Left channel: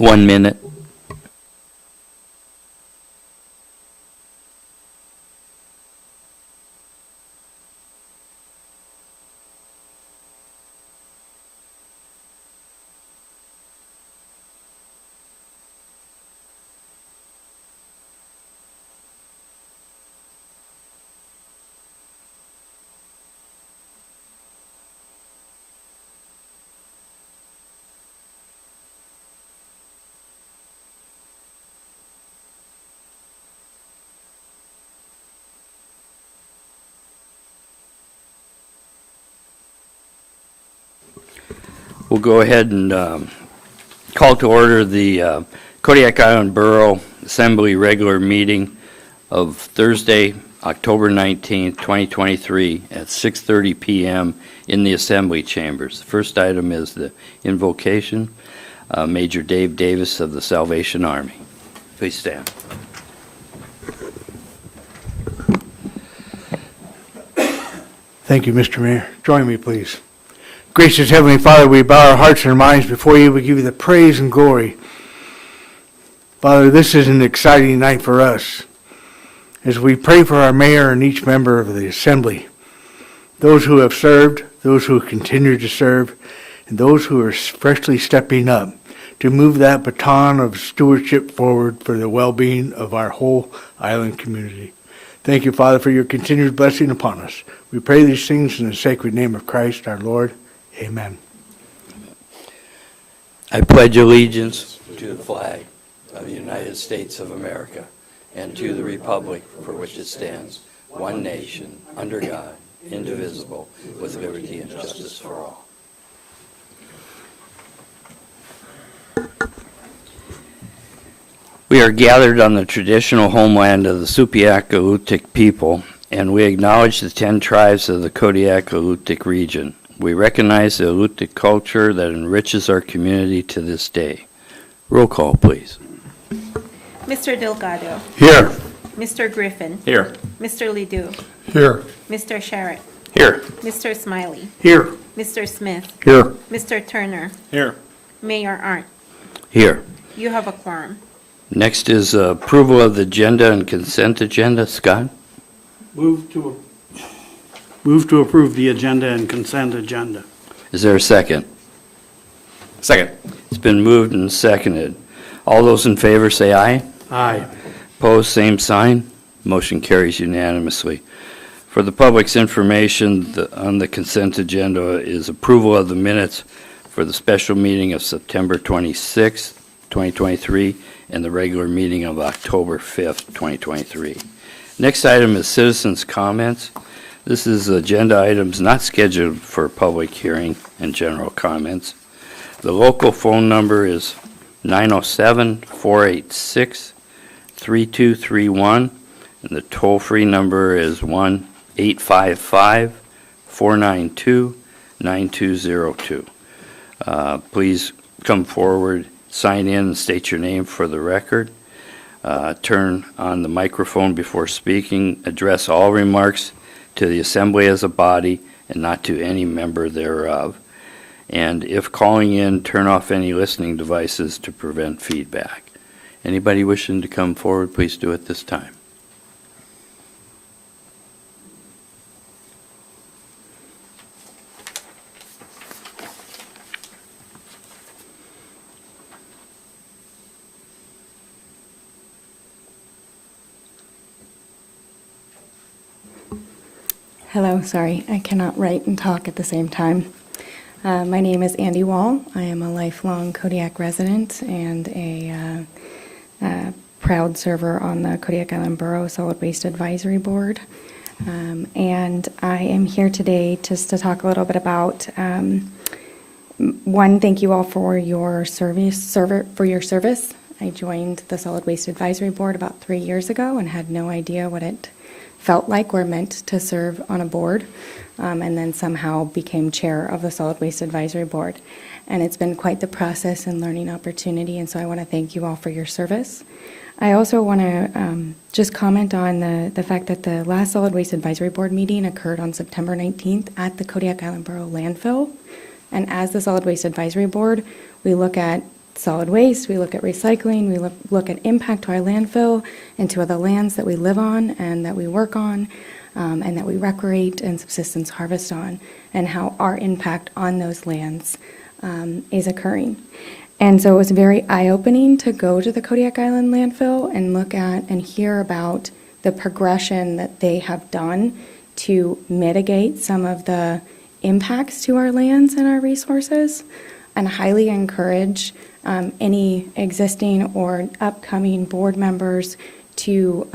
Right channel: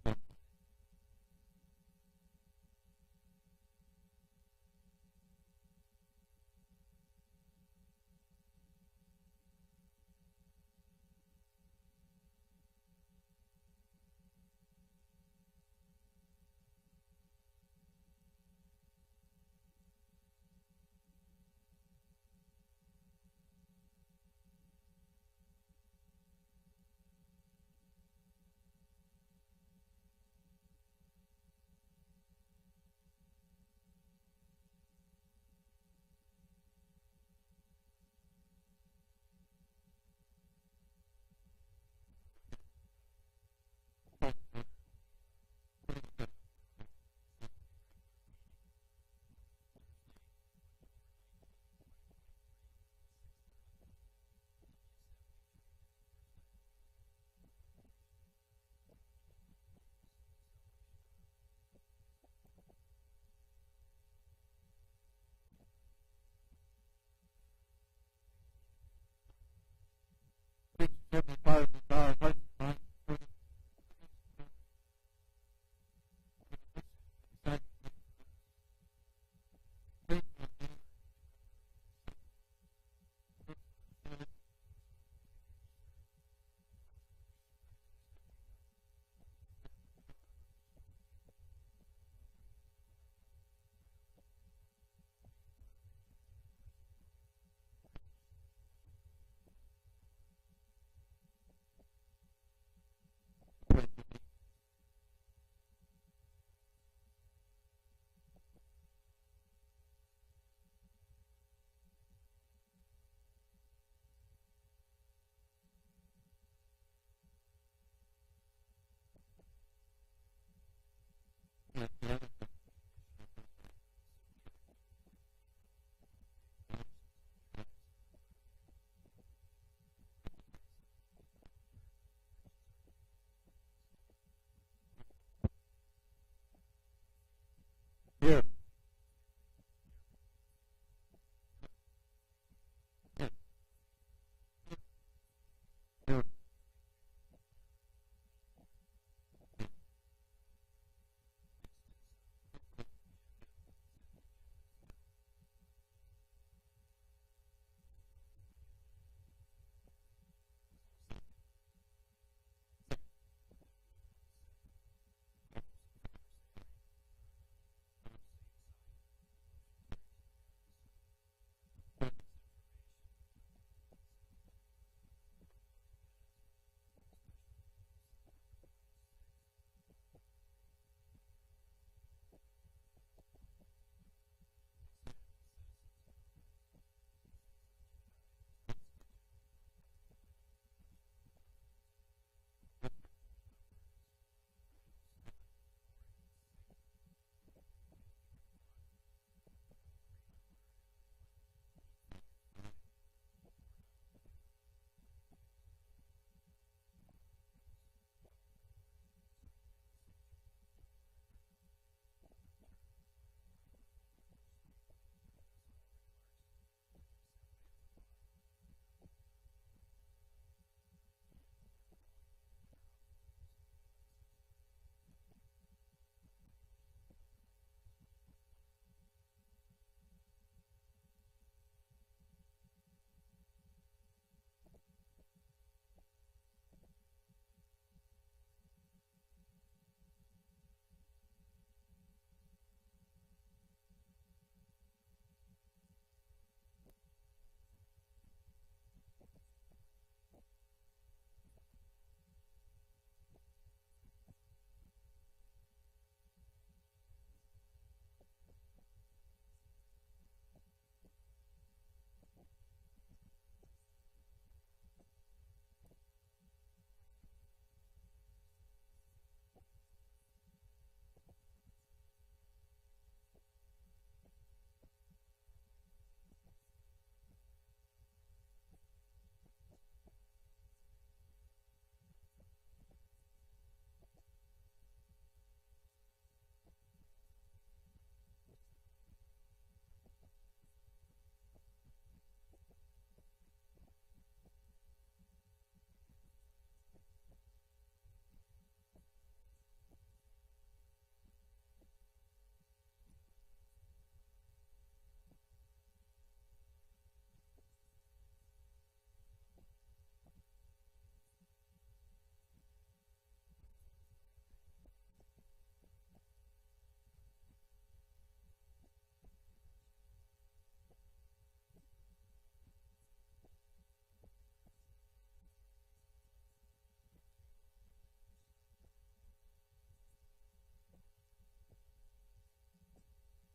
1 minute. We'll go ahead and call to order the Kodiak Island Borough Assembly regular meeting of Thursday, October 19th, 2023 at 6:30 p.m. in the Assembly Chambers. The first item is the invocation. Major Dave Davis of the Salvation Army. Please stand. Thank you, Mr. Mayor. Join me, please. Gracious Heavenly Father, we bow our hearts and our minds before you. We give you the praise and glory. Father, this is an exciting night for us as we pray for our mayor and each member of the assembly, those who have served, those who continue to serve, and those who are freshly stepping up to move that baton of stewardship forward for the well-being of our whole island community. Thank you, Father, for your continued blessing upon us. We pray these things in the sacred name of Christ our Lord. Amen. I pledge allegiance to the flag of the United States of America and to the republic for which it stands, one nation, under God, indivisible, with liberty and justice for all. We are gathered on the traditional homeland of the Supiaq-Alutiiq people, and we acknowledge the 10 tribes of the Kodiak-Alutiiq region. We recognize the Alutiiq culture that enriches our community to this day. Roll call, please. Mr. Delgado. Here. Mr. Griffin. Here. Mr. Ledoux. Here. Mr. Sherritt. Here. Mr. Smiley. Here. Mr. Smith. Here. Mr. Turner. Here. Mayor Arndt. Here. You have a quorum. Next is approval of the agenda and consent agenda. Scott? Move to approve the agenda and consent agenda. Is there a second? Second. It's been moved and seconded. All those in favor say aye. Aye. Opposed, same sign. Motion carries unanimously. For the public's information, on the consent agenda is approval of the minutes for the special meeting of September 26, 2023, and the regular meeting of October 5th, 2023. Next item is citizens' comments. This is agenda items not scheduled for public hearing and general comments. The local phone number is 907-486-3231, and the toll-free number is 1-855-492-9202. Please come forward, sign in, and state your name for the record. Turn on the microphone before speaking. Address all remarks to the assembly as a body and not to any member thereof. And if calling in, turn off any listening devices to prevent feedback. Anybody wishing to come forward, please do it this time. Hello, sorry, I cannot write and talk at the same time. My name is Andy Wall. I am a lifelong Kodiak resident and a proud server on the Kodiak Island Borough Solid Waste Advisory Board. And I am here today just to talk a little bit about, one, thank you all for your service. I joined the Solid Waste Advisory Board about 3 years ago and had no idea what it felt like or meant to serve on a board, and then somehow became chair of the Solid Waste Advisory Board. And it's been quite the process and learning opportunity, and so I want to thank you all for your service. I also want to just comment on the fact that the last Solid Waste Advisory Board meeting occurred on September 19th at the Kodiak Island Borough landfill. And as the Solid Waste Advisory Board, we look at solid waste, we look at recycling, we look at impact to our landfill and to other lands that we live on and that we work on, and that we recreate and subsistence harvest on, and how our impact on those lands is occurring. And so it was very eye-opening to go to the Kodiak Island landfill and look at and hear about the progression that they have done to mitigate some of the impacts to our lands and our resources, and highly encourage any existing or upcoming board members to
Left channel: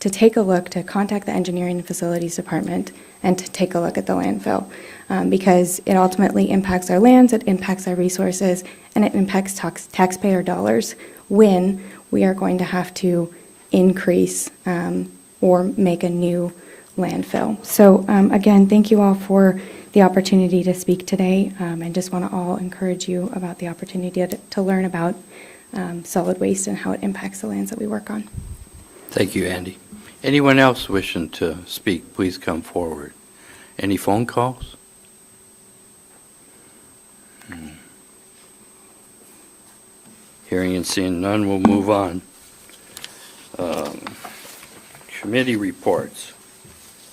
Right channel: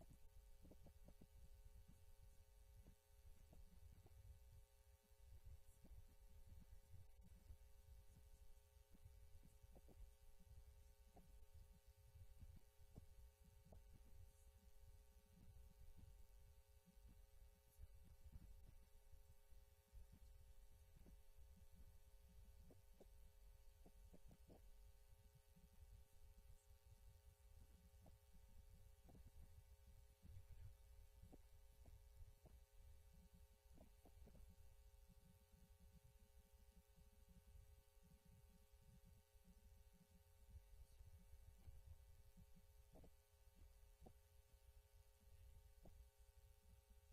take a look, to contact the Engineering and Facilities Department and to take a look at the landfill, because it ultimately impacts our lands, it impacts our resources, and it impacts taxpayer dollars when we are going to have to increase or make a new landfill. So again, thank you all for the opportunity to speak today, and just want to all encourage you about the opportunity to learn about solid waste and how it impacts the lands that we work on. Thank you, Andy. Anyone else wishing to speak, please come forward. Any phone calls? Hearing and seeing none, we'll move on. Committee reports.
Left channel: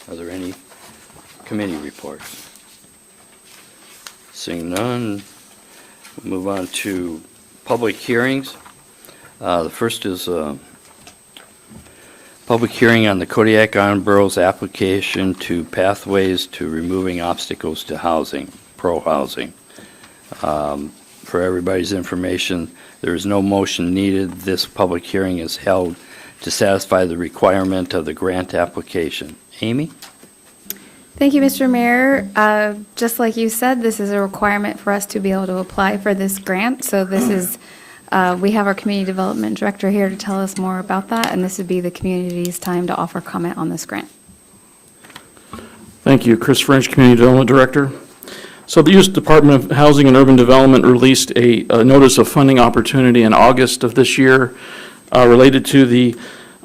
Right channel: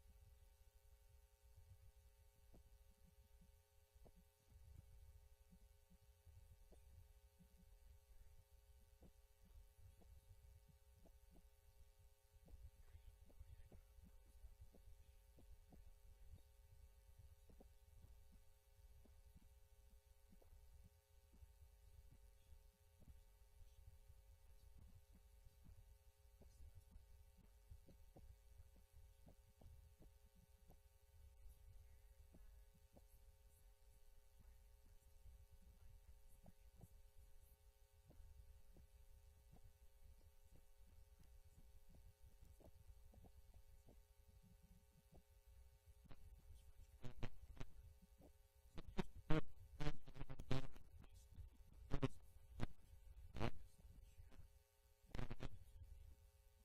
Are there any committee reports? Seeing none, we'll move on to public hearings. The first is public hearing on the Kodiak Island Borough's application to Pathways to Removing Obstacles to Housing, pro-housing. For everybody's information, there is no motion needed. This public hearing is held to satisfy the requirement of the grant application. Amy? Thank you, Mr. Mayor. Just like you said, this is a requirement for us to be able to apply for this grant. So this is, we have our Community Development Director here to tell us more about that, and this would be the community's time to offer comment on this grant. Thank you. Chris French, Community Development Director. So the U.S. Department of Housing and Urban Development released a notice of funding opportunity in August of this year related to the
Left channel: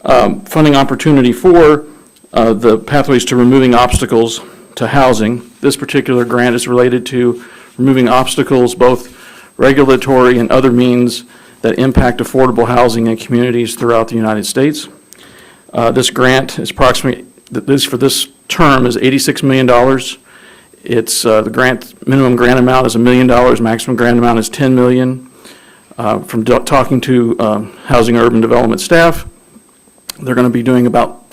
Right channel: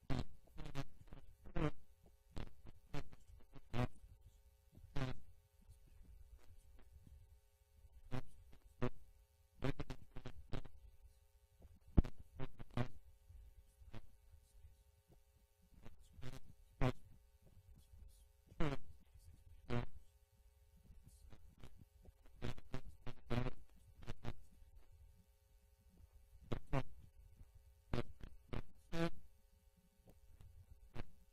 funding opportunity for the Pathways to Removing Obstacles to Housing. This particular grant is related to removing obstacles, both regulatory and other means that impact affordable housing in communities throughout the United States. This grant is approximately, for this term is $86 million. It's the minimum grant amount is $1 million, maximum grant amount is $10 million. From talking to Housing and Urban Development staff, they're going to be granting about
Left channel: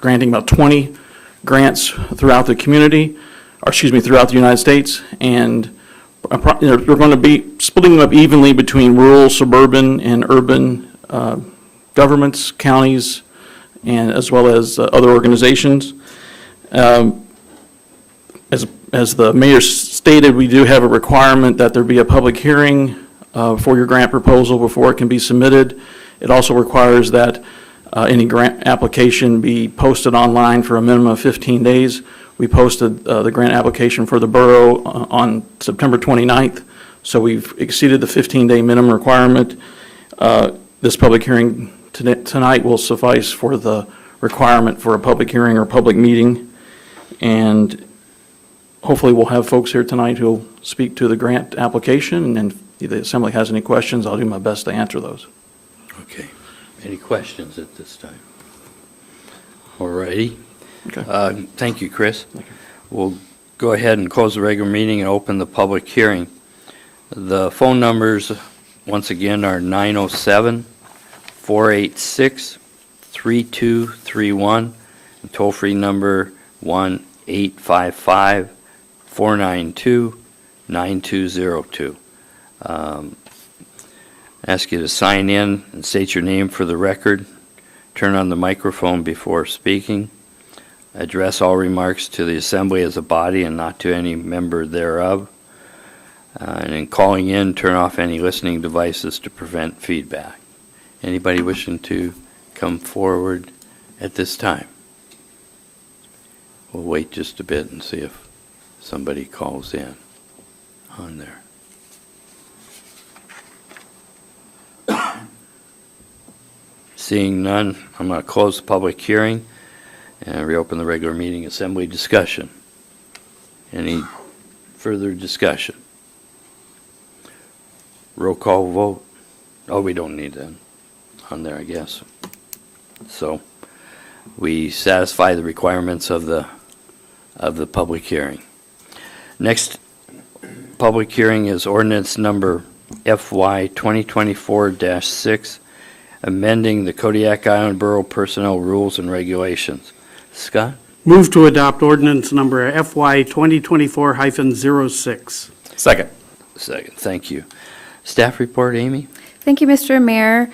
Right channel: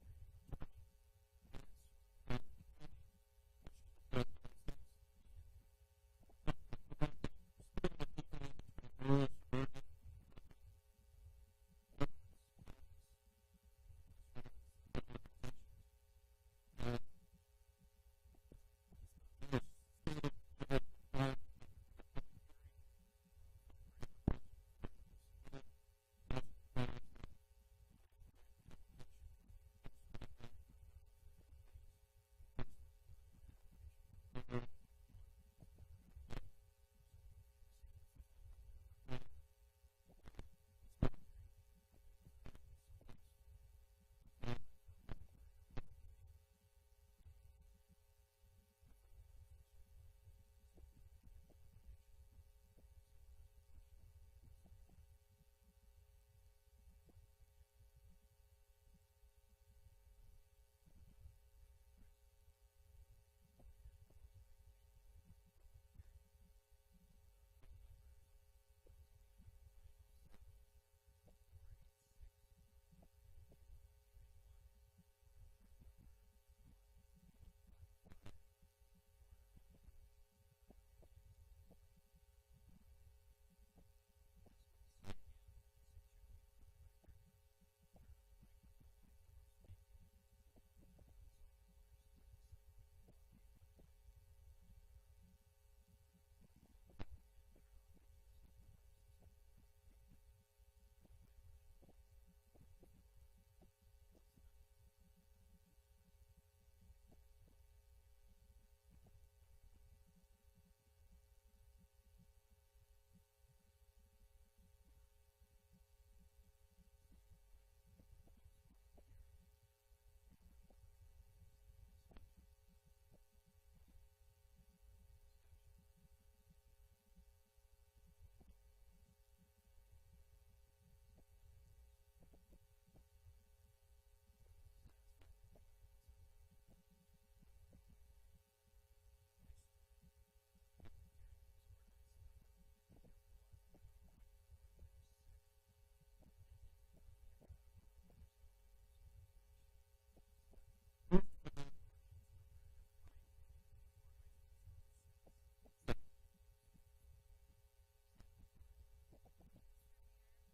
20 grants throughout the community, throughout the United States, and we're going to be splitting them up evenly between rural, suburban, and urban governments, counties, and as well as other organizations. As the mayor stated, we do have a requirement that there be a public hearing for your grant proposal before it can be submitted. It also requires that any grant application be posted online for a minimum of 15 days. We posted the grant application for the borough on September 29th, so we've exceeded the 15-day minimum requirement. This public hearing tonight will suffice for the requirement for a public hearing or public meeting, and hopefully we'll have folks here tonight who'll speak to the grant application, and if the Assembly has any questions, I'll do my best to answer those. Okay. Any questions at this time? All righty. Okay. Thank you, Chris. We'll go ahead and close the regular meeting and open the public hearing. The phone numbers, once again, are 907-486-3231, and toll-free number 1-855-492-9202. Ask you to sign in and state your name for the record. Turn on the microphone before speaking. Address all remarks to the Assembly as a body and not to any member thereof. And in calling in, turn off any listening devices to prevent feedback. Anybody wishing to come forward at this time? We'll wait just a bit and see if somebody calls in on there. Seeing none, I'm going to close the public hearing and reopen the regular meeting Assembly discussion. Any further discussion? Roll call vote. Oh, we don't need that on there, I guess. So we satisfy the requirements of the public hearing. Next public hearing is ordinance number FY 2024-6, amending the Kodiak Island Borough Personnel Rules and Regulations. Scott? Move to adopt ordinance number FY 2024-06. Second. Second, thank you. Staff report, Amy? Thank you, Mr. Mayor.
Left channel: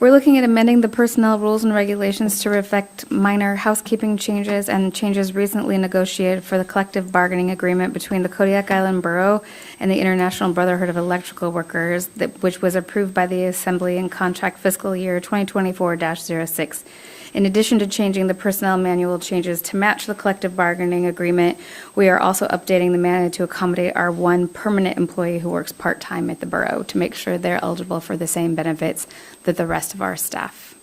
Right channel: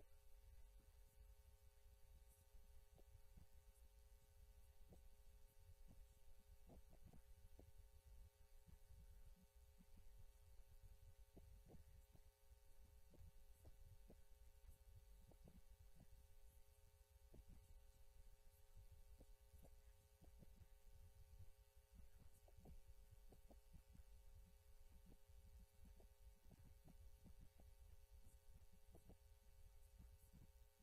We're looking at amending the personnel rules and regulations to reflect minor housekeeping changes and changes recently negotiated for the collective bargaining agreement between the Kodiak Island Borough and the International Brotherhood of Electrical Workers, which was approved by the Assembly in contract fiscal year 2024-06. In addition to changing the personnel manual changes to match the collective bargaining agreement, we are also updating the manual to accommodate our one permanent employee who works part-time at the borough to make sure they're eligible for the same benefits that the rest of our staff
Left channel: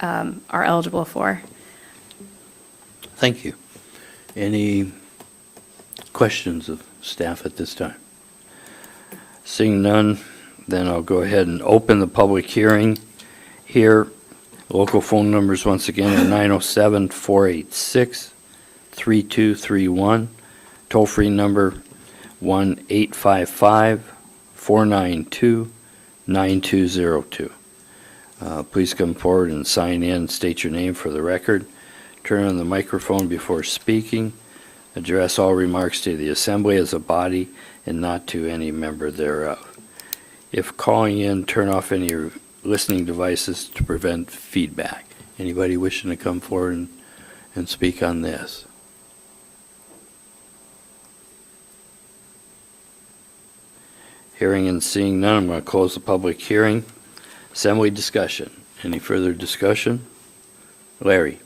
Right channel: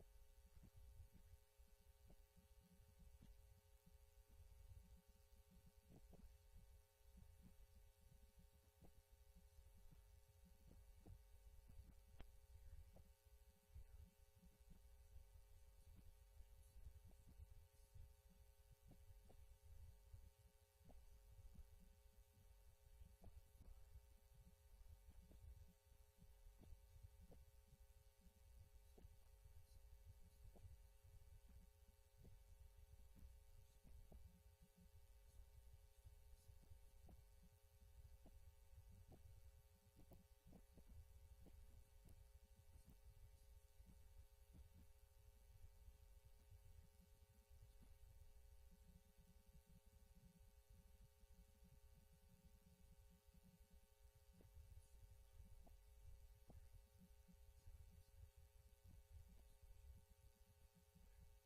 are eligible for. Thank you. Any questions of staff at this time? Seeing none, then I'll go ahead and open the public hearing here. Local phone numbers, once again, are 907-486-3231. Toll-free number 1-855-492-9202. Please come forward and sign in. State your name for the record. Turn on the microphone before speaking. Address all remarks to the assembly as a body and not to any member thereof. If calling in, turn off any listening devices to prevent feedback. Anybody wishing to come forward and speak on this? Hearing and seeing none, I'm going to close the public hearing. Assembly discussion. Any further discussion? Larry?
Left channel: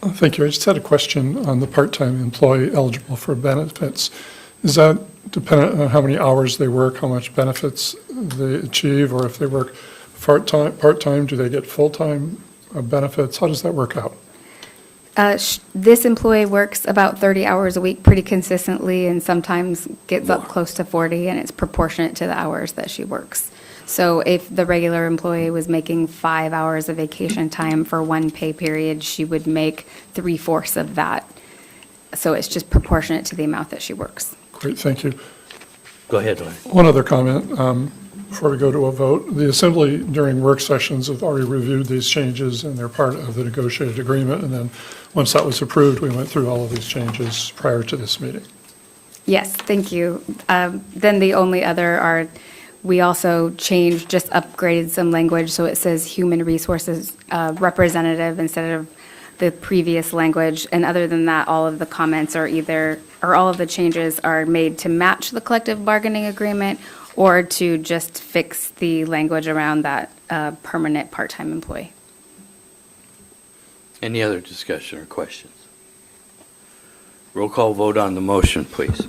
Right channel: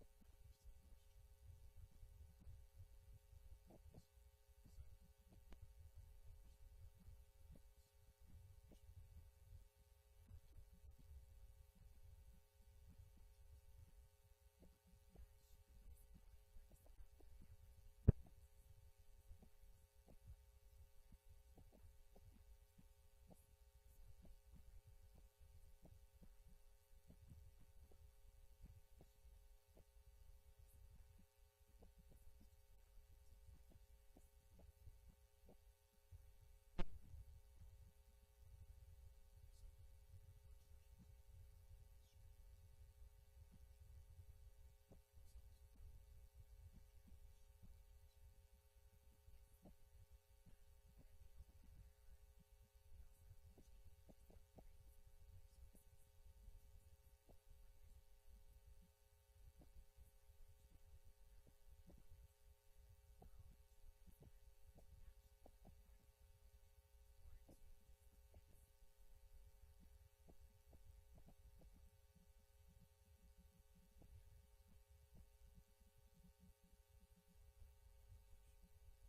Thank you. I just had a question on the part-time employee eligible for benefits. Is that dependent on how many hours they work, how much benefits they achieve, or if they work part-time, do they get full-time benefits? How does that work out? This employee works about 30 hours a week pretty consistently and sometimes gets up close to 40, and it's proportionate to the hours that she works. So if the regular employee was making 5 hours of vacation time for one pay period, she would make 3/4 of that. So it's just proportionate to the amount that she works. Great, thank you. Go ahead, Larry. One other comment before we go to a vote. The Assembly during work sessions have already reviewed these changes, and they're part of the negotiated agreement. And then once that was approved, we went through all of these changes prior to this meeting. Yes, thank you. Then the only other are, we also changed, just upgraded some language, so it says human resources representative instead of the previous language. And other than that, all of the comments are all of the changes are made to match the collective bargaining agreement or to just fix the language around that permanent part-time employee. Any other discussion or questions? Roll call vote on the motion, please.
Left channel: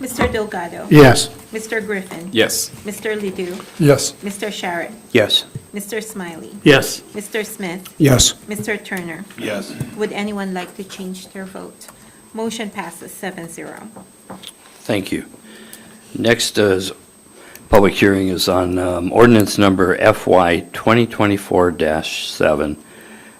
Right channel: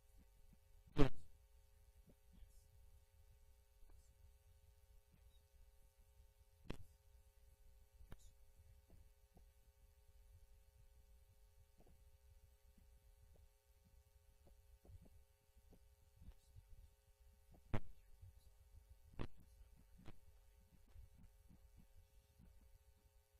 Mr. Delgado. Yes. Mr. Griffin. Yes. Mr. Ledoux. Yes. Mr. Sharrett. Yes. Mr. Smiley. Yes. Mr. Smith. Yes. Mr. Turner. Yes. Would anyone like to change their vote? Motion passes 7-0. Thank you. Next is public hearing is on ordinance number FY 2024-7,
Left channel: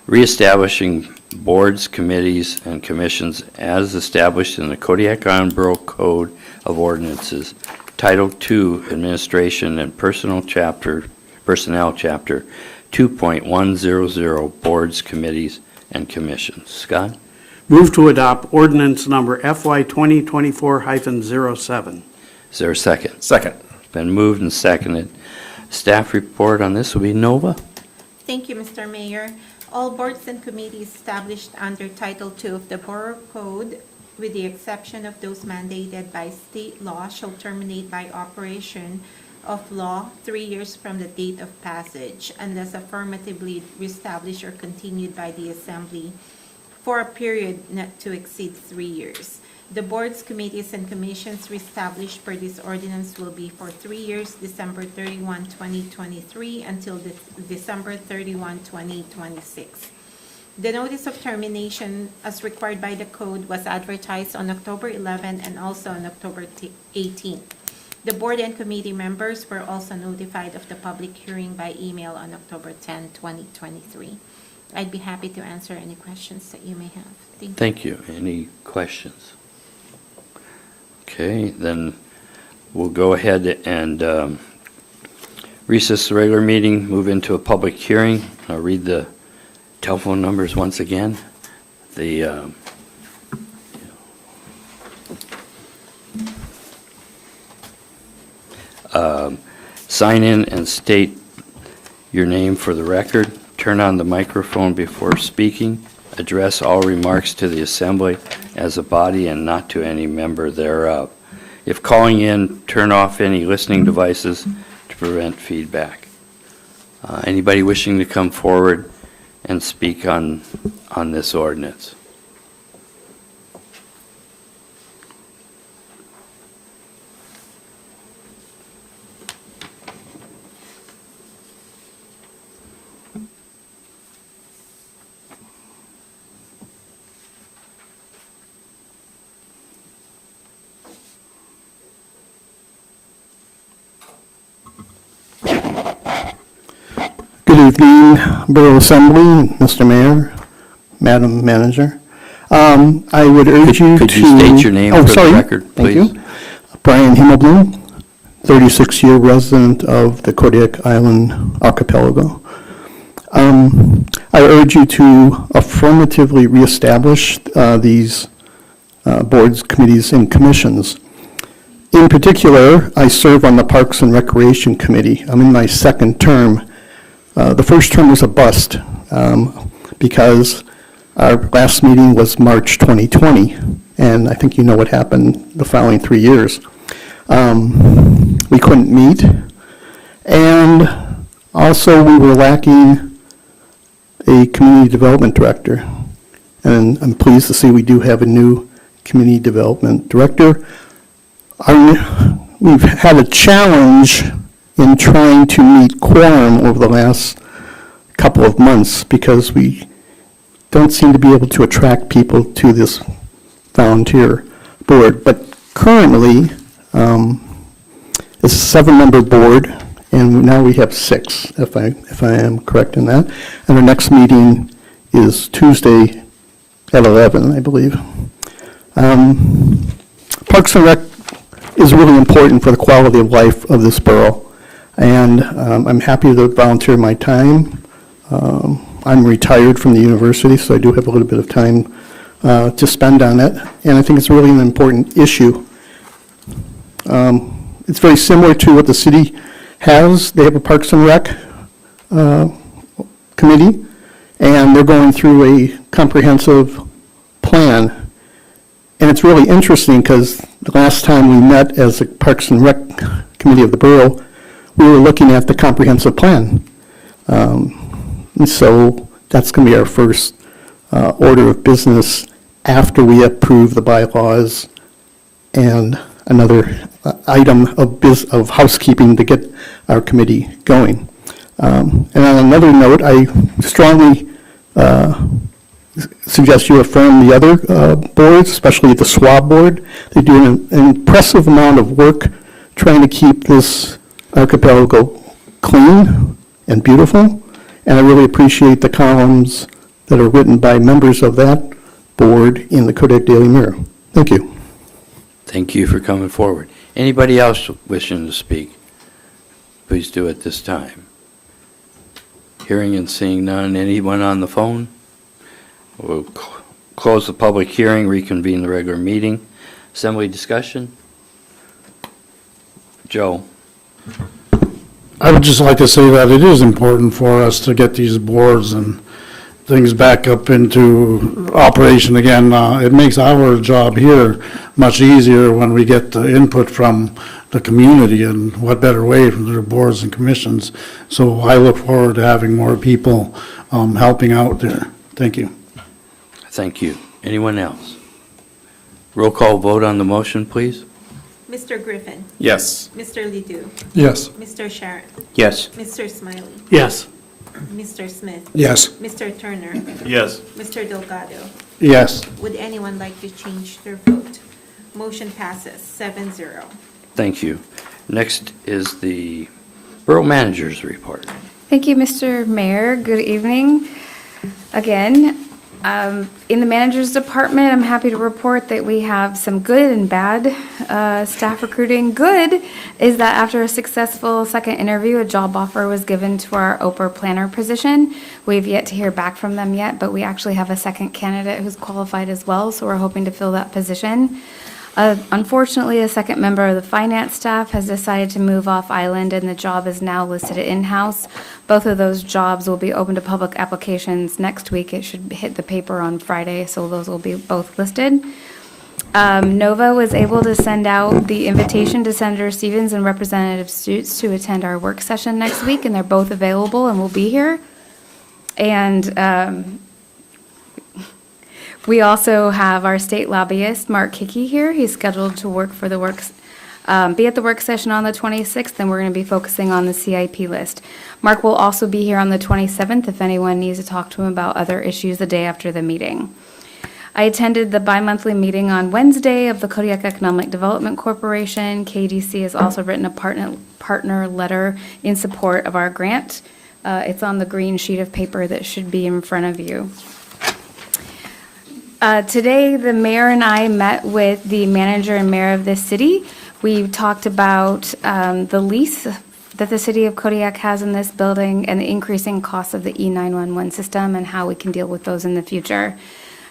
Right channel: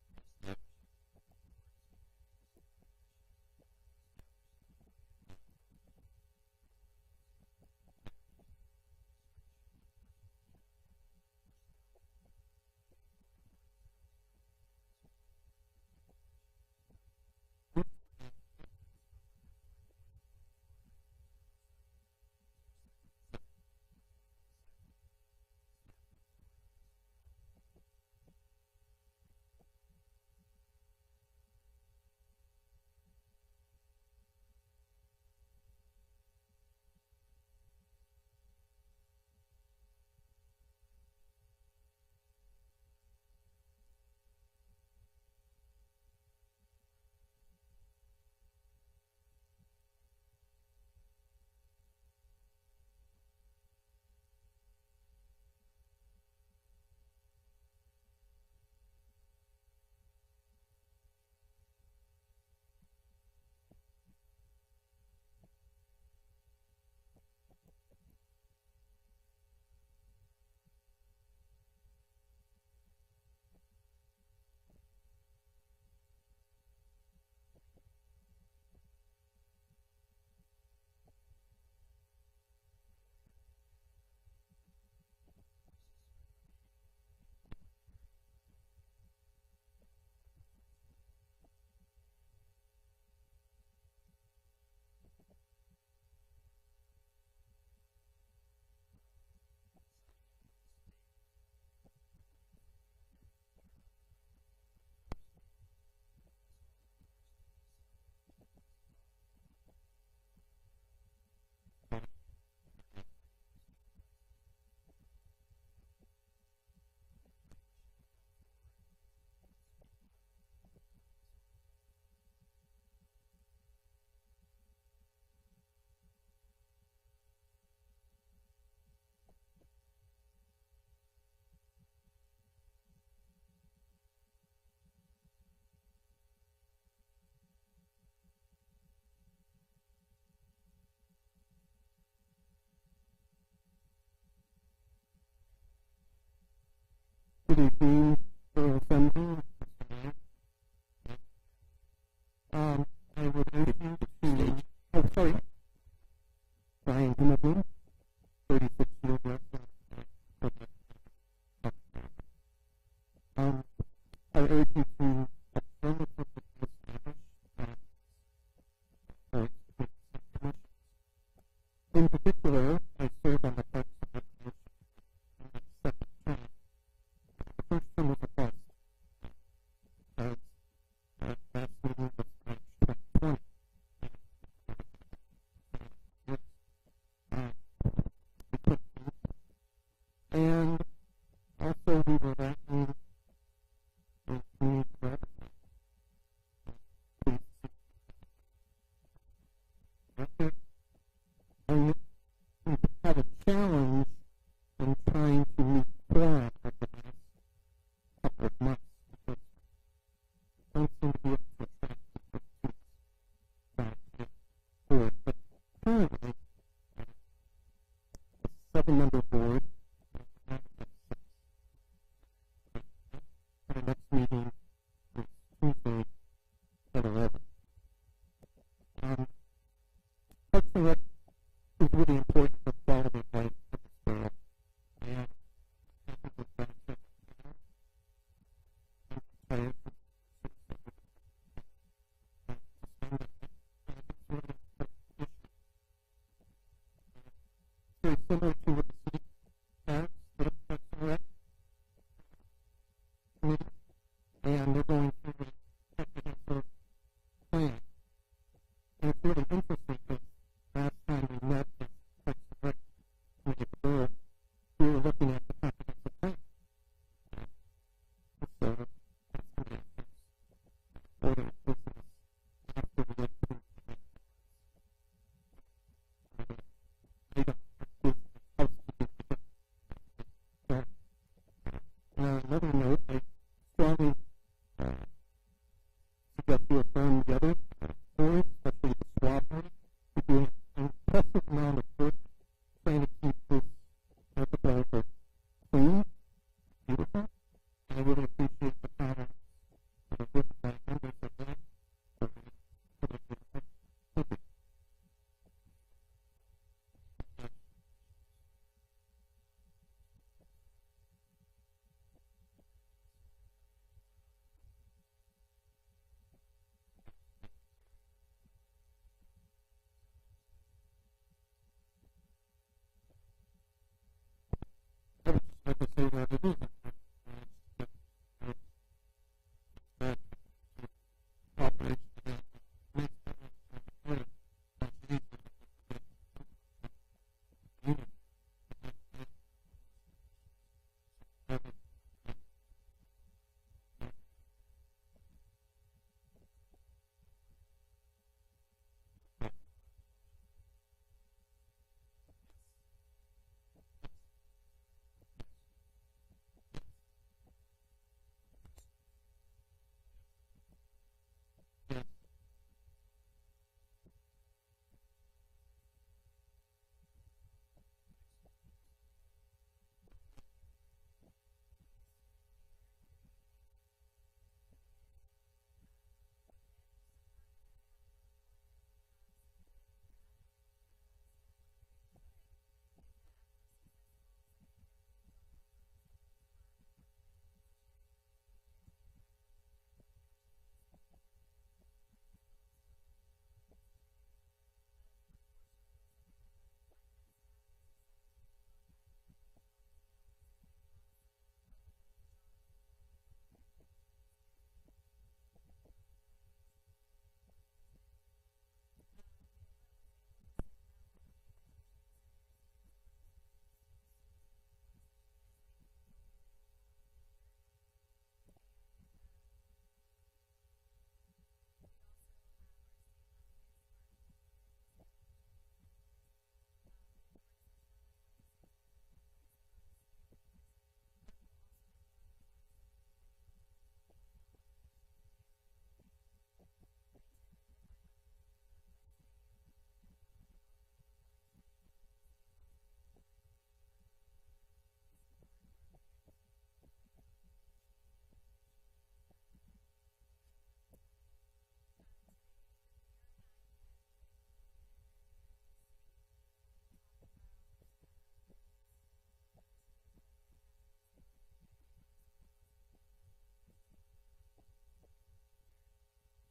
reestablishing boards, committees, and commissions as established in the Kodiak Island Borough Code of Ordinances, Title II, Administration and Personnel Chapter 2.100, Boards, Committees, and Commissions. Scott? Move to adopt ordinance number FY 2024-07. Is there a second? Second. Been moved and seconded. Staff report on this will be Nova. Thank you, Mr. Mayor. All boards and committees established under Title II of the Borough Code, with the exception of those mandated by state law, shall terminate by operation of law 3 years from the date of passage, unless affirmatively reestablished or continued by the Assembly for a period not to exceed 3 years. The boards, committees, and commissions reestablished per this ordinance will be for 3 years, December 31, 2023, until December 31, 2026. The notice of termination, as required by the code, was advertised on October 11 and also on October 18. The board and committee members were also notified of the public hearing by email on October 10, 2023. I'd be happy to answer any questions that you may have. Thank you. Thank you. Any questions? Okay, then we'll go ahead and recess the regular meeting, move into a public hearing. I'll read the telephone numbers once again. The sign in and state your name for the record. Turn on the microphone before speaking. Address all remarks to the assembly as a body and not to any member thereof. If calling in, turn off any listening devices to prevent feedback. Anybody wishing to come forward and speak on this ordinance? Good evening, Borough Assembly, Mr. Mayor, Madam Manager. I would urge you to... Could you state your name for the record, please? Thank you. Brian Himmelblum, 36-year resident of the Kodiak Island Archipelago. I urge you to affirmatively reestablish these boards, committees, and commissions. In particular, I serve on the Parks and Recreation Committee. I'm in my second term. The first term was a bust because our last meeting was March 2020, and I think you know what happened the following 3 years. We couldn't meet, and also we were lacking a community development director. And I'm pleased to see we do have a new community development director. We've had a challenge in trying to meet quorum over the last couple of months because we don't seem to be able to attract people to this volunteer board. But currently, it's a 7-member board, and now we have 6, if I am correct in that. And our next meeting is Tuesday at 11, I believe. Parks and Rec is really important for the quality of life of this borough. And I'm happy to volunteer my time. I'm retired from the university, so I do have a little bit of time to spend on it. And I think it's really an important issue. It's very similar to what the city has. They have a Parks and Rec committee, and they're going through a comprehensive plan. And it's really interesting because the last time we met as a Parks and Rec committee of the borough, we were looking at the comprehensive plan. And so that's going to be our first order of business after we approve the bylaws and another item of housekeeping to get our committee going. And on another note, I strongly suggest you affirm the other boards, especially the SWAB board. They do an impressive amount of work trying to keep this archipelago clean and beautiful, and I really appreciate the columns that are written by members of that board in the Kodiak Daily Mirror. Thank you. Thank you for coming forward. Anybody else wishing to speak? Please do at this time. Hearing and seeing none. Anyone on the phone? We'll close the public hearing, reconvene the regular meeting. Assembly discussion? Joe? I would just like to say that it is important for us to get these boards and things back up into operation again. It makes our job here much easier when we get the input from the community, and what better way from their boards and commissions. So I look forward to having more people helping out there. Thank you. Thank you. Anyone else? Roll call vote on the motion, please. Mr. Griffin. Yes. Mr. Ledoux. Yes. Mr. Sharon. Yes. Mr. Smiley. Yes. Mr. Smith. Yes. Mr. Turner. Yes. Mr. Delgado. Yes. Would anyone like to change their vote? Motion passes 7-0. Thank you. Next is the Borough Manager's Report. Thank you, Mr. Mayor. Good evening again. In the manager's department, I'm happy to report that we have some good and bad staff recruiting. Good is that after a successful second interview, a job offer was given to our OPER planner position. We've yet to hear back from them yet, but we actually have a second candidate who's qualified as well, so we're hoping to fill that position. Unfortunately, a second member of the finance staff has decided to move off island, and the job is now listed in-house. Both of those jobs will be open to public applications next week. It should hit the paper on Friday, so those will be both listed. Nova was able to send out the invitation to Senator Stevens and Representative Stutes to attend our work session next week, and they're both available and will be here. And we also have our state lobbyist, Mark Hickey, here. He's scheduled to work for the be at the work session on the 26th, and we're going to be focusing on the CIP list. Mark will also be here on the 27th if anyone needs to talk to him about other issues the day after the meeting. I attended the bi-monthly meeting on Wednesday of the Kodiak Economic Development Corporation. KDC has also written a partner letter in support of our grant. It's on the green sheet of paper that should be in front of you. Today, the mayor and I met with the manager and mayor of this city. We talked about the lease that the city of Kodiak has in this building and the increasing costs of the E911 system and how we can deal with those in the future.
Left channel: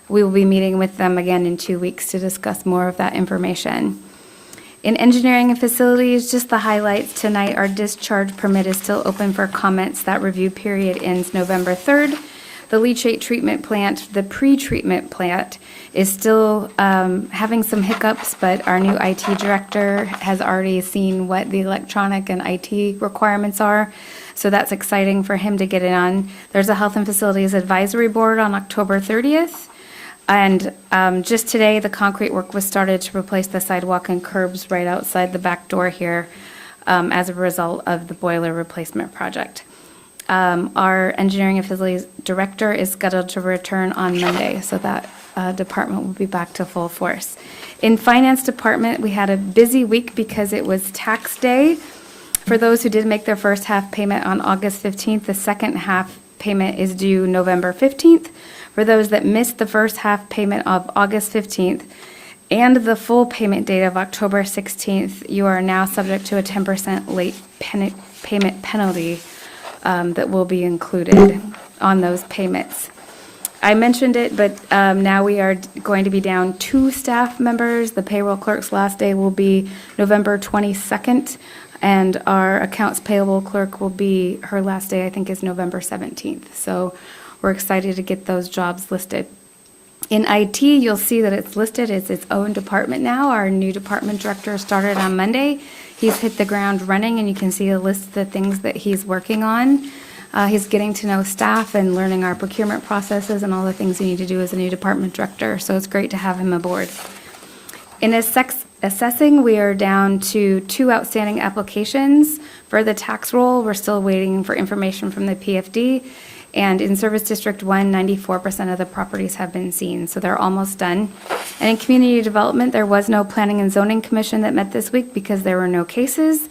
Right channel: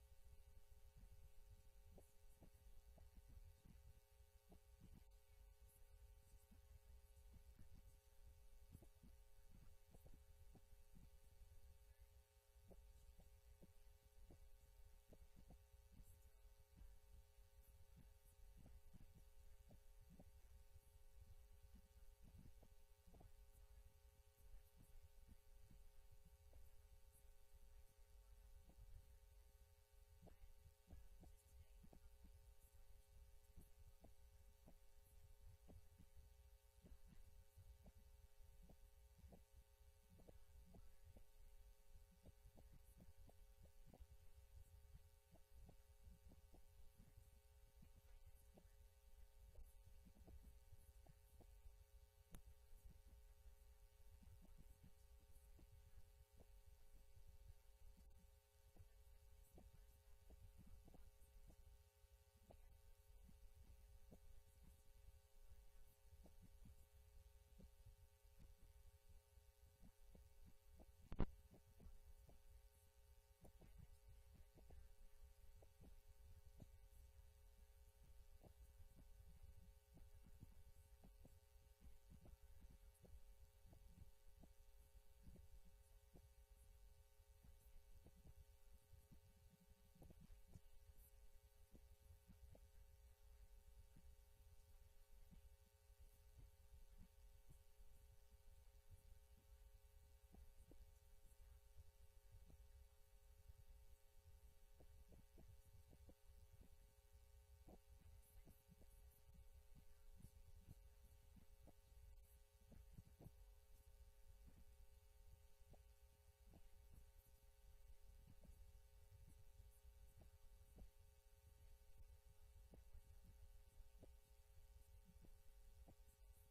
We will be meeting with them again in 2 weeks to discuss more of that information. In engineering and facilities, just the highlights tonight, our discharge permit is still open for comments. That review period ends November 3rd. The leachate treatment plant, the pre-treatment plant, is still having some hiccups, but our new IT director has already seen what the electronic and IT requirements are, so that's exciting for him to get in on. There's a Health and Facilities Advisory Board on October 30th, and just today, the concrete work was started to replace the sidewalk and curbs right outside the back door here as a result of the boiler replacement project. Our engineering and facilities director is scheduled to return on Monday, so that department will be back to full force. In finance department, we had a busy week because it was tax day. For those who did make their first half payment on August 15th, the second half payment is due November 15th. For those that missed the first half payment of August 15th and the full payment date of October 16th, you are now subject to a 10% late payment penalty that will be included on those payments. I mentioned it, but now we are going to be down 2 staff members. The payroll clerk's last day will be November 22nd, and our accounts payable clerk will be, her last day I think is November 17th. So we're excited to get those jobs listed. In IT, you'll see that it's listed as its own department now. Our new department director started on Monday. He's hit the ground running, and you can see a list of the things that he's working on. He's getting to know staff and learning our procurement processes and all the things you need to do as a new department director, so it's great to have him aboard. In assessing, we are down to 2 outstanding applications. For the tax roll, we're still waiting for information from the PFD. And in Service District 1, 94% of the properties have been seen, so they're almost done. And in community development, there was no Planning and Zoning Commission that met this week because there were no cases.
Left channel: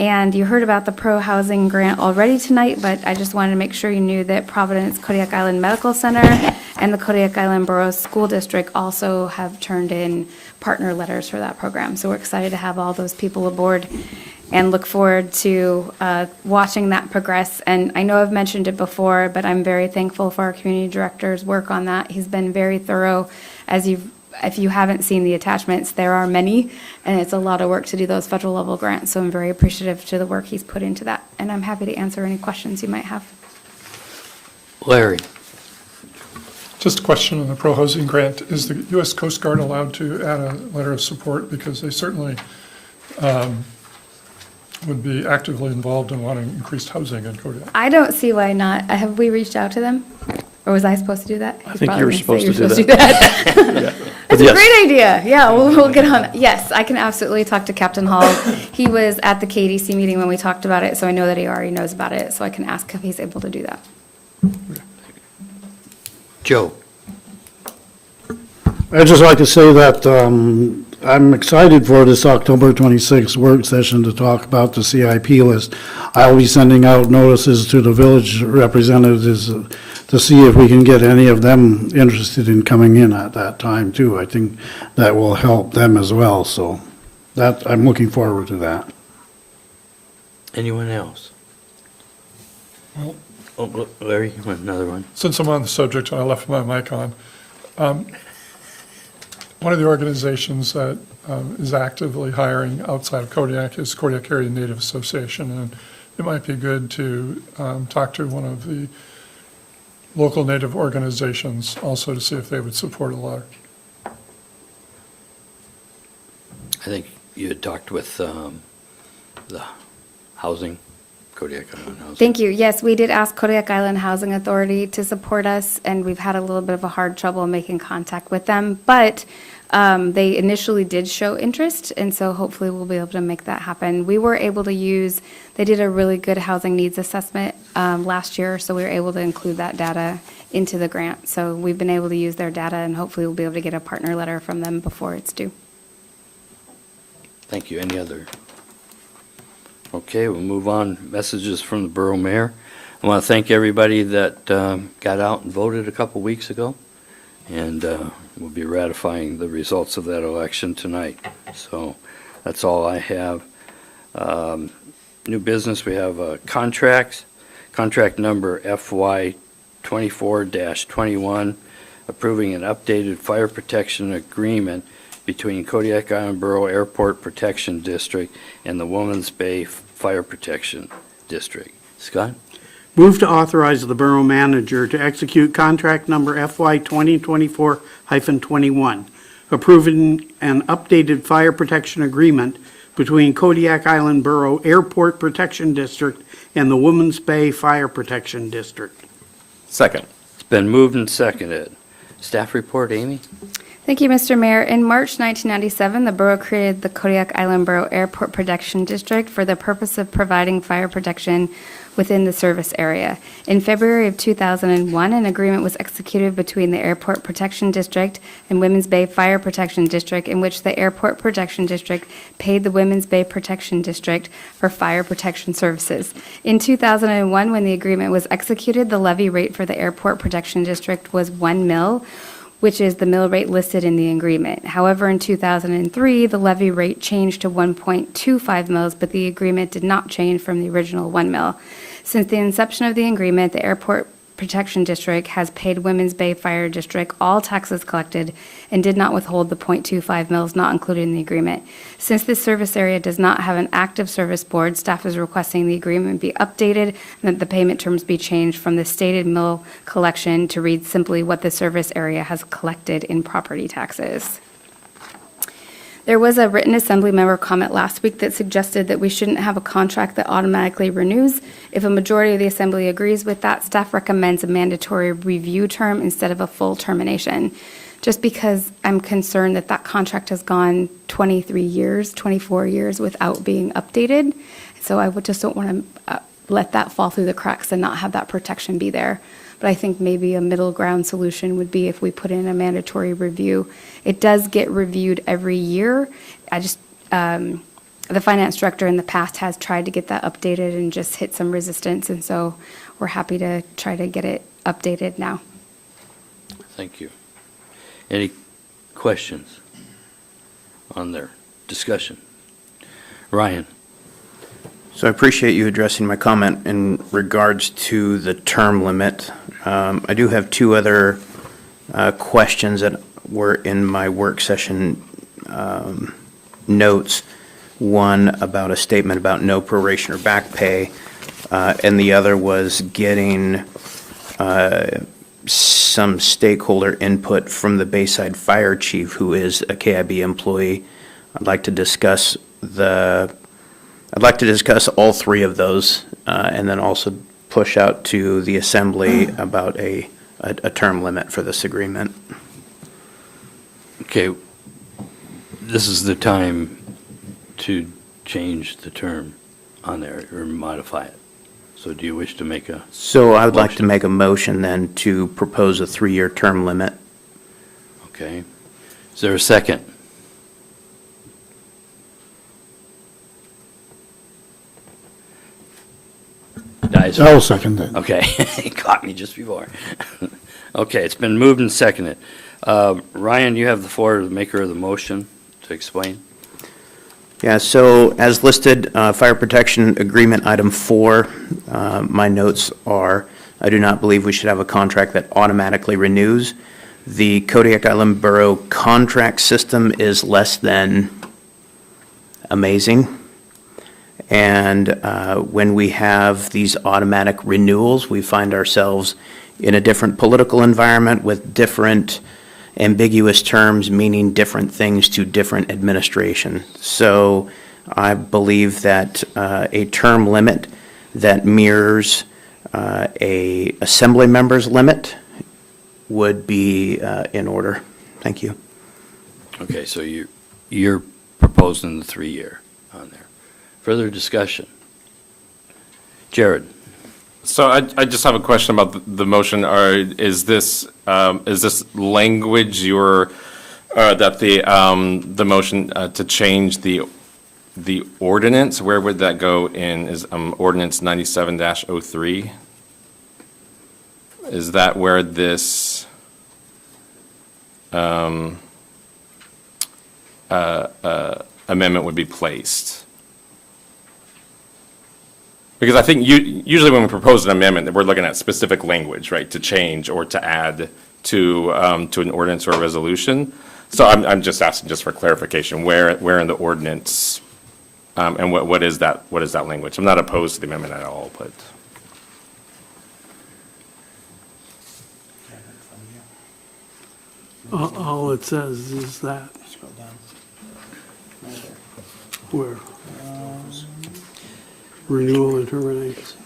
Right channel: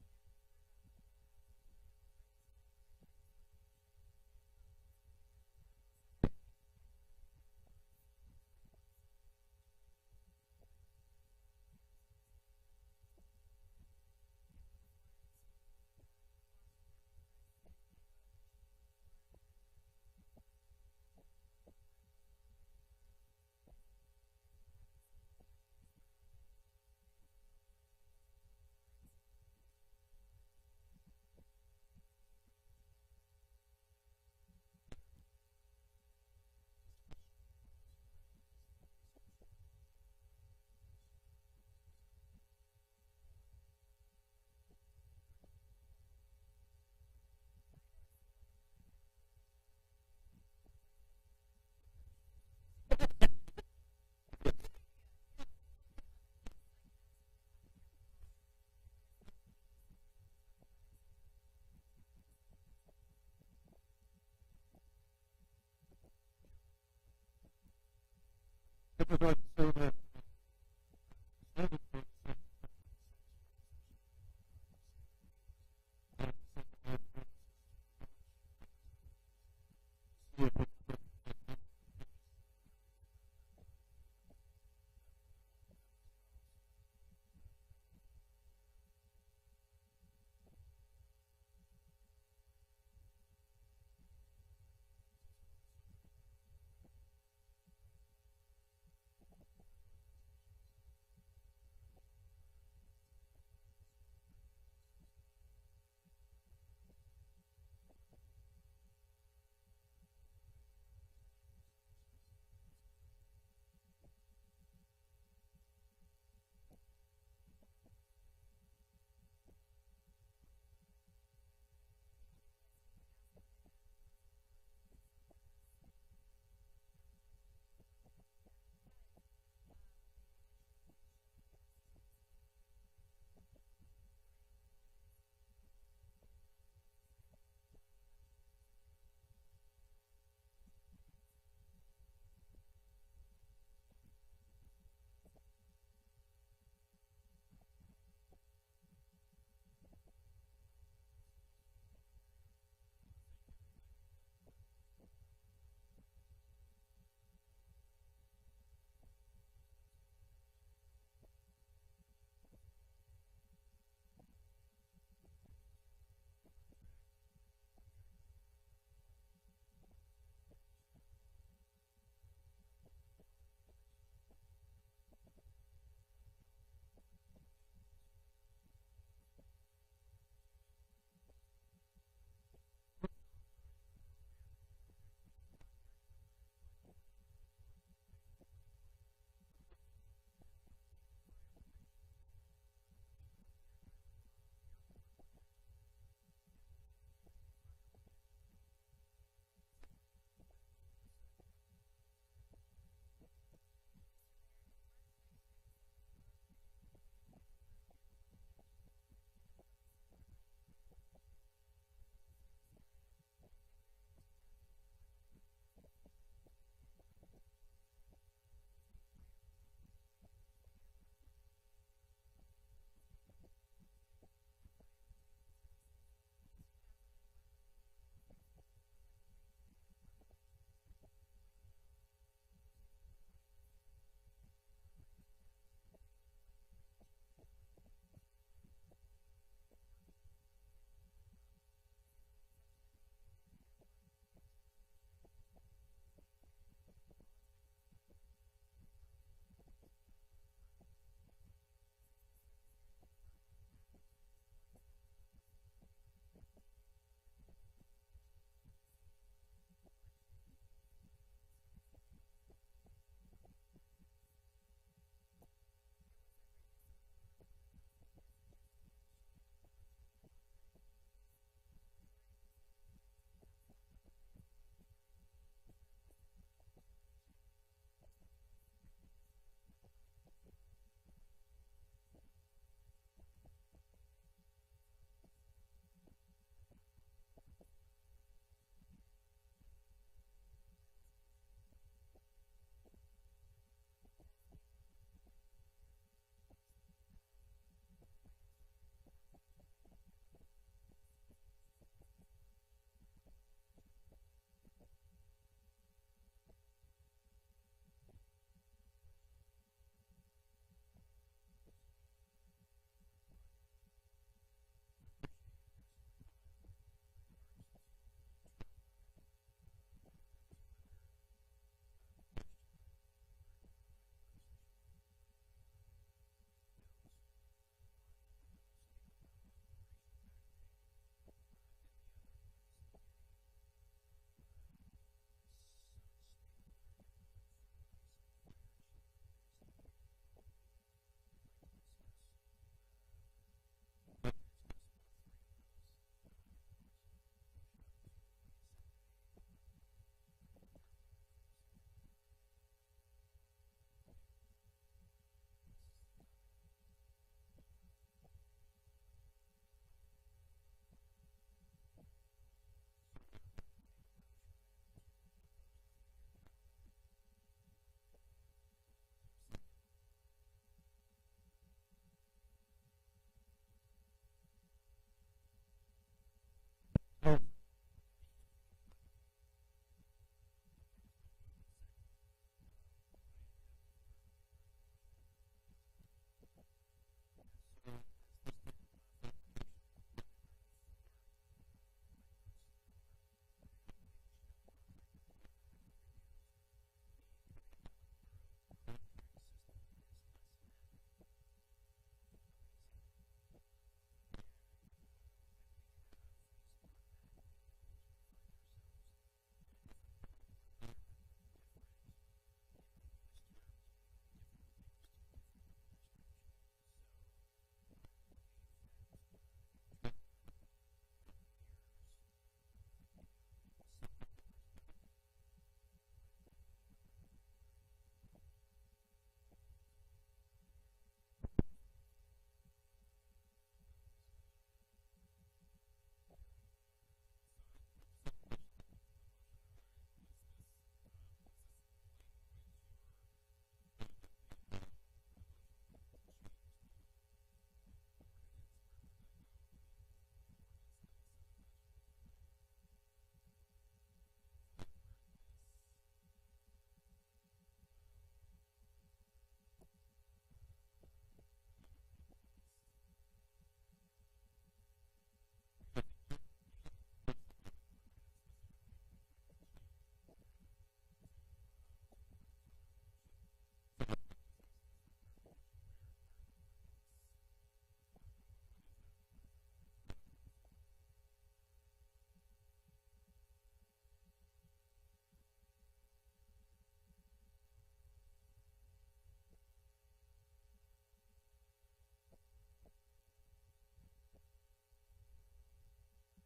And you heard about the pro-housing grant already tonight, but I just wanted to make sure you knew that Providence Kodiak Island Medical Center and the Kodiak Island Borough School District also have turned in partner letters for that program. So we're excited to have all those people aboard and look forward to watching that progress. And I know I've mentioned it before, but I'm very thankful for our community director's work on that. He's been very thorough. If you haven't seen the attachments, there are many, and it's a lot of work to do those federal level grants. So I'm very appreciative to the work he's put into that. And I'm happy to answer any questions you might have. Larry. Just a question on the pro-housing grant. Is the U.S. Coast Guard allowed to add a letter of support? Because they certainly would be actively involved in wanting increased housing in Kodiak. I don't see why not. Have we reached out to them? Or was I supposed to do that? I think you were supposed to do that. Yeah. That's a Yes. great idea. Yeah, we'll get on. Yes, I can absolutely talk to Captain Hall. He was at the KDC meeting when we talked about it, so I know that he already knows about it, so I can ask if he's able to do that. Joe. I'd just like to say that I'm excited for this October 26th work session to talk about the CIP list. I'll be sending out notices to the village representatives to see if we can get any of them interested in coming in at that time too. I think that will help them as well, so that, I'm looking forward to that. Anyone else? Oh, look, Larry, you want another one? Since I'm on the subject and I left my mic on, one of the organizations that is actively hiring outside of Kodiak is Kodiak Area Native Association, and it might be good to talk to one of the local Native organizations also to see if they would support a letter. I think you had talked with the housing, Kodiak Island Housing. Thank you. Yes, we did ask Kodiak Island Housing Authority to support us, and we've had a little bit of a hard trouble making contact with them. But they initially did show interest, and so hopefully we'll be able to make that happen. We were able to use, they did a really good housing needs assessment last year, so we were able to include that data into the grant. So we've been able to use their data, and hopefully we'll be able to get a partner letter from them before it's due. Thank you. Any other? Okay, we'll move on. Messages from the Borough Mayor. I want to thank everybody that got out and voted a couple weeks ago, and we'll be ratifying the results of that election tonight. So that's all I have. New business, we have contracts. Contract number FY 24-21, approving an updated fire protection agreement between Kodiak Island Borough Airport Protection District and the Woman's Bay Fire Protection District. Scott? Move to authorize the borough manager to execute contract number FY 2024-21, approving an updated fire protection agreement between Kodiak Island Borough Airport Protection District and the Woman's Bay Fire Protection District. Second. It's been moved and seconded. Staff report, Amy? Thank you, Mr. Mayor. In March 1997, the borough created the Kodiak Island Borough Airport Protection District for the purpose of providing fire protection within the service area. In February of 2001, an agreement was executed between the Airport Protection District and Women's Bay Fire Protection District, in which the Airport Protection District paid the Women's Bay Protection District for fire protection services. In 2001, when the agreement was executed, the levy rate for the Airport Protection District was 1 mil, which is the mill rate listed in the agreement. However, in 2003, the levy rate changed to 1.25 mils, but the agreement did not change from the original 1 mil. Since the inception of the agreement, the Airport Protection District has paid Women's Bay Fire District all taxes collected and did not withhold the 0.25 mils not included in the agreement. Since this service area does not have an active service board, staff is requesting the agreement be updated and that the payment terms be changed from the stated mill collection to read simply what the service area has collected in property taxes. There was a written assembly member comment last week that suggested that we shouldn't have a contract that automatically renews. If a majority of the assembly agrees with that, staff recommends a mandatory review term instead of a full termination. Just because I'm concerned that that contract has gone 23 years, 24 years without being updated. So I just don't want to let that fall through the cracks and not have that protection be there. But I think maybe a middle ground solution would be if we put in a mandatory review. It does get reviewed every year. The finance director in the past has tried to get that updated and just hit some resistance, and so we're happy to try to get it updated now. Thank you. Any questions on their discussion? Ryan? So I appreciate you addressing my comment in regards to the term limit. I do have two other questions that were in my work session notes. One about a statement about no proration or back pay, and the other was getting some stakeholder input from the Bayside Fire Chief, who is a KIB employee. I'd like to discuss all three of those, and then also push out to the Assembly about a term limit for this agreement. Okay, this is the time to change the term on there or modify it. So do you wish to make a? So I would like to motion? make a motion then to propose a 3-year term limit. Okay. Is there a second? Advisory? I'll second that. Okay, he caught me just before. Okay, it's been moved and seconded. Ryan, you have the floor, the maker of the motion, to explain. Yeah, so as listed, Fire Protection Agreement Item 4, my notes are, I do not believe we should have a contract that automatically renews. The Kodiak Island Borough contract system is less than amazing. And when we have these automatic renewals, we find ourselves in a different political environment with different ambiguous terms meaning different things to different administration. So I believe that a term limit that mirrors a assembly member's limit would be in order. Thank you. Okay, so you're proposing the 3-year on there. Further discussion? Jared? So I just have a question about the motion. Is this language that the motion to change the ordinance, where would that go in? Is ordinance 97-03? Is that where this amendment would be placed? Because I think usually when we propose an amendment, we're looking at specific language, right, to change or to add to an ordinance or a resolution. So I'm just asking just for clarification, where in the ordinance, and what is that language? I'm not opposed to the amendment at all, but. All it says is that. Where? Renewal and termination.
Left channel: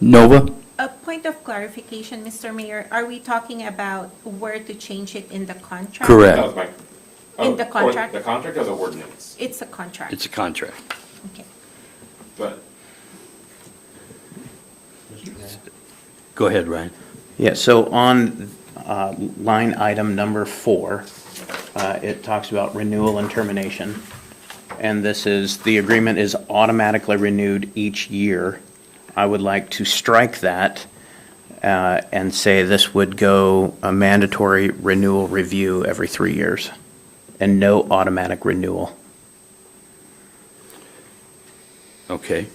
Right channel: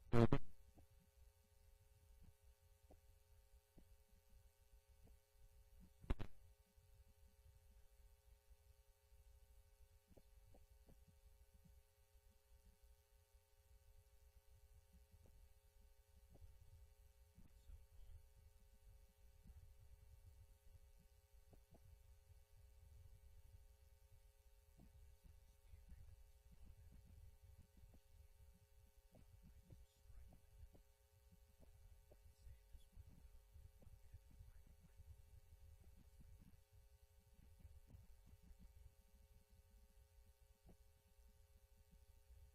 Nova? A point of clarification, Mr. Mayor, are we talking about where to change it in the contract? Correct. That was my. In the contract? The contract or the ordinance? It's a contract. It's a contract. Okay. But. Go ahead, Ryan. Yeah, so on line item number 4, it talks about renewal and termination. And this is, the agreement is automatically renewed each year. I would like to strike that and say this would go a mandatory renewal review every 3 years and no automatic renewal. Okay.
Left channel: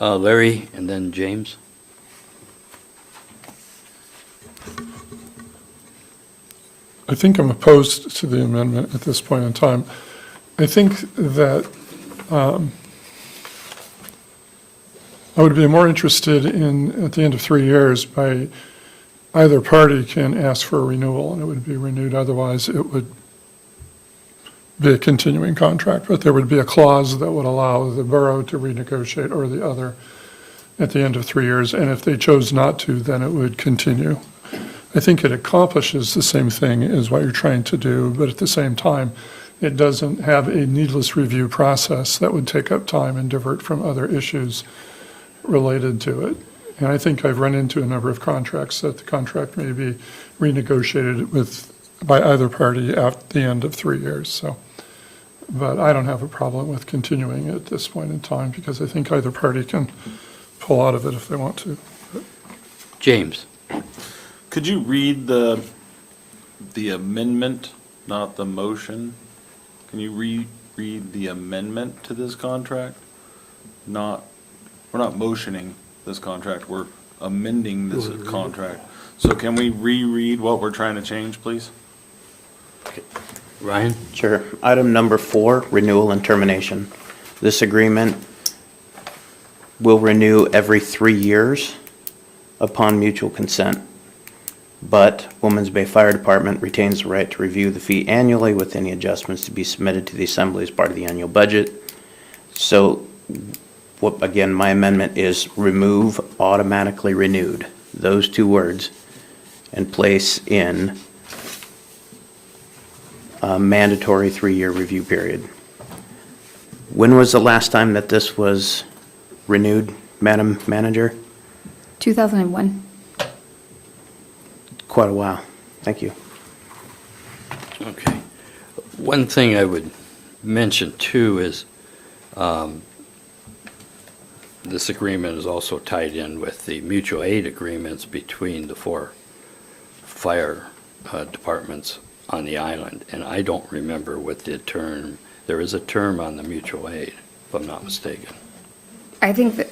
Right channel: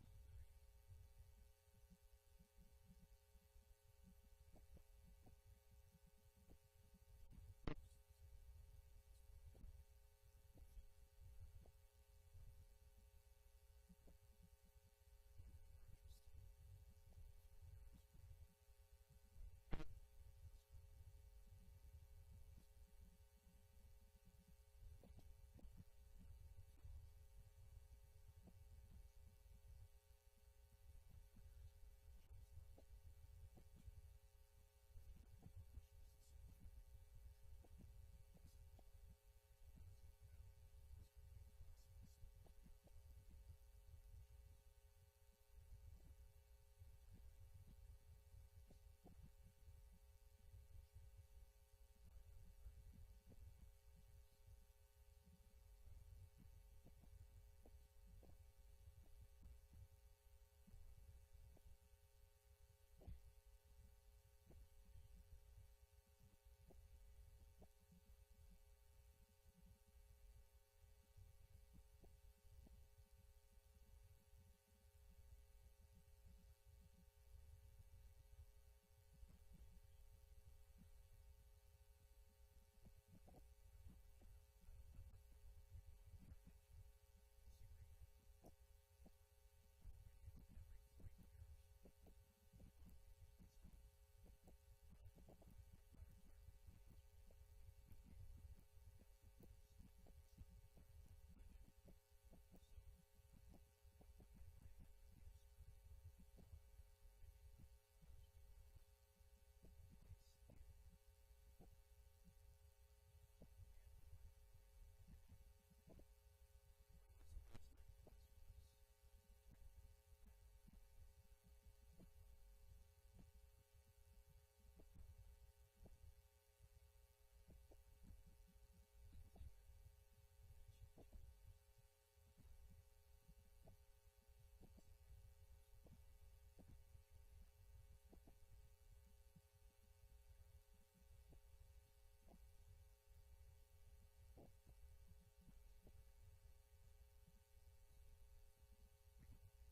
Larry and then James? I think I'm opposed to the amendment at this point in time. I think that I would be more interested in, at the end of 3 years, by either party can ask for a renewal and it would be renewed. Otherwise, it would be a continuing contract, but there would be a clause that would allow the borough to renegotiate or the other at the end of 3 years. And if they chose not to, then it would continue. I think it accomplishes the same thing as what you're trying to do, but at the same time, it doesn't have a needless review process that would take up time and divert from other issues related to it. And I think I've run into a number of contracts that the contract may be renegotiated by either party at the end of 3 years. So, but I don't have a problem with continuing at this point in time because I think either party can pull out of it if they want to. James? Could you read the amendment, not the motion? Can you read the amendment to this contract? We're not motioning this contract, we're amending this contract. So can we reread what we're trying to change, please? Ryan? Sure. Item number 4, renewal and termination. This agreement will renew every 3 years upon mutual consent. But Woman's Bay Fire Department retains the right to review the fee annually with any adjustments to be submitted to the Assembly as part of the annual budget. So, again, my amendment is remove automatically renewed, those 2 words, and place in a mandatory 3-year review period. When was the last time that this was renewed, Madam Manager? 2001. Quite a while. Thank you. Okay. One thing I would mention too is this agreement is also tied in with the mutual aid agreements between the 4 fire departments on the island. And I don't remember what the term, there is a term on the mutual aid, if I'm not mistaken. I think that,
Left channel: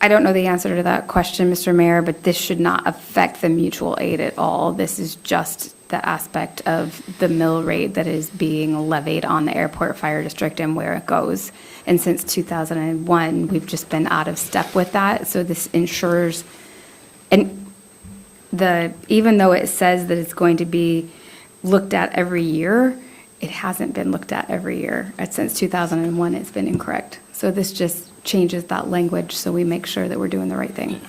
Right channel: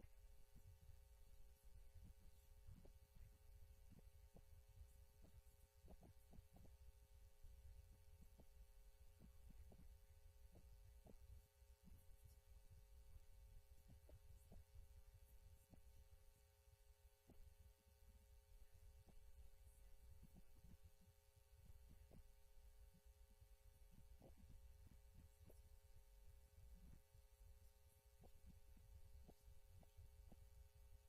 I don't know the answer to that question, Mr. Mayor, but this should not affect the mutual aid at all. This is just the aspect of the mill rate that is being levied on the airport fire district and where it goes. And since 2001, we've just been out of step with that. So this ensures, and even though it says that it's going to be looked at every year, it hasn't been looked at every year. Since 2001, it's been incorrect. So this just changes that language so we make sure that we're doing the right thing.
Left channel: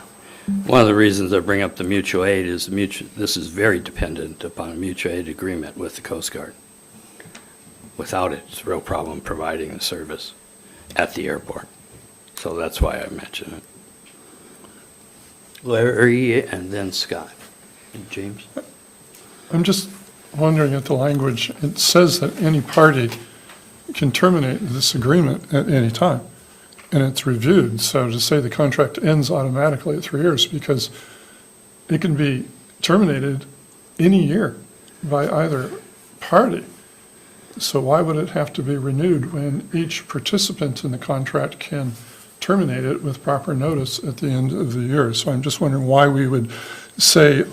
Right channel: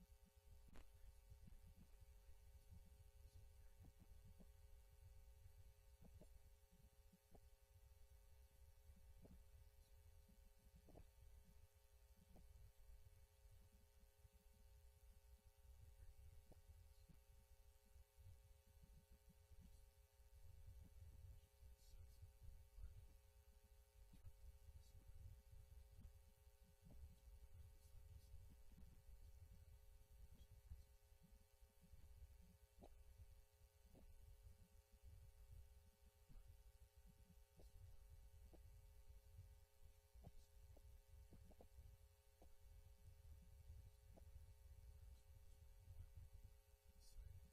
One of the reasons I bring up the mutual aid is this is very dependent upon a mutual aid agreement with the Coast Guard. Without it, it's a real problem providing the service at the airport. So that's why I mention it. Larry and then Scott. And James? I'm just wondering at the language, it says that any party can terminate this agreement at any time, and it's reviewed. So to say the contract ends automatically at 3 years, because it can be terminated any year by either party. So why would it have to be renewed when each participant in the contract can terminate it with proper notice at the end of the year? So I'm just wondering why we would say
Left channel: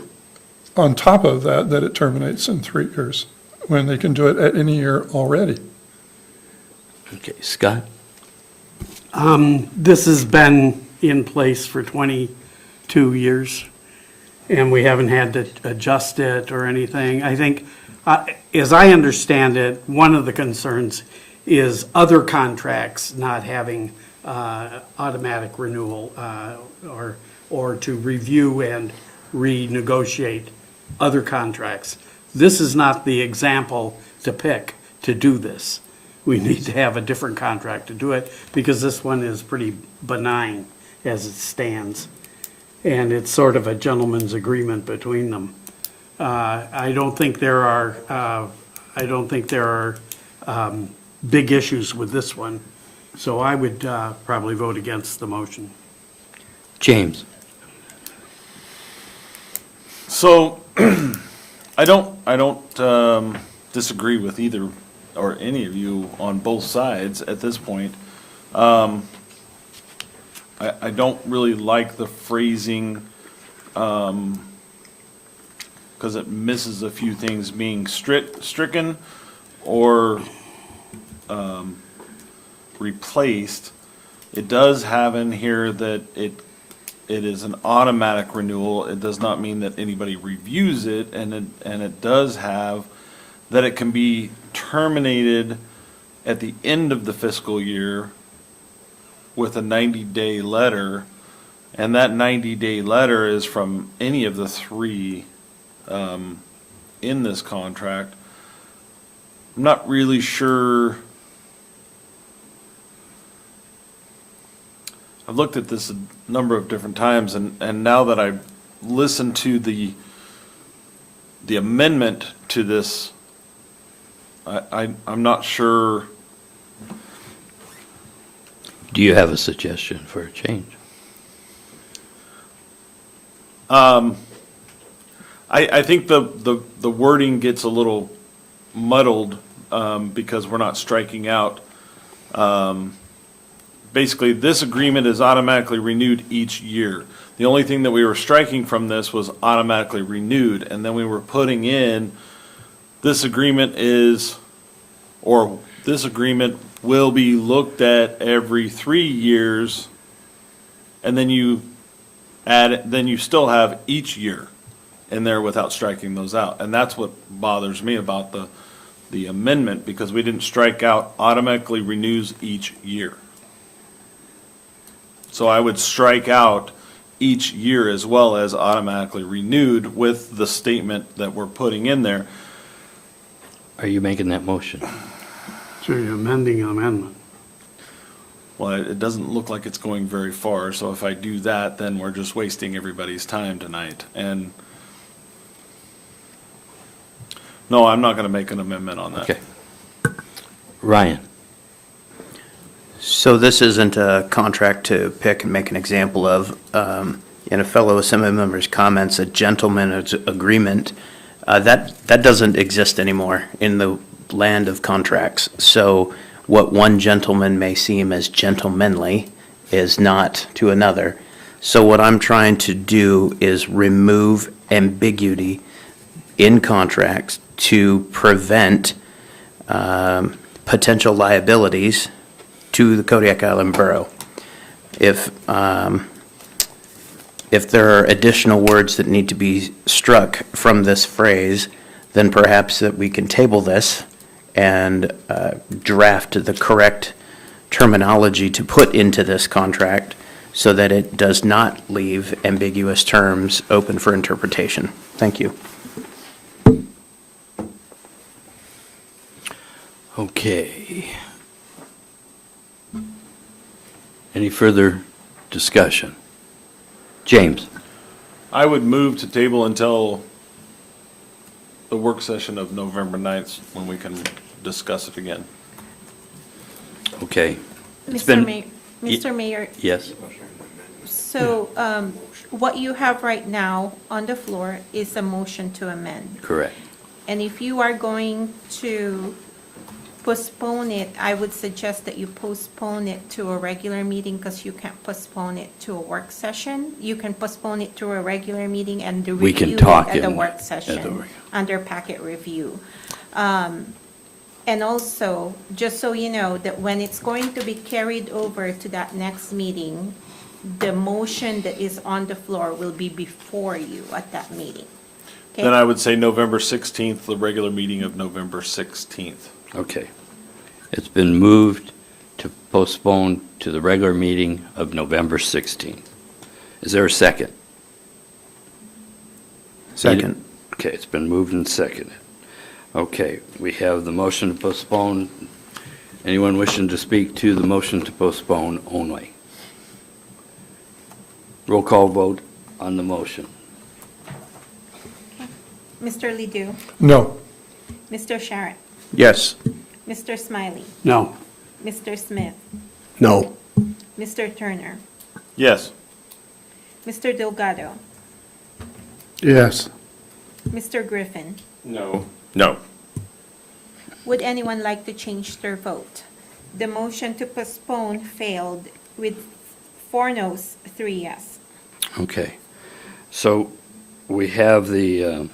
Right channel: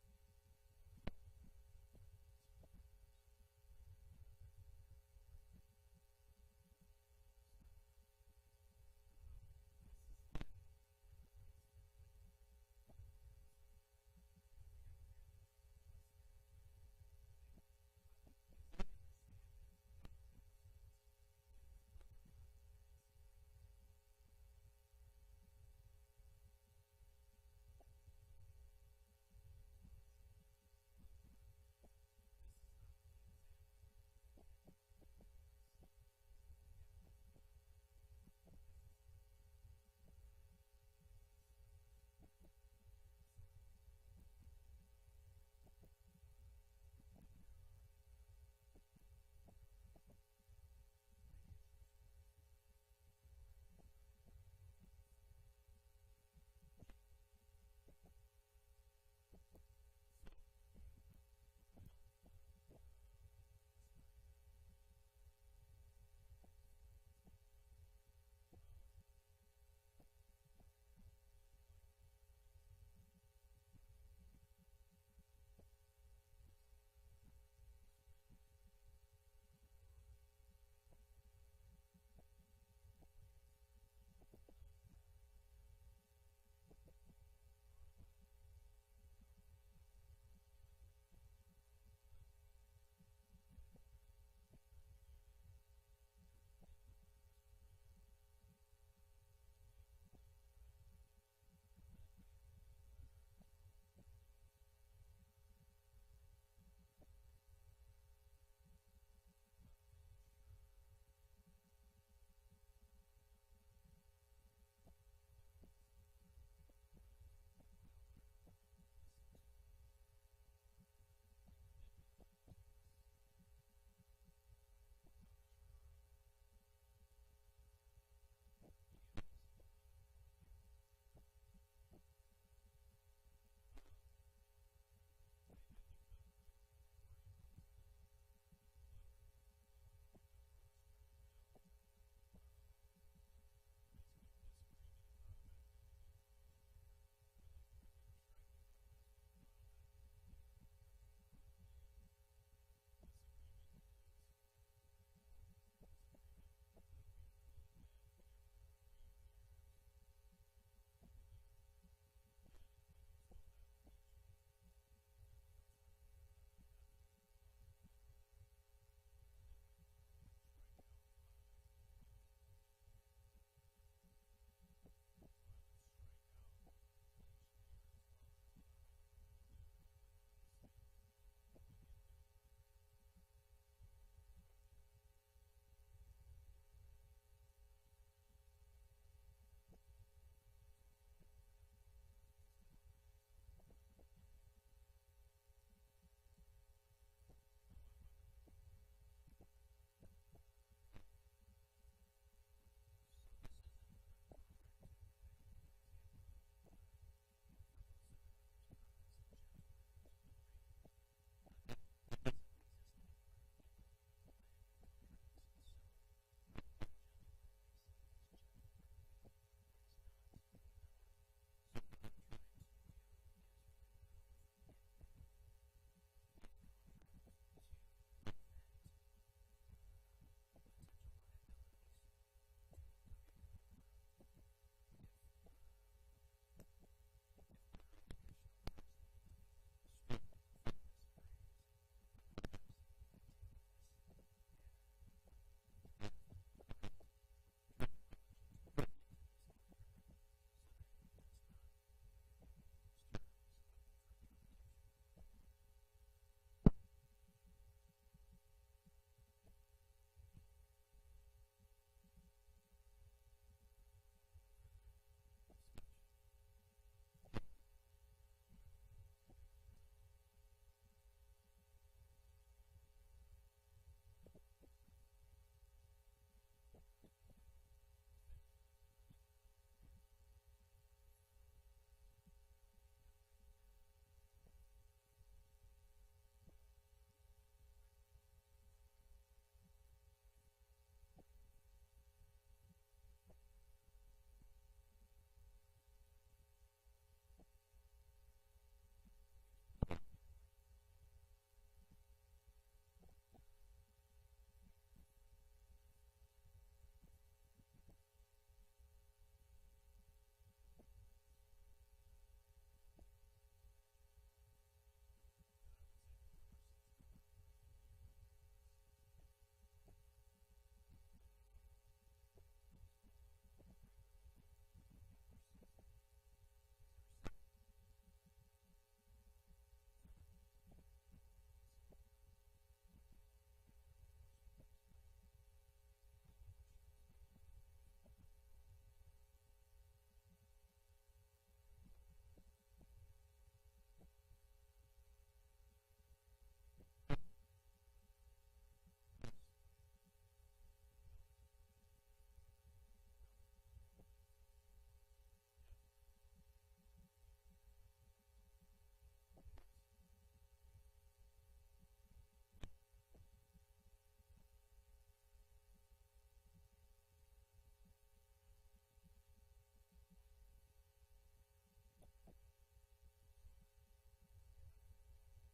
on top of that, that it terminates in 3 years, when they can do it at any year already. Okay, Scott? This has been in place for 22 years, and we haven't had to adjust it or anything. I think, as I understand it, one of the concerns is other contracts not having automatic renewal or to review and renegotiate other contracts. This is not the example to pick to do this. We need to have a different contract to do it because this one is pretty benign as it stands. And it's sort of a gentleman's agreement between them. I don't think there are big issues with this one. So I would probably vote against the motion. James? So, I don't disagree with either or any of you on both sides at this point. I don't really like the phrasing, because it misses a few things being stricken or replaced. It does have in here that it is an automatic renewal. It does not mean that anybody reviews it, and it does have that it can be terminated at the end of the fiscal year with a 90-day letter, and that 90-day letter is from any of the 3 in this contract. I'm not really sure. I've looked at this a number of different times, and now that I've listened to the amendment to this, I'm not sure. Do you have a suggestion for a change? I think the wording gets a little muddled because we're not striking out. Basically, this agreement is automatically renewed each year. The only thing that we were striking from this was automatically renewed, and then we were putting in this agreement this agreement will be looked at every 3 years, and then you still have each year in there without striking those out. And that's what bothers me about the amendment, because we didn't strike out automatically renews each year. So I would strike out each year as well as automatically renewed with the statement that we're putting in there. Are you making that motion? So you're amending an amendment. Well, it doesn't look like it's going very far, so if I do that, then we're just wasting everybody's time tonight. And no, I'm not going to make an amendment on that. Okay. Ryan? So this isn't a contract to pick and make an example of. In a fellow assembly member's comments, a gentleman's agreement, that doesn't exist anymore in the land of contracts. So what one gentleman may seem as gentlemanly is not to another. So what I'm trying to do is remove ambiguity in contracts to prevent potential liabilities to the Kodiak Island Borough. If there are additional words that need to be struck from this phrase, then perhaps that we can table this and draft the correct terminology to put into this contract so that it does not leave ambiguous terms open for interpretation. Thank you. Okay. Any further discussion? James? I would move to table until the work session of November 9th, when we can discuss it again. Okay. It's been- Mr. Mayor, Yes? so what you have right now on the floor is a motion to amend. Correct. And if you are going to postpone it, I would suggest that you postpone it to a regular meeting, because you can't postpone it to a work session. You can postpone it to a regular meeting and We can review it talk at the in- work at the session, work. under packet review. And also, just so you know, that when it's going to be carried over to that next meeting, the motion that is on the floor will be before you at that meeting. Okay? Then I would say November 16th, the regular meeting of November 16th. Okay. It's been moved to postpone to the regular meeting of November 16th. Is there a second? Second. Okay, it's been moved and seconded. Okay, we have the motion to postpone. Anyone wishing to speak to the motion to postpone only? Roll call vote on the motion. Mr. Ledoux, No. Mr. Sharrett, Yes. Mr. Smiley, No. Mr. Smith, No. Mr. Turner, Yes. Mr. Delgado, Yes. Mr. Griffin. No. No. Would anyone like to change their vote? The motion to postpone failed with 4 noes, 3 yes. Okay, so we have the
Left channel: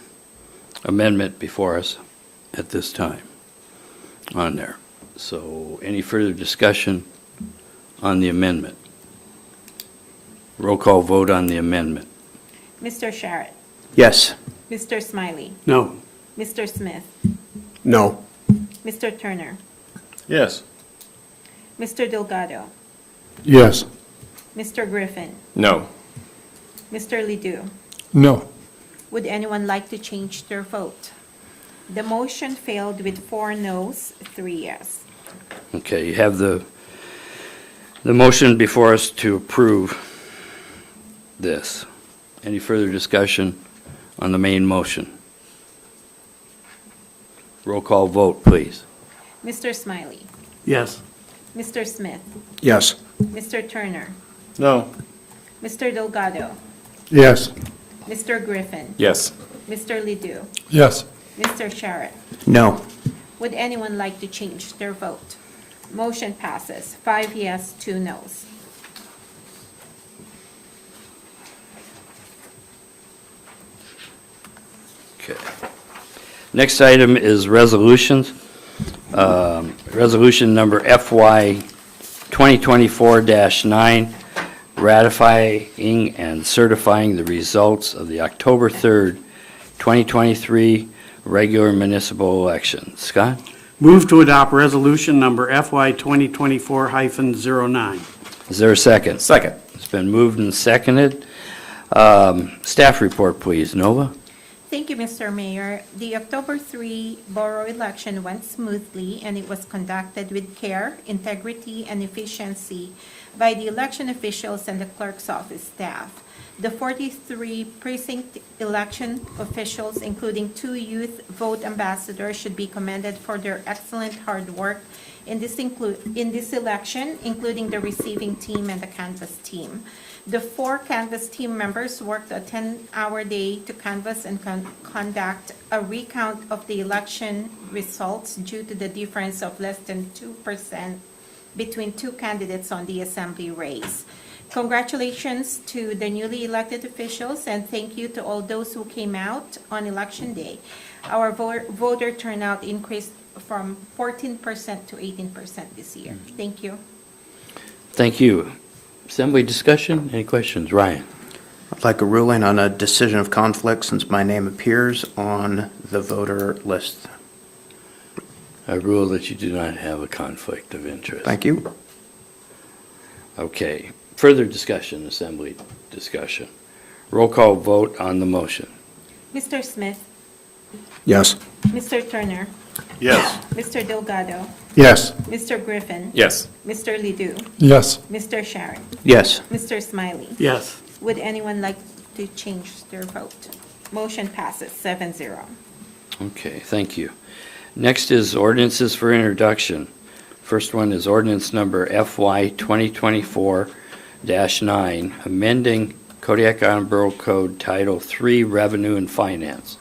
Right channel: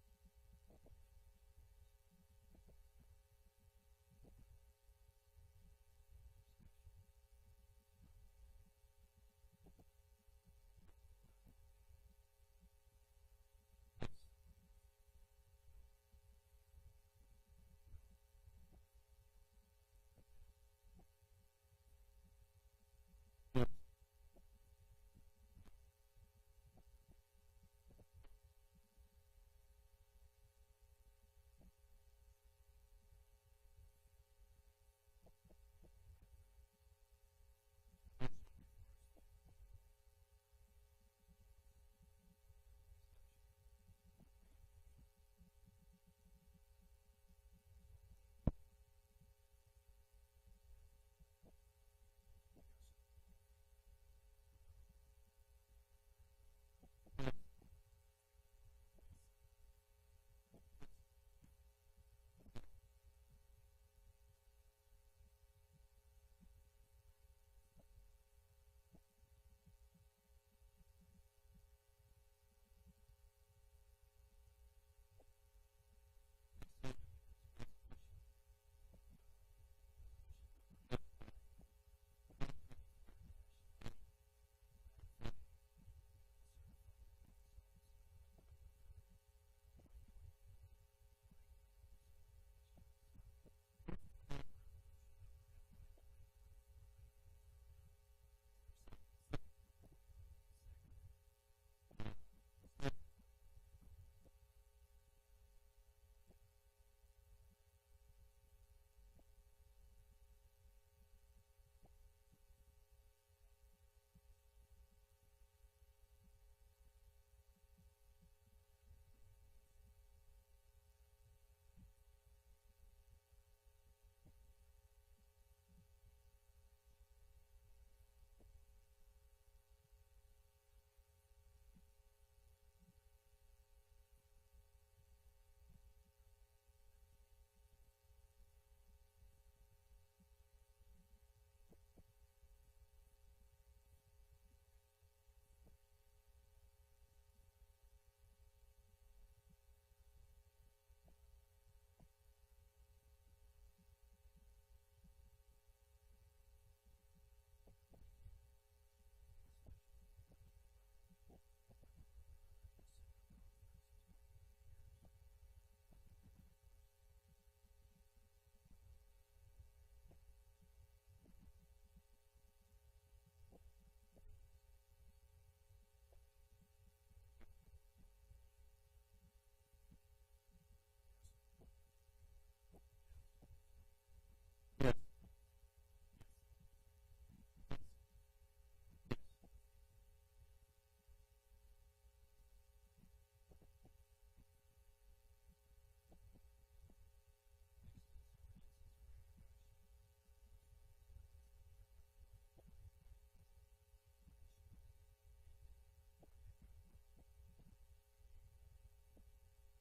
amendment before us at this time on there. So any further discussion on the amendment? Roll call vote on the amendment. Mr. Sharrett, Yes. Mr. Smiley, No. Mr. Smith, No. Mr. Turner, Yes. Mr. Delgado, Yes. Mr. Griffin, No. Mr. Ledoux. No. Would anyone like to change their vote? The motion failed with 4 noes, 3 yes. Okay, you have the motion before us to approve this. Any further discussion on the main motion? Roll call vote, please. Mr. Smiley, Yes. Mr. Smith, Yes. Mr. Turner, No. Mr. Delgado, Yes. Mr. Griffin, Yes. Mr. Ledoux, Yes. Mr. Sharrett. No. Would anyone like to change their vote? Motion passes, 5 yes, 2 noes. Okay. Next item is resolutions. Resolution number FY 2024-9, ratifying and certifying the results of the October 3rd, 2023 regular municipal election. Scott? Move to adopt resolution number FY 2024-09. Is there a second? Second. It's been moved and seconded. Staff report, please. Nova? Thank you, Mr. Mayor. The October 3 borough election went smoothly, and it was conducted with care, integrity, and efficiency by the election officials and the clerk's office staff. The 43 precinct election officials, including 2 youth vote ambassadors, should be commended for their excellent hard work in this election, including the receiving team and the canvass team. The 4 canvass team members worked a 10-hour day to canvass and conduct a recount of the election results due to the difference of less than 2% between 2 candidates on the assembly race. Congratulations to the newly elected officials, and thank you to all those who came out on election day. Our voter turnout increased from 14% to 18% this year. Thank you. Thank you. Assembly discussion, any questions? Ryan? I'd like a ruling on a decision of conflict since my name appears on the voter list. I rule that you do not have a conflict of interest. Thank you. Okay. Further discussion, assembly discussion. Roll call vote on the motion. Mr. Smith, Yes. Mr. Turner, Yes. Mr. Delgado, Yes. Mr. Griffin, Yes. Mr. Ledoux, Yes. Mr. Sharon, Yes. Mr. Smiley. Yes. Would anyone like to change their vote? Motion passes 7-0. Okay, thank you. Next is ordinances for introduction. First one is ordinance number FY 2024-9, amending Kodiak Island Borough Code Title III Revenue and Finance,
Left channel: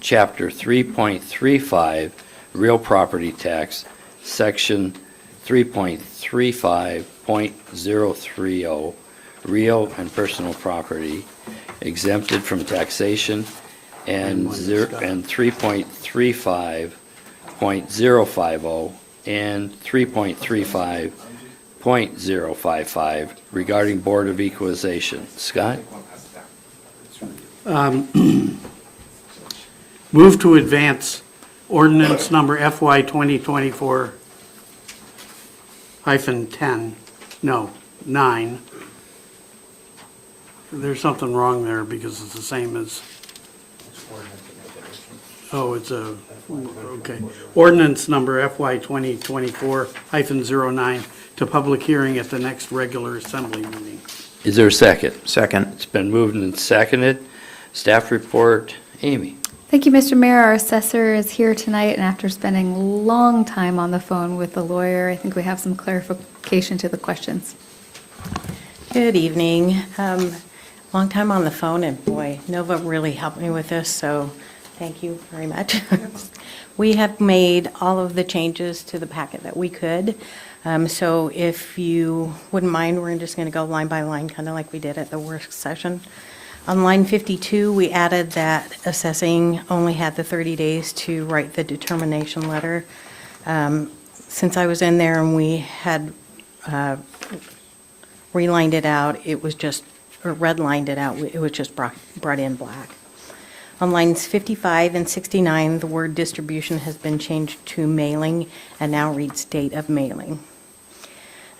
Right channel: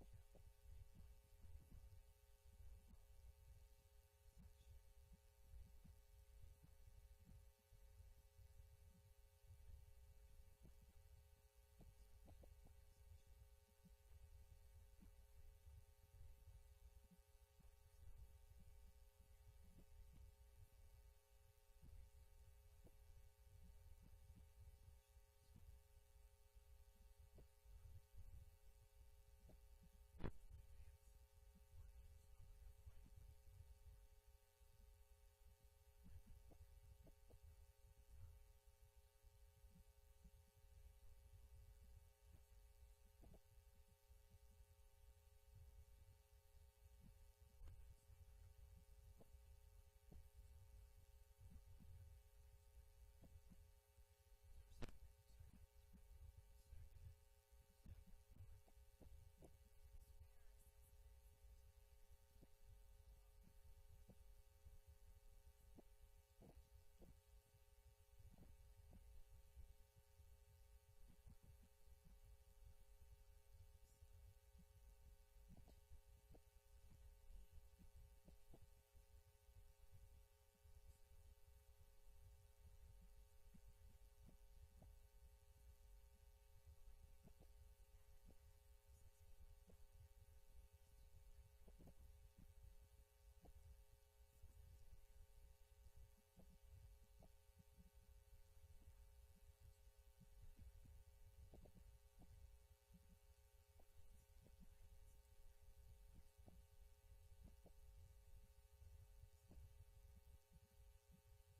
Chapter 3.35 Real Property Tax, Section 3.35.030 Real and Personal Property exempted from taxation, and 3.35.050 and 3.35.055 regarding Board of Equalization. Scott? Move to advance ordinance number FY 2024-9. There's something wrong there because it's the same as, it's okay. Ordinance number FY 2024-09 to public hearing at the next regular assembly meeting. Is there a second? Second. It's been moved and seconded. Staff report, Amy. Thank you, Mr. Mayor. Our assessor is here tonight, and after spending a long time on the phone with the lawyer, I think we have some clarification to the questions. Good evening. Long time on the phone, and boy, Nova really helped me with this, so thank you very much. We have made all of the changes to the packet that we could. So if you wouldn't mind, we're just going to go line by line, kind of like we did at the work session. On line 52, we added that assessing only had the 30 days to write the determination letter. Since I was in there and we had relined it out, it was just, or redlined it out, it was just brought in black. On lines 55 and 69, the word distribution has been changed to mailing and now reads date of mailing.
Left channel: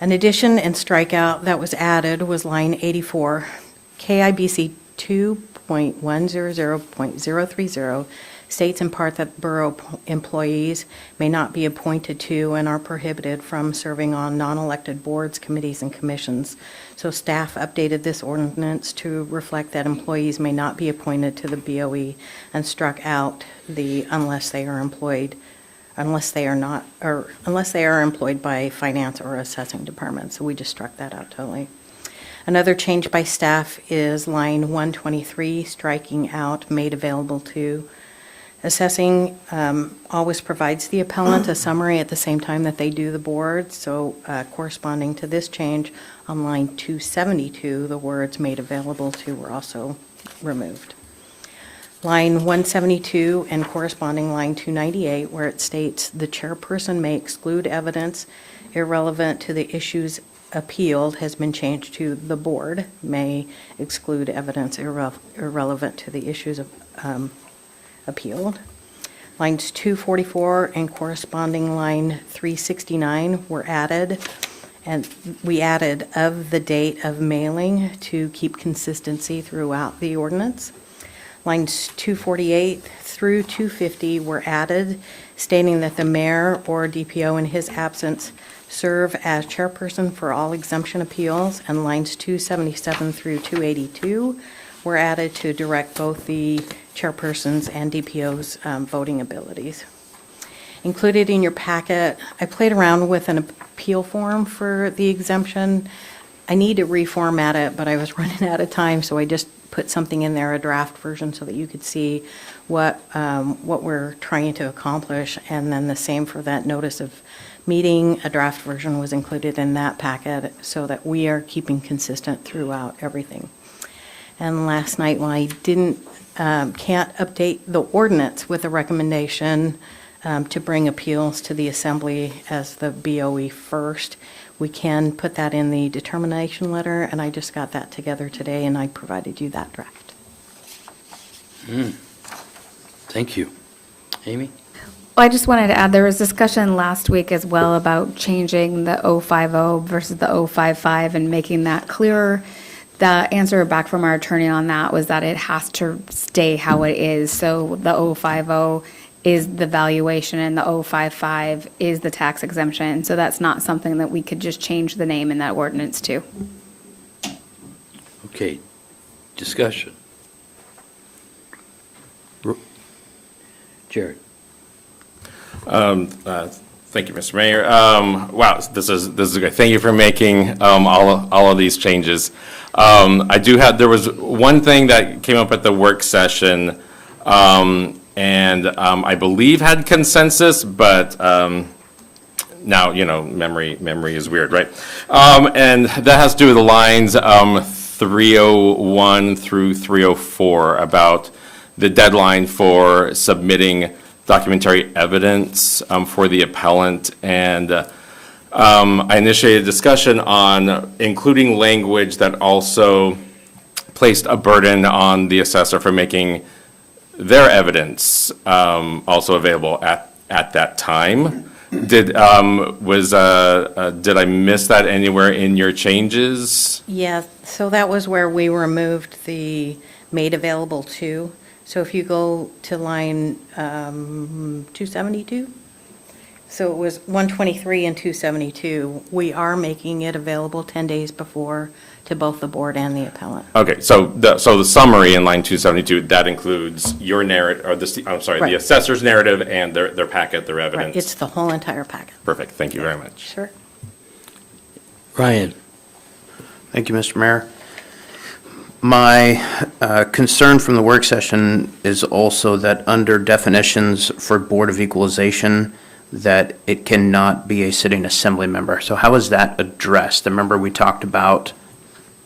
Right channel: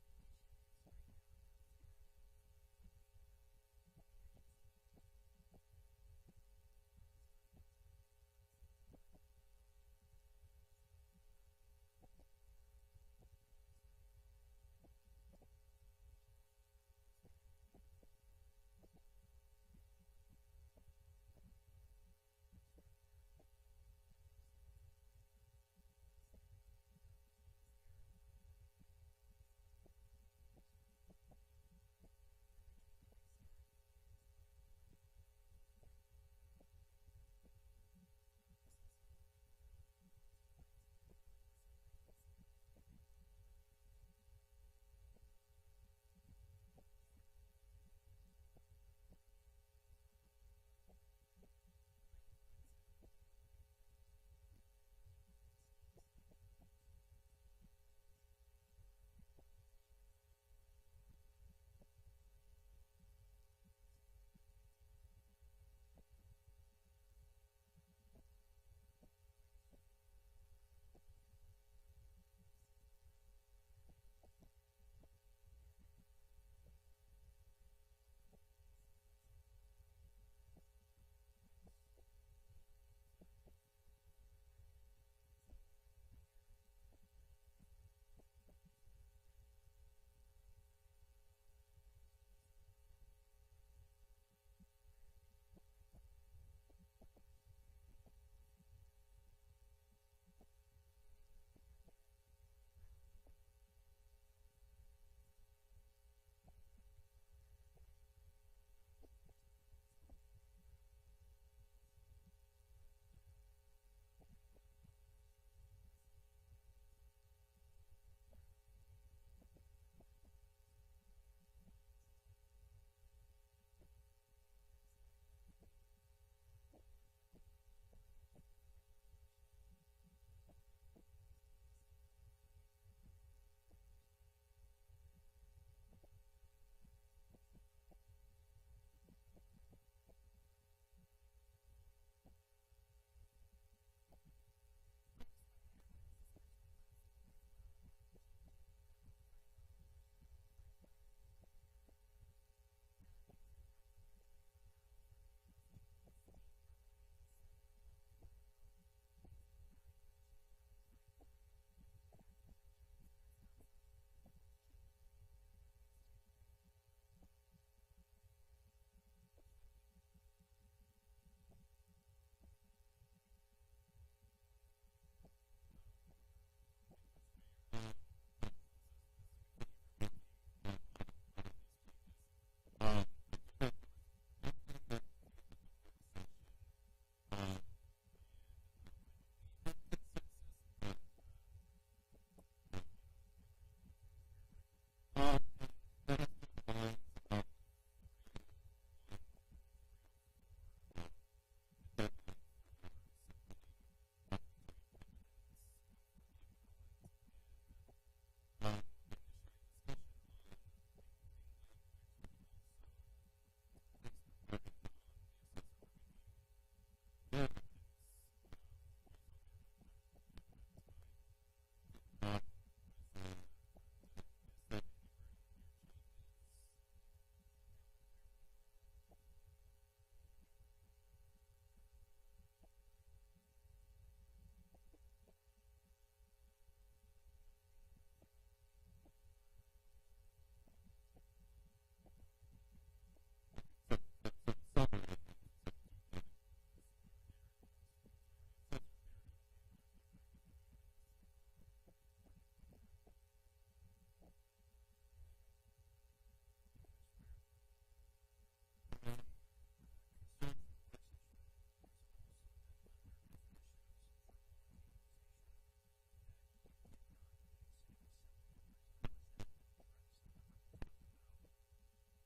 An addition and strikeout that was added was line 84, KIBC 2.100.030 states in part that borough employees may not be appointed to and are prohibited from serving on non-elected boards, committees, and commissions. So staff updated this ordinance to reflect that employees may not be appointed to the BOE and struck out the unless they are employed by finance or assessing department. So we just struck that out totally. Another change by staff is line 123, striking out made available to. Assessing always provides the appellant a summary at the same time that they do the board, so corresponding to this change, on line 272, the words made available to were also removed. Line 172 and corresponding line 298, where it states the chairperson may exclude evidence irrelevant to the issues appealed, has been changed to the board may exclude evidence irrelevant to the issues appealed. Lines 244 and corresponding line 369 were added, and we added of the date of mailing to keep consistency throughout the ordinance. Lines 248 through 250 were added, stating that the mayor or DPO in his absence serve as chairperson for all exemption appeals, and lines 277 through 282 were added to direct both the chairperson's and DPO's voting abilities. Included in your packet, I played around with an appeal form for the exemption. I need to reformat it, but I was running out of time, so I just put something in there, a draft version, so that you could see what we're trying to accomplish. And then the same for that notice of meeting, a draft version was included in that packet so that we are keeping consistent throughout everything. And last night, when I can't update the ordinance with a recommendation to bring appeals to the assembly as the BOE first, we can put that in the determination letter, and I just got that together today, and I provided you that draft. Thank you. Amy? Well, I just wanted to add, there was discussion last week as well about changing the 050 versus the 055 and making that clearer. The answer back from our attorney on that was that it has to stay how it is. So the 050 is the valuation and the 055 is the tax exemption. So that's not something that we could just change the name in that ordinance to. Okay, discussion. Jared? Thank you, Mr. Mayor. Wow, this is great. Thank you for making all of these changes. There was one thing that came up at the work session, and I believe had consensus, but now, memory is weird, right? And that has to do with the lines 301 through 304 about the deadline for submitting documentary evidence for the appellant. And I initiated a discussion on including language that also placed a burden on the assessor for making their evidence also available at that time. Did I miss that anywhere in your changes? Yeah, so that was where we removed the made available to. So if you go to line 272, so it was 123 and 272, we are making it available 10 days before to both the board and the appellant. Okay, so the summary in line 272, that includes your narrative, or Right. the assessor's narrative and their packet, their evidence. Right, it's the whole entire packet. Perfect, thank you very much. Sure. Ryan? Thank you, Mr. Mayor. My concern from the work session is also that under definitions for Board of Equalization, that it cannot be a sitting assembly member. So how is that addressed? Remember, we talked about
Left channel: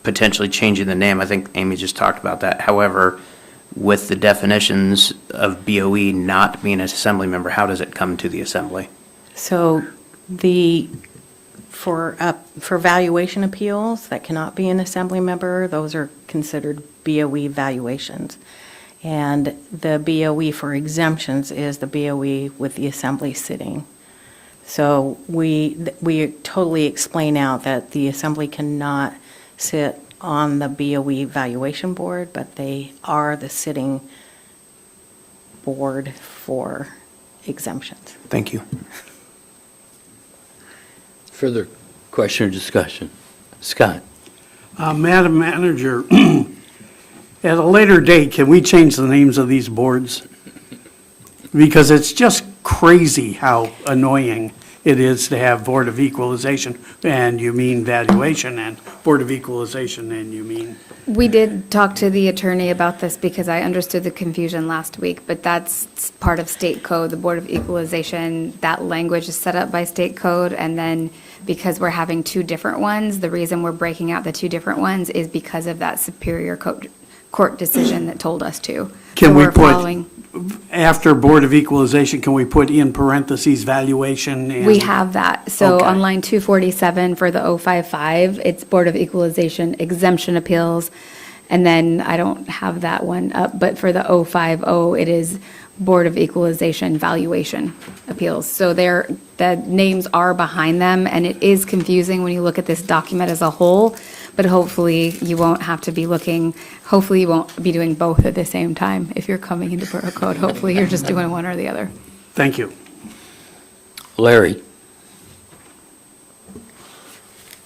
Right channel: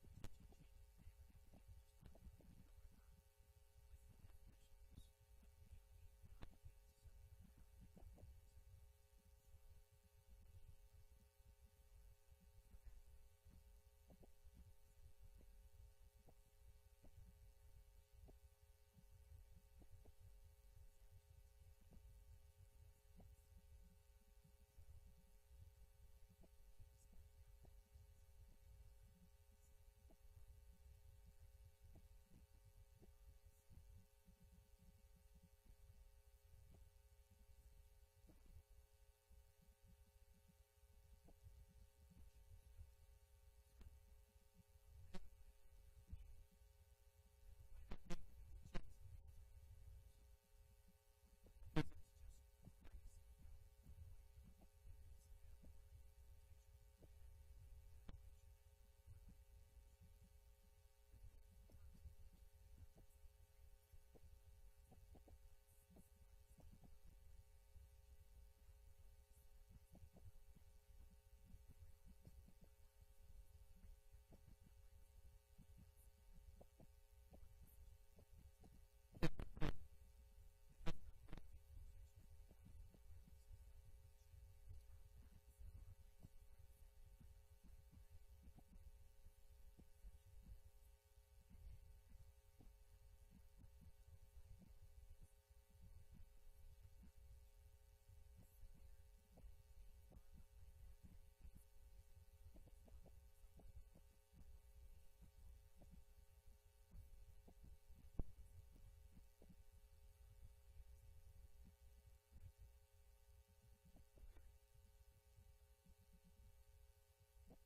potentially changing the name. I think Amy just talked about that. However, with the definitions of BOE not being an assembly member, how does it come to the assembly? So for valuation appeals that cannot be an assembly member, those are considered BOE valuations. And the BOE for exemptions is the BOE with the assembly sitting. So we totally explain out that the assembly cannot sit on the BOE valuation board, but they are the sitting board for exemptions. Thank you. Further question or discussion? Scott? Madam Manager, at a later date, can we change the names of these boards? Because it's just crazy how annoying it is to have Board of Equalization, and you mean valuation, and Board of Equalization, and you mean... We did talk to the attorney about this because I understood the confusion last week, but that's part of state code. The Board of Equalization, that language is set up by state code, and then because we're having two different ones, the reason we're breaking out the two different ones is because of that Superior Court decision that told us to. Can So we we're put, following- after Board of Equalization, can we put in parentheses valuation? And We have that. So Okay. on line 247 for the 055, it's Board of Equalization exemption appeals. And then I don't have that one up, but for the 050, it is Board of Equalization valuation appeals. So the names are behind them, and it is confusing when you look at this document as a whole. but hopefully you won't have to be looking, hopefully you won't be doing both at the same time if you're coming into Borough Code. Hopefully you're just doing one or the other. Thank you. Larry?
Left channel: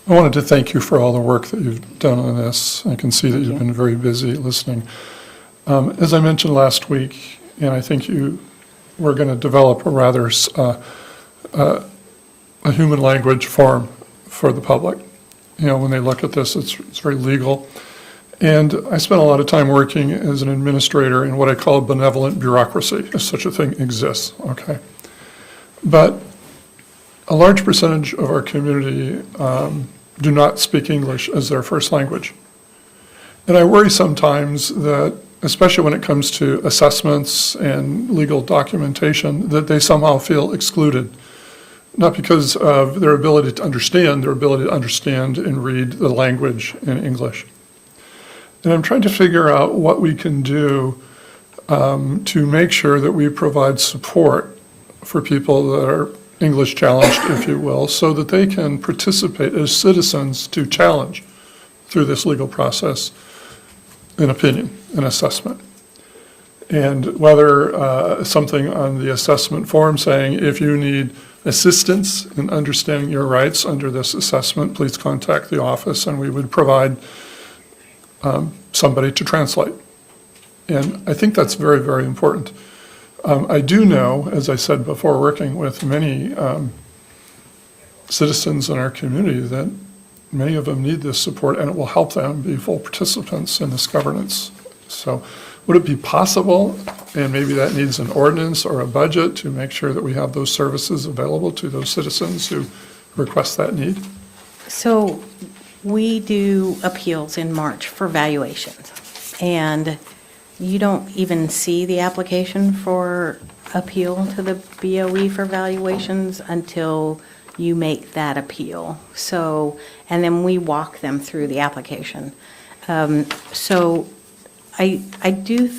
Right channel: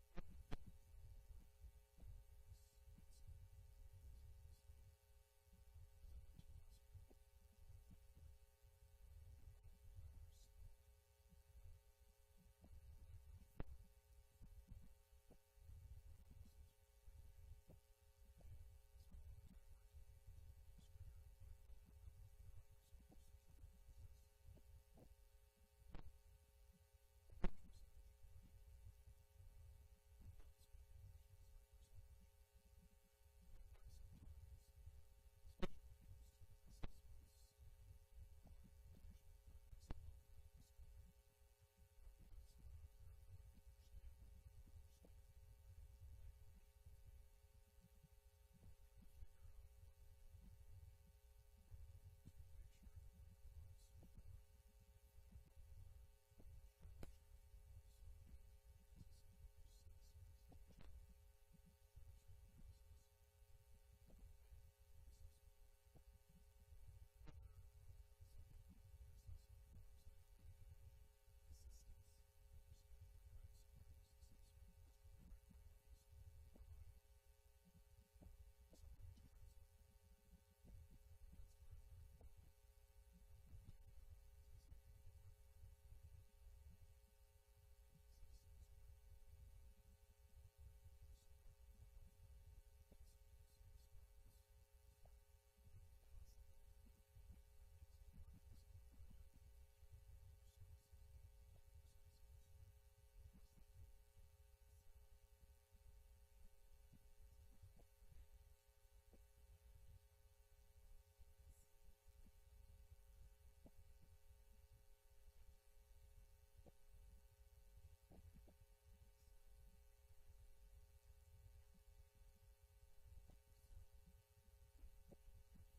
I wanted to thank you for all the work that you've done on this. I can see that you've been very busy listening. As I mentioned last week, and I think we're going to develop a rather a human language form for the public. When they look at this, it's very legal. And I spent a lot of time working as an administrator in what I call benevolent bureaucracy, if such a thing exists, okay? But a large percentage of our community do not speak English as their first language. And I worry sometimes that, especially when it comes to assessments and legal documentation, that they somehow feel excluded. Not because of their ability to understand and read the language in English. And I'm trying to figure out what we can do to make sure that we provide support for people that are English challenged, if you will, so that they can participate as citizens to challenge through this legal process an opinion, an assessment. And whether something on the assessment form saying, if you need assistance in understanding your rights under this assessment, please contact the office and we would provide somebody to translate. And I think that's very, very important. I do know, as I said before, working with many citizens in our community, that many of them need this support and it will help them be full participants in this governance. So would it be possible, and maybe that needs an ordinance or a budget, to make sure that we have those services available to those citizens who request that need? So we do appeals in March for valuations, and you don't even see the application for appeal to the BOE for valuations until you make that appeal. So, and then we walk them through the application. So I do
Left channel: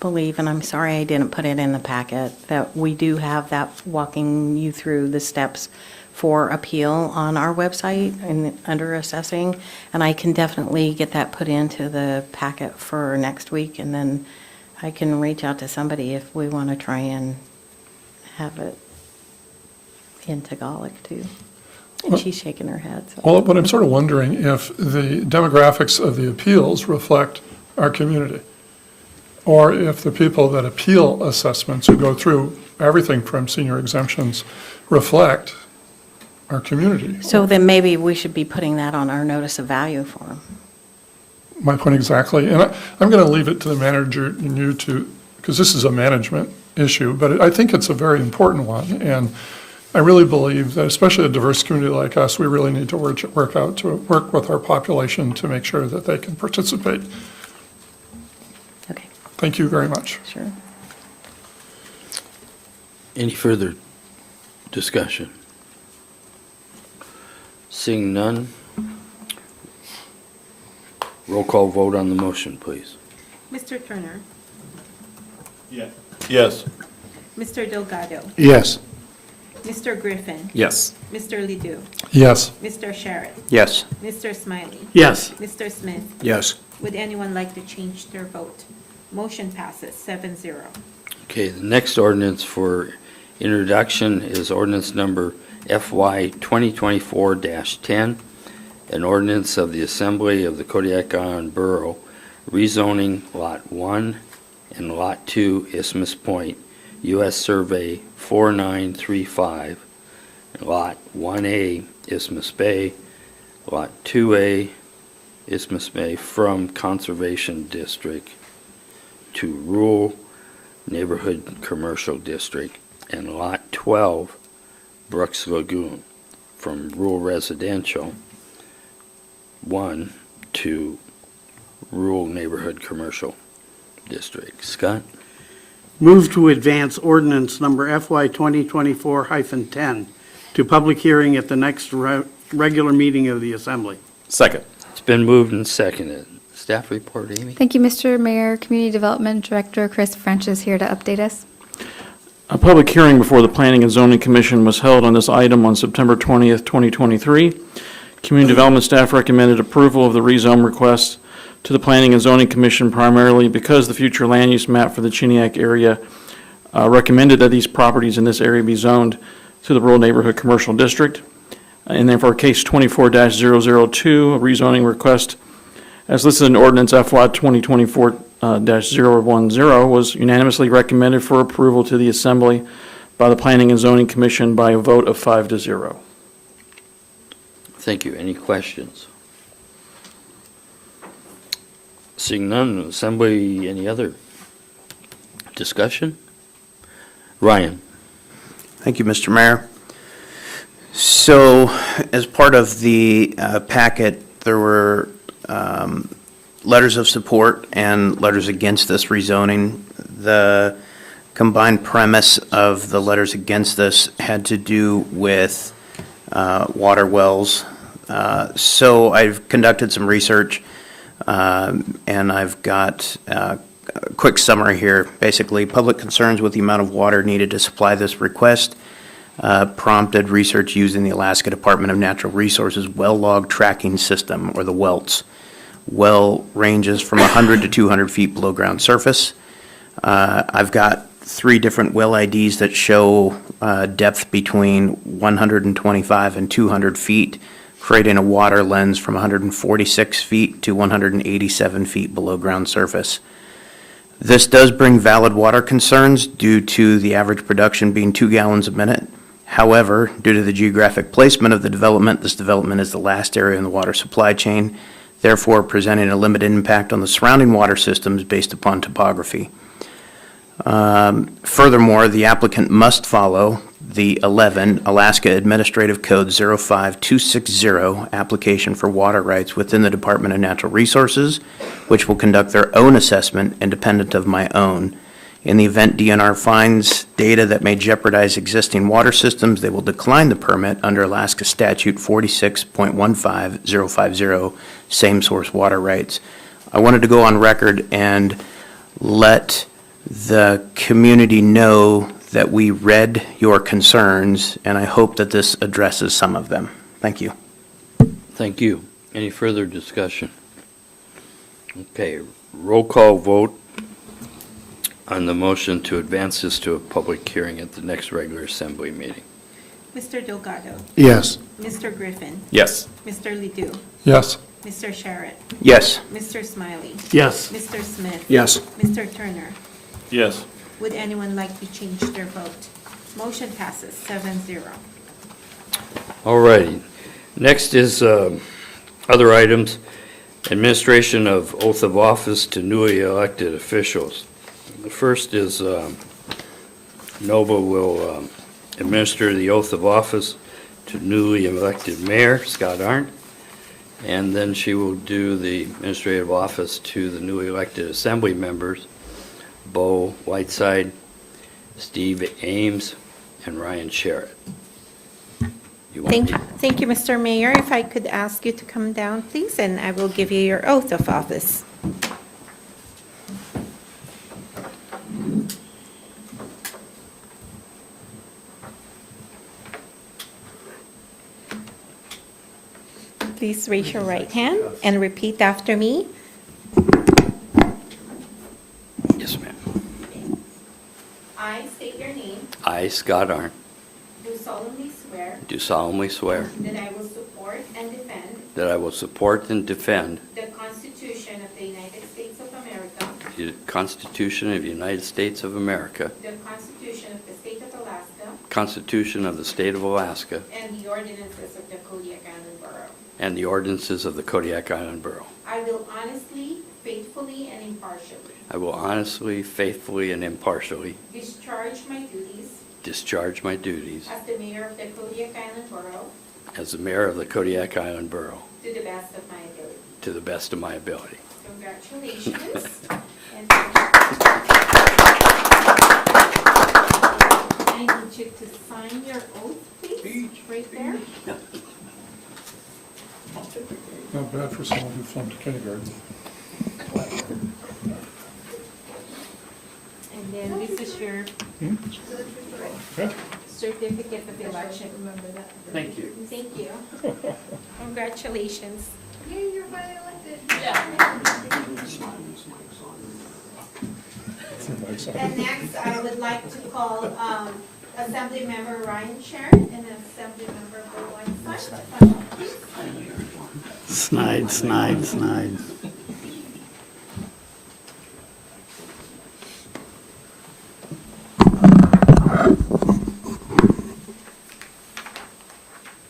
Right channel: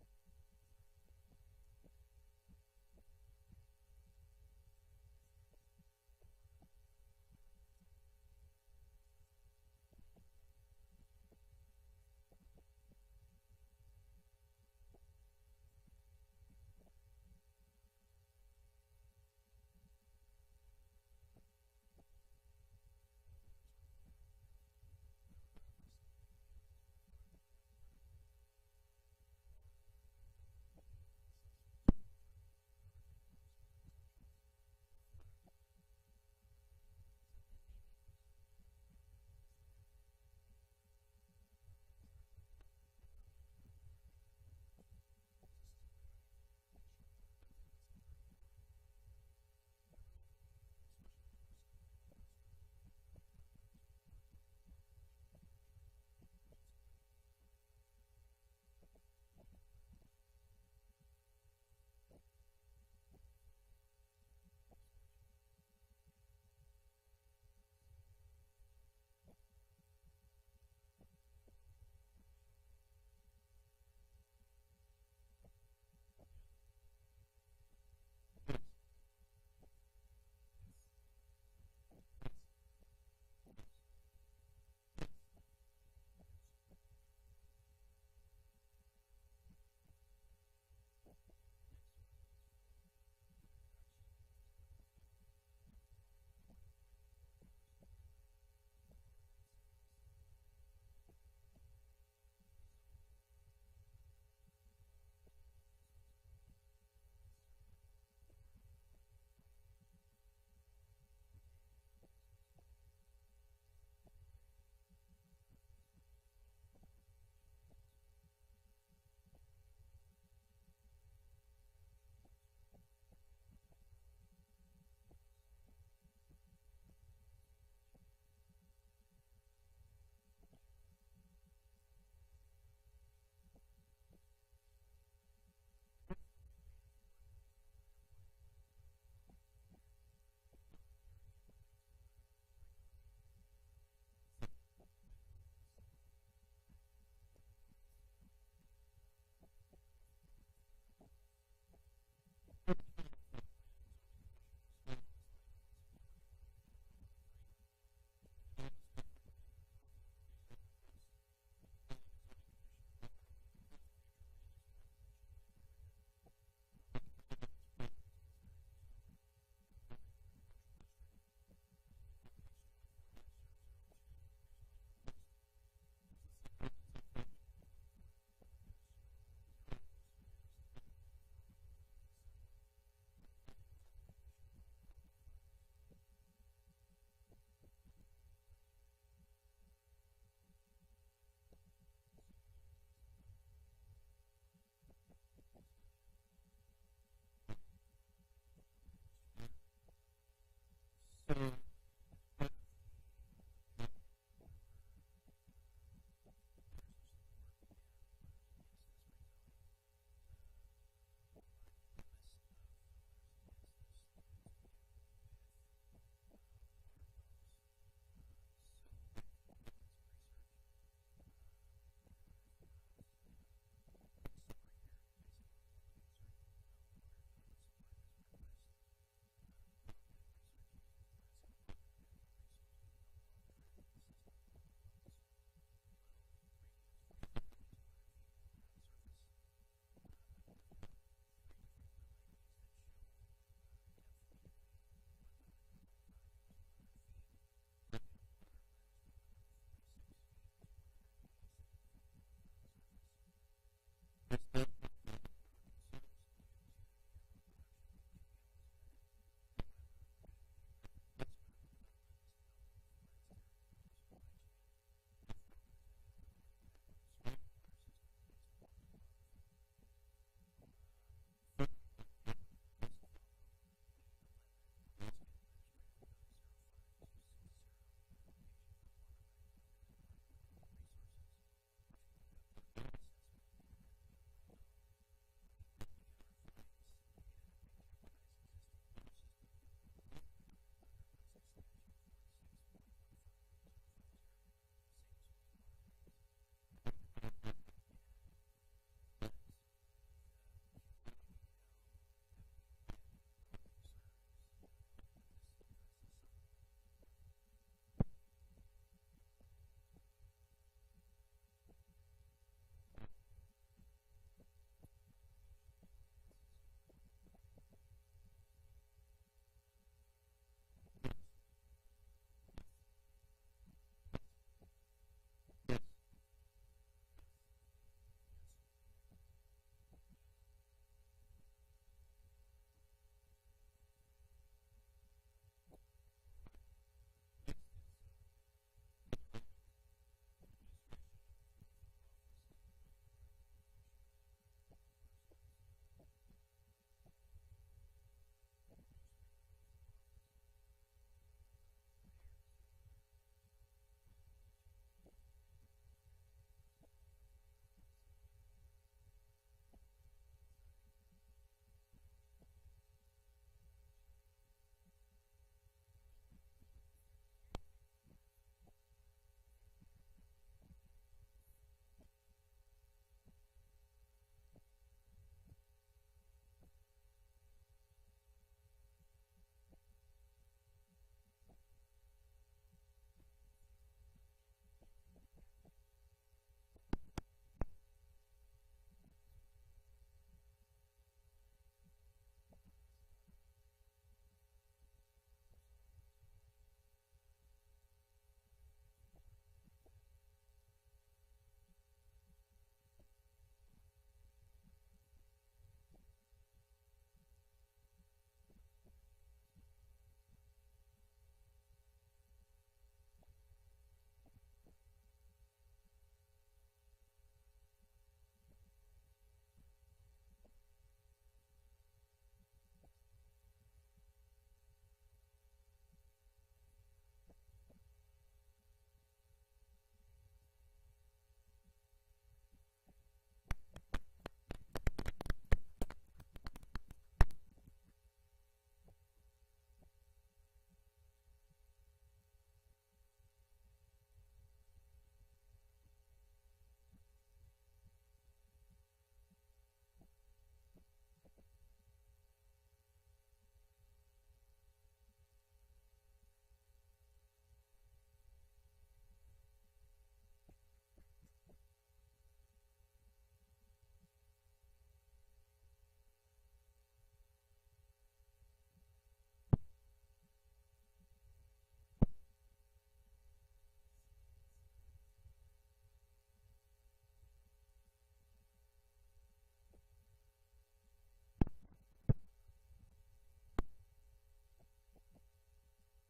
believe, and I'm sorry I didn't put it in the packet, that we do have that walking you through the steps for appeal on our website and under assessing. And I can definitely get that put into the packet for next week. And then I can reach out to somebody if we want to try and have it in Tagalog too. And she's shaking her head. So. Well, but I'm sort of wondering if the demographics of the appeals reflect our community, or if the people that appeal assessments, who go through everything from senior exemptions, reflect our community. So then maybe we should be putting that on our notice of value form. My point exactly. And I'm going to leave it to the manager and you to, because this is a management issue, but I think it's a very important one. And I really believe that, especially a diverse community like us, we really need to work with our population to make sure that they can participate. Okay. Thank you very much. Sure. Any further discussion? Seeing none, roll call vote on the motion, please. Mr. Turner? Yes. Mr. Delgado? Yes. Mr. Griffin? Yes. Mr. Ledoux? Yes. Mr. Sherritt? Yes. Mr. Smiley? Yes. Mr. Smith? Yes. Would anyone like to change their vote? Motion passes 7-0. Okay, the next ordinance for introduction is ordinance number FY 2024-10, an ordinance of the Assembly of the Kodiak Island Borough rezoning Lot 1 and Lot 2 Isthmus Point, U.S. Survey 4935, Lot 1A Isthmus Bay, Lot 2A Isthmus Bay from Conservation District to Rural Neighborhood Commercial District, and Lot 12 Brooks Lagoon from Rural Residential 1 to Rural Neighborhood Commercial District. Scott? Move to advance ordinance number FY 2024-10 to public hearing at the next regular meeting of the Assembly. Second. It's been moved and seconded. Staff report, Amy? Thank you, Mr. Mayor. Community Development Director Chris French is here to update us. A public hearing before the Planning and Zoning Commission was held on this item on September 20th, 2023. Community Development staff recommended approval of the rezone request to the Planning and Zoning Commission primarily because the future land use map for the Kodiak area recommended that these properties in this area be zoned to the Rural Neighborhood Commercial District. And then for case 24-002, a rezoning request as listed in ordinance FY 2024-010 was unanimously recommended for approval to the Assembly by the Planning and Zoning Commission by a vote of 5-0. Thank you. Any questions? Seeing none, Assembly, any other discussion? Ryan? Thank you, Mr. Mayor. So, as part of the packet, there were letters of support and letters against this rezoning. The combined premise of the letters against this had to do with water wells. So I've conducted some research, and I've got a quick summary here. Basically, public concerns with the amount of water needed to supply this request prompted research using the Alaska Department of Natural Resources well log tracking system, or the WELTS. Well ranges from 100 to 200 feet below ground surface. I've got 3 different well IDs that show depth between 125 and 200 feet, creating a water lens from 146 feet to 187 feet below ground surface. This does bring valid water concerns due to the average production being 2 gallons a minute. However, due to the geographic placement of the development, this development is the last area in the water supply chain, therefore presenting a limited impact on the surrounding water systems based upon topography. Furthermore, the applicant must follow the 11 Alaska Administrative Code 05260 application for water rights within the Department of Natural Resources, which will conduct their own assessment independent of my own. In the event DNR finds data that may jeopardize existing water systems, they will decline the permit under Alaska Statute 46.15050, same source water rights. I wanted to go on record and let the community know that we read your concerns, and I hope that this addresses some of them. Thank you. Thank you. Any further discussion? Okay, roll call vote on the motion to advance this to a public hearing at the next regular Assembly meeting. Mr. Delgado. Yes. Mr. Griffin. Yes. Mr. Ledoux. Yes. Mr. Sharrett. Yes. Mr. Smiley. Yes. Mr. Smith. Yes. Mr. Turner. Yes. Would anyone like to change their vote? Motion passes 7-0. All righty. Next is other items. Administration of oath of office to newly elected officials. The first is Nova will administer the oath of office to newly elected mayor, Scott Arndt, and then she will do the administrative office to the newly elected assembly members, Bo Whiteside, Steve Ames, and Ryan Sharrett. Thank you, Mr. Mayor. If I could ask you to come down, please, and I will give you your oath of office. Please raise your right hand and repeat after me. Yes, ma'am. I state your name, I, Scott Arndt, do solemnly swear do solemnly swear that I will support and defend that I will support and defend the Constitution of the United States of America, the Constitution of the United States of America, the Constitution of the State of Alaska, Constitution of the State of Alaska, and the ordinances of the Kodiak Island Borough. and the ordinances of the Kodiak Island Borough. I will honestly, faithfully, and impartially I will honestly, faithfully, and impartially discharge my duties discharge my duties as the mayor of the Kodiak Island Borough as the mayor of the Kodiak Island Borough to the best of my ability. to the best of my ability. Congratulations. And I need you to sign your oath, please, right there. Not bad for someone who flunked kindergarten. And then this is your certificate of election. Remember that. Thank you. Thank you. Congratulations. Yay, you're finally elected. And next, I would like to call Assemblymember Ryan Sharon and Assemblymember Bo Weinstein to come up, please. Snide.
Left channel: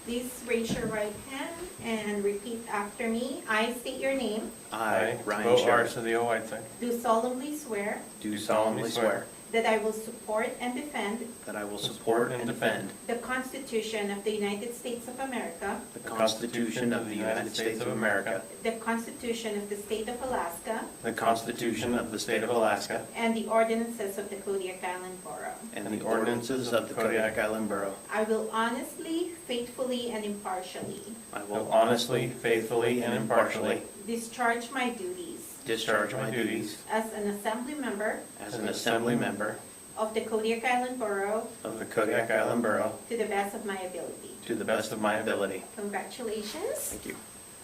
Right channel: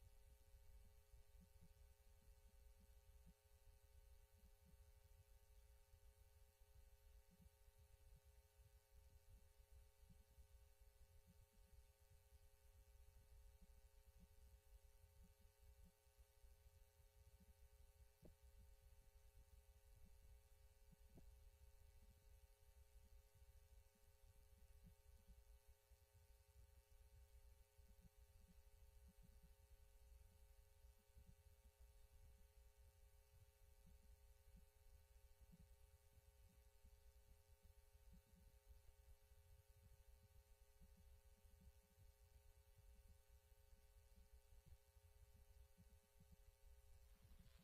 Please raise your right hand and repeat after me. I state your name, I, Ryan Bo Sharon, Arcedio Whiteside. do solemnly swear do solemnly swear that I will support and defend that I will support and defend the Constitution of the United States of America, the Constitution of the United States of America, the Constitution of the State of Alaska, the Constitution of the State of Alaska, and the ordinances of the Kodiak Island Borough. and the ordinances of the Kodiak Island Borough. I will honestly, faithfully, and impartially I will honestly, faithfully, and impartially discharge my duties discharge my duties as an Assembly member as an Assembly member of the Kodiak Island Borough of the Kodiak Island Borough to the best of my ability. to the best of my ability. Congratulations. Thank you.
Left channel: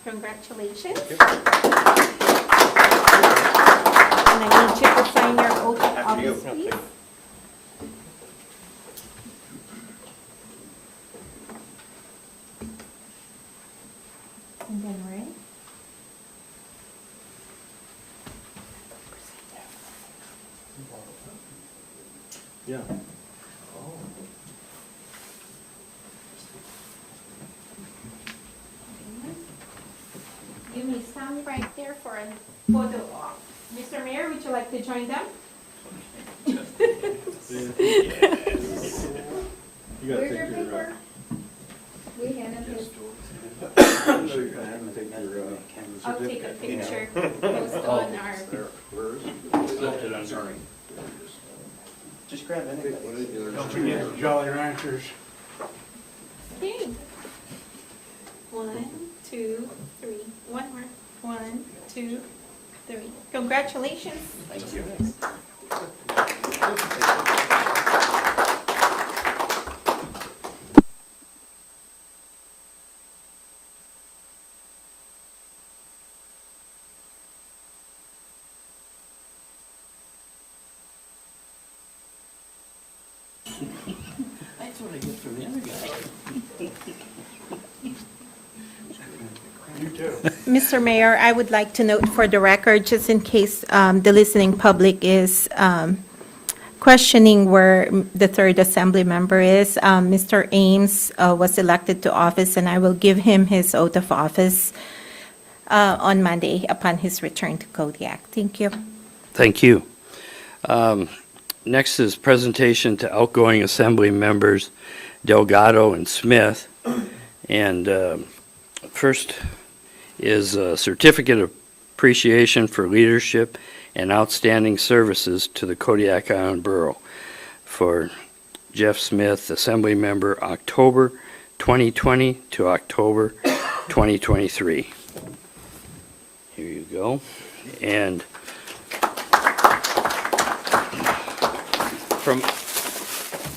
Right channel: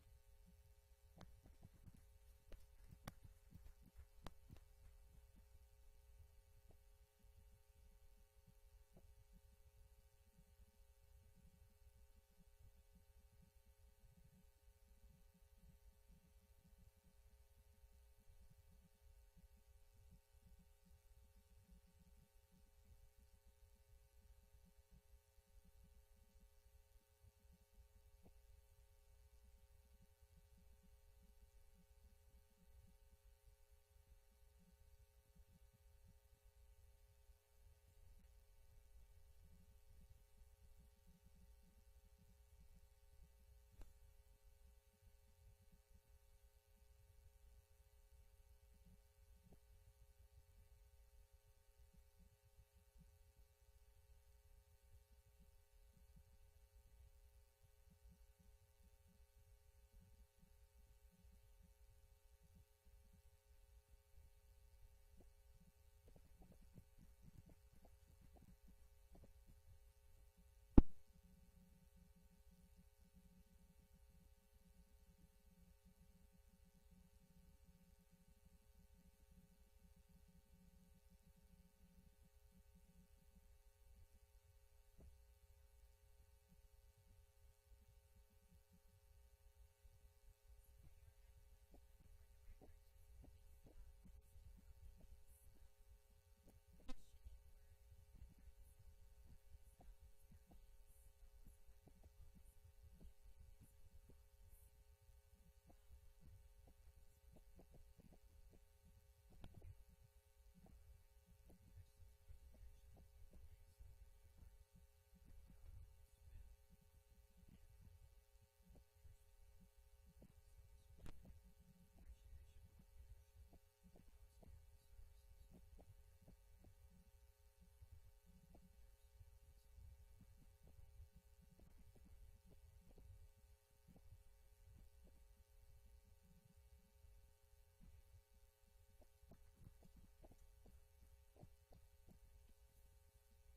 Congratulations. And I need you to sign your oath of After you. office, please. And then Ray. Yeah. You may stand right there for a photo op. Mr. Mayor, would you like to join them? Where's your paper? We hand him his. I'll take a picture, post on our, Just grab anybody. Don't forget the Jolly Ranchers. okay. 1, 2, 3. One more. 1, 2, 3. Congratulations. Thank you. That's what I get from the other guy. Mr. Mayor, I would like to note for the record, just in case the listening public is questioning where the third assembly member is, Mr. Ames was elected to office, and I will give him his oath of office on Monday upon his return to Kodiak. Thank you. Thank you. Next is presentation to outgoing assembly members Delgado and Smith. And first is a certificate of appreciation for leadership and outstanding services to the Kodiak Island Borough for Jeff Smith, assembly member October 2020 to October 2023. Here you go. And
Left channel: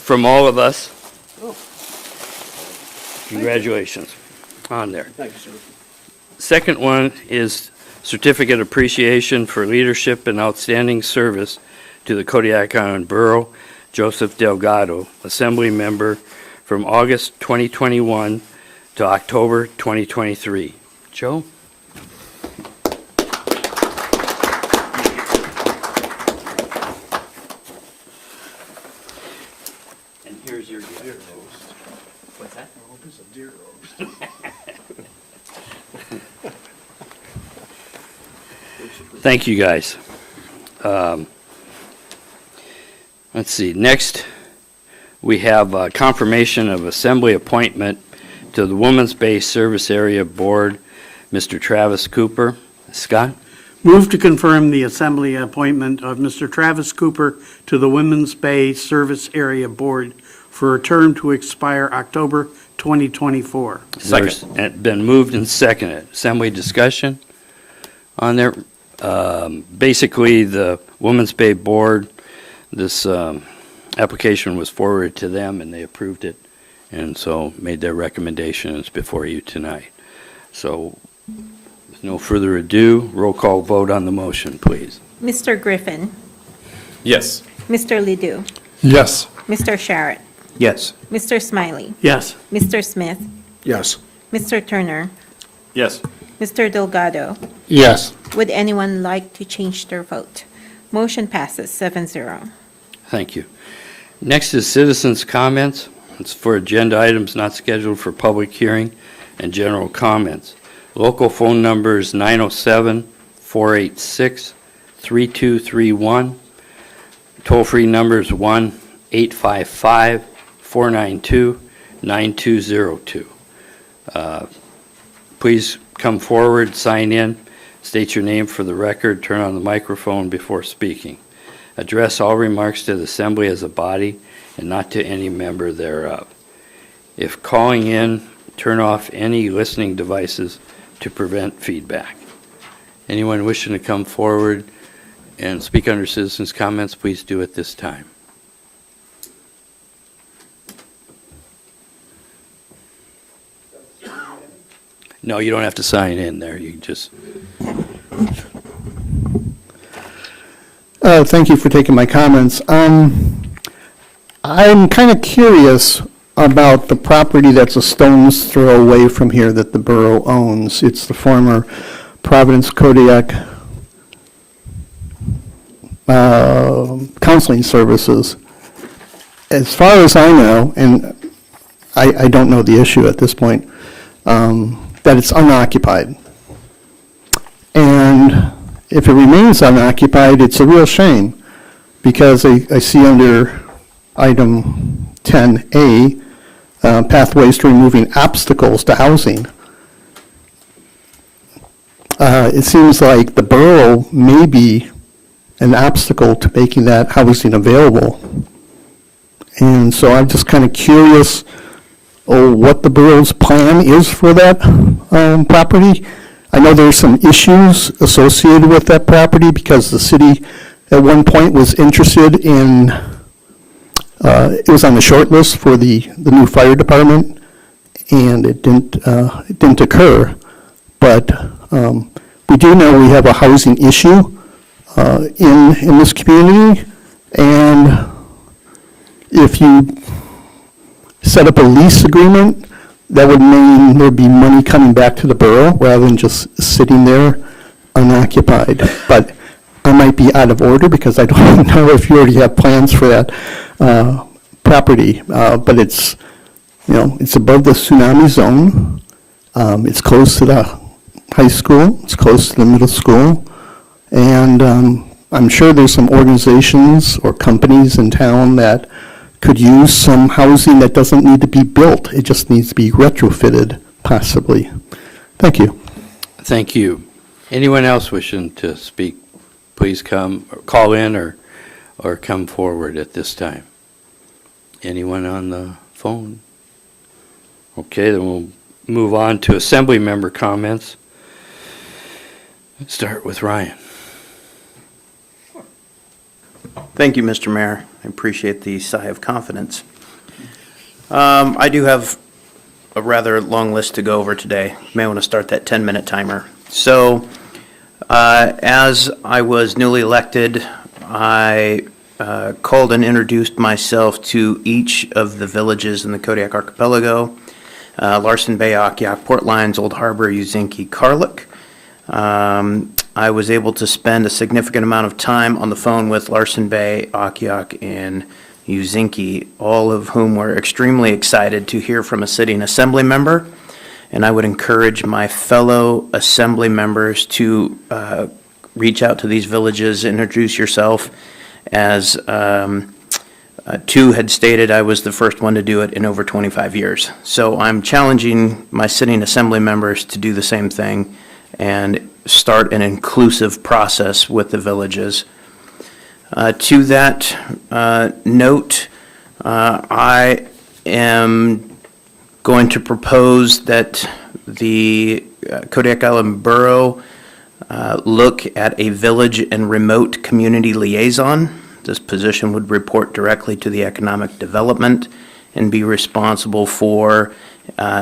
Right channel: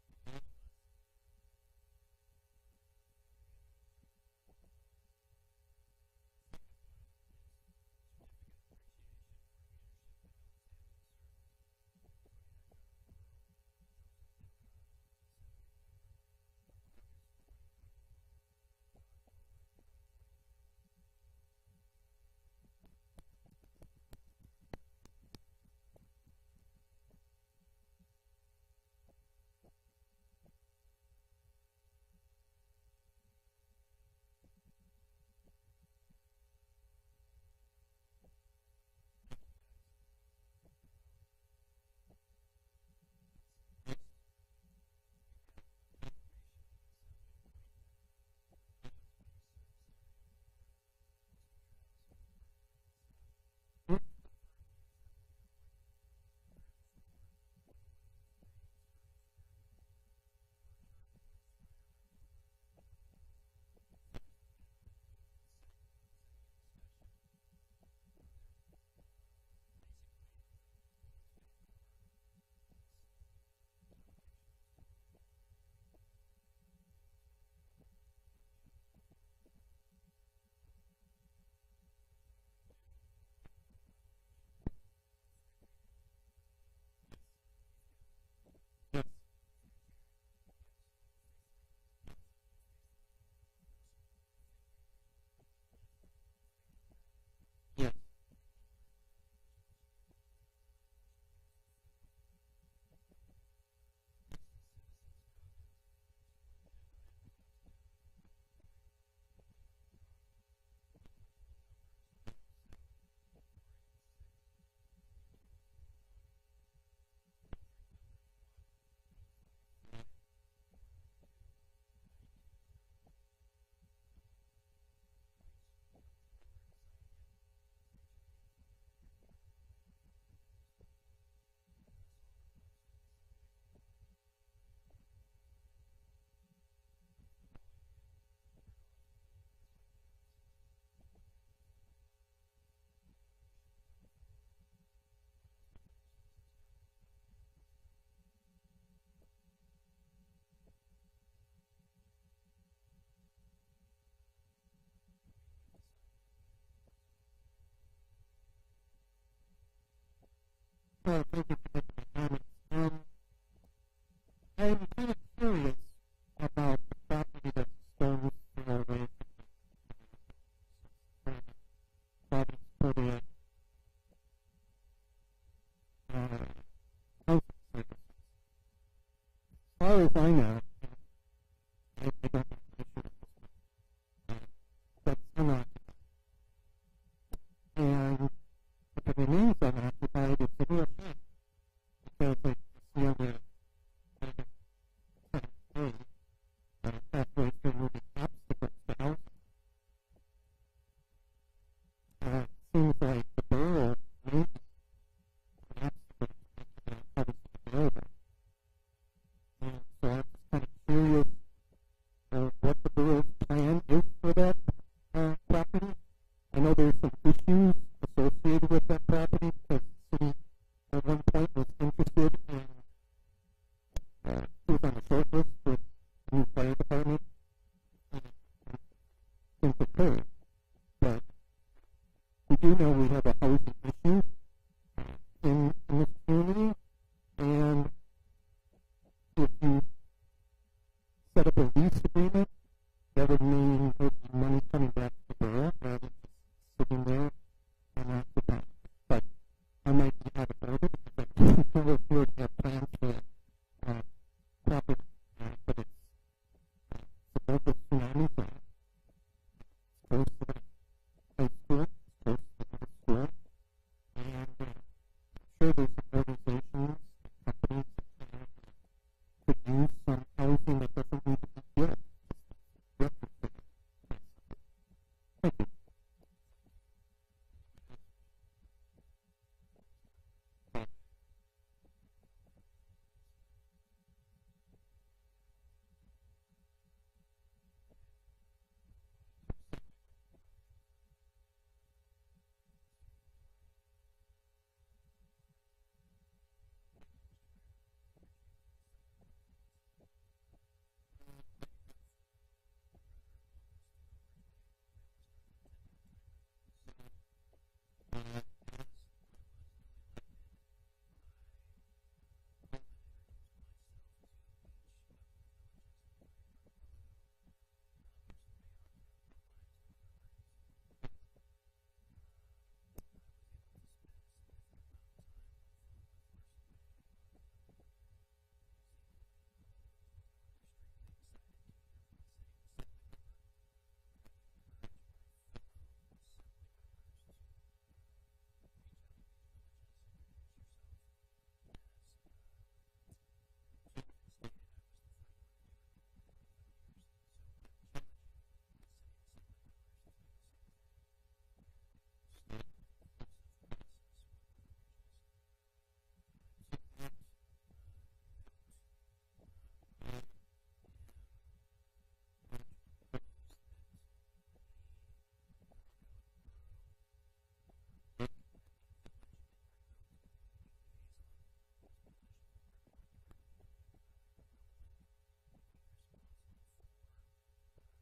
from all of us, congratulations on there. Thank you, sir. Second one is certificate of appreciation for leadership and outstanding service to the Kodiak Island Borough, Joseph Delgado, assembly member from August 2021 to October 2023. Joe? And here's your gift. What's that? I hope it's a deer roast. Thank you, guys. Let's see, next, we have confirmation of assembly appointment to the Women's Bay Service Area Board, Mr. Travis Cooper. Scott? Move to confirm the assembly appointment of Mr. Travis Cooper to the Women's Bay Service Area Board for a term to expire October 2024. Second. Been moved and seconded. Assembly discussion on there. Basically, the Women's Bay Board, This application was forwarded to them, and they approved it, and so made their recommendations before you tonight. So, with no further ado, roll call vote on the motion, please. Mr. Griffin, Yes. Mr. Ledoux, Yes. Mr. Sharrett, Yes. Mr. Smiley, Yes. Mr. Smith, Yes. Mr. Turner, Yes. Mr. Delgado. Yes. Would anyone like to change their vote? Motion passes 7-0. Thank you. Next is citizens' comments. It's for agenda items not scheduled for public hearing and general comments. Local phone number is 907-486-3231. Toll-free number is 1-855-492-9202. Please come forward, sign in, state your name for the record, turn on the microphone before speaking. Address all remarks to the assembly as a body and not to any member thereof. If calling in, turn off any listening devices to prevent feedback. Anyone wishing to come forward and speak under citizens' comments, please do at this time. No, you don't have to sign in there. You can just... Thank you for taking my comments. I'm kind of curious about the property that's a stone's throw away from here that the borough owns. It's the former Providence Kodiak Counseling Services. As far as I know, and I don't know the issue at this point, that it's unoccupied. And if it remains unoccupied, it's a real shame, because I see under item 10A, pathways to removing obstacles to housing. It seems like the borough may be an obstacle to making that housing available. And so I'm just kind of curious what the borough's plan is for that property. I know there's some issues associated with that property because the city at one point was interested in, it was on the short list for the new fire department, and it didn't occur. But we do know we have a housing issue in this community, and if you set up a lease agreement, that would mean there'd be money coming back to the borough rather than just sitting there unoccupied. But I might be out of order because I don't know if you already have plans for that property. But it's, it's above the tsunami zone. It's close to the high school. It's close to the middle school. And I'm sure there's some organizations or companies in town that could use some housing that doesn't need to be built. It just needs to be retrofitted, possibly. Thank you. Thank you. Anyone else wishing to speak, please come, or call in or come forward at this time. Anyone on the phone? Okay, then we'll move on to assembly member comments. Let's start with Ryan. Thank you, Mr. Mayor. I appreciate the sigh of confidence. I do have a rather long list to go over today. You may want to start that 10-minute timer. So, as I was newly elected, I called and introduced myself to each of the villages in the Kodiak Archipelago, Larson Bay, Akiak, Port Lions, Old Harbor, Uzinki, Karluk. I was able to spend a significant amount of time on the phone with Larson Bay, Akiak, and Uzinki, all of whom were extremely excited to hear from a sitting assembly member. And I would encourage my fellow assembly members to reach out to these villages, introduce yourself. As two had stated, I was the first one to do it in over 25 years. So I'm challenging my sitting assembly members to do the same thing and start an inclusive process with the villages. To that note, I am going to propose that the Kodiak Island Borough look at a village and remote community liaison This position would report directly to the Economic Development and be responsible for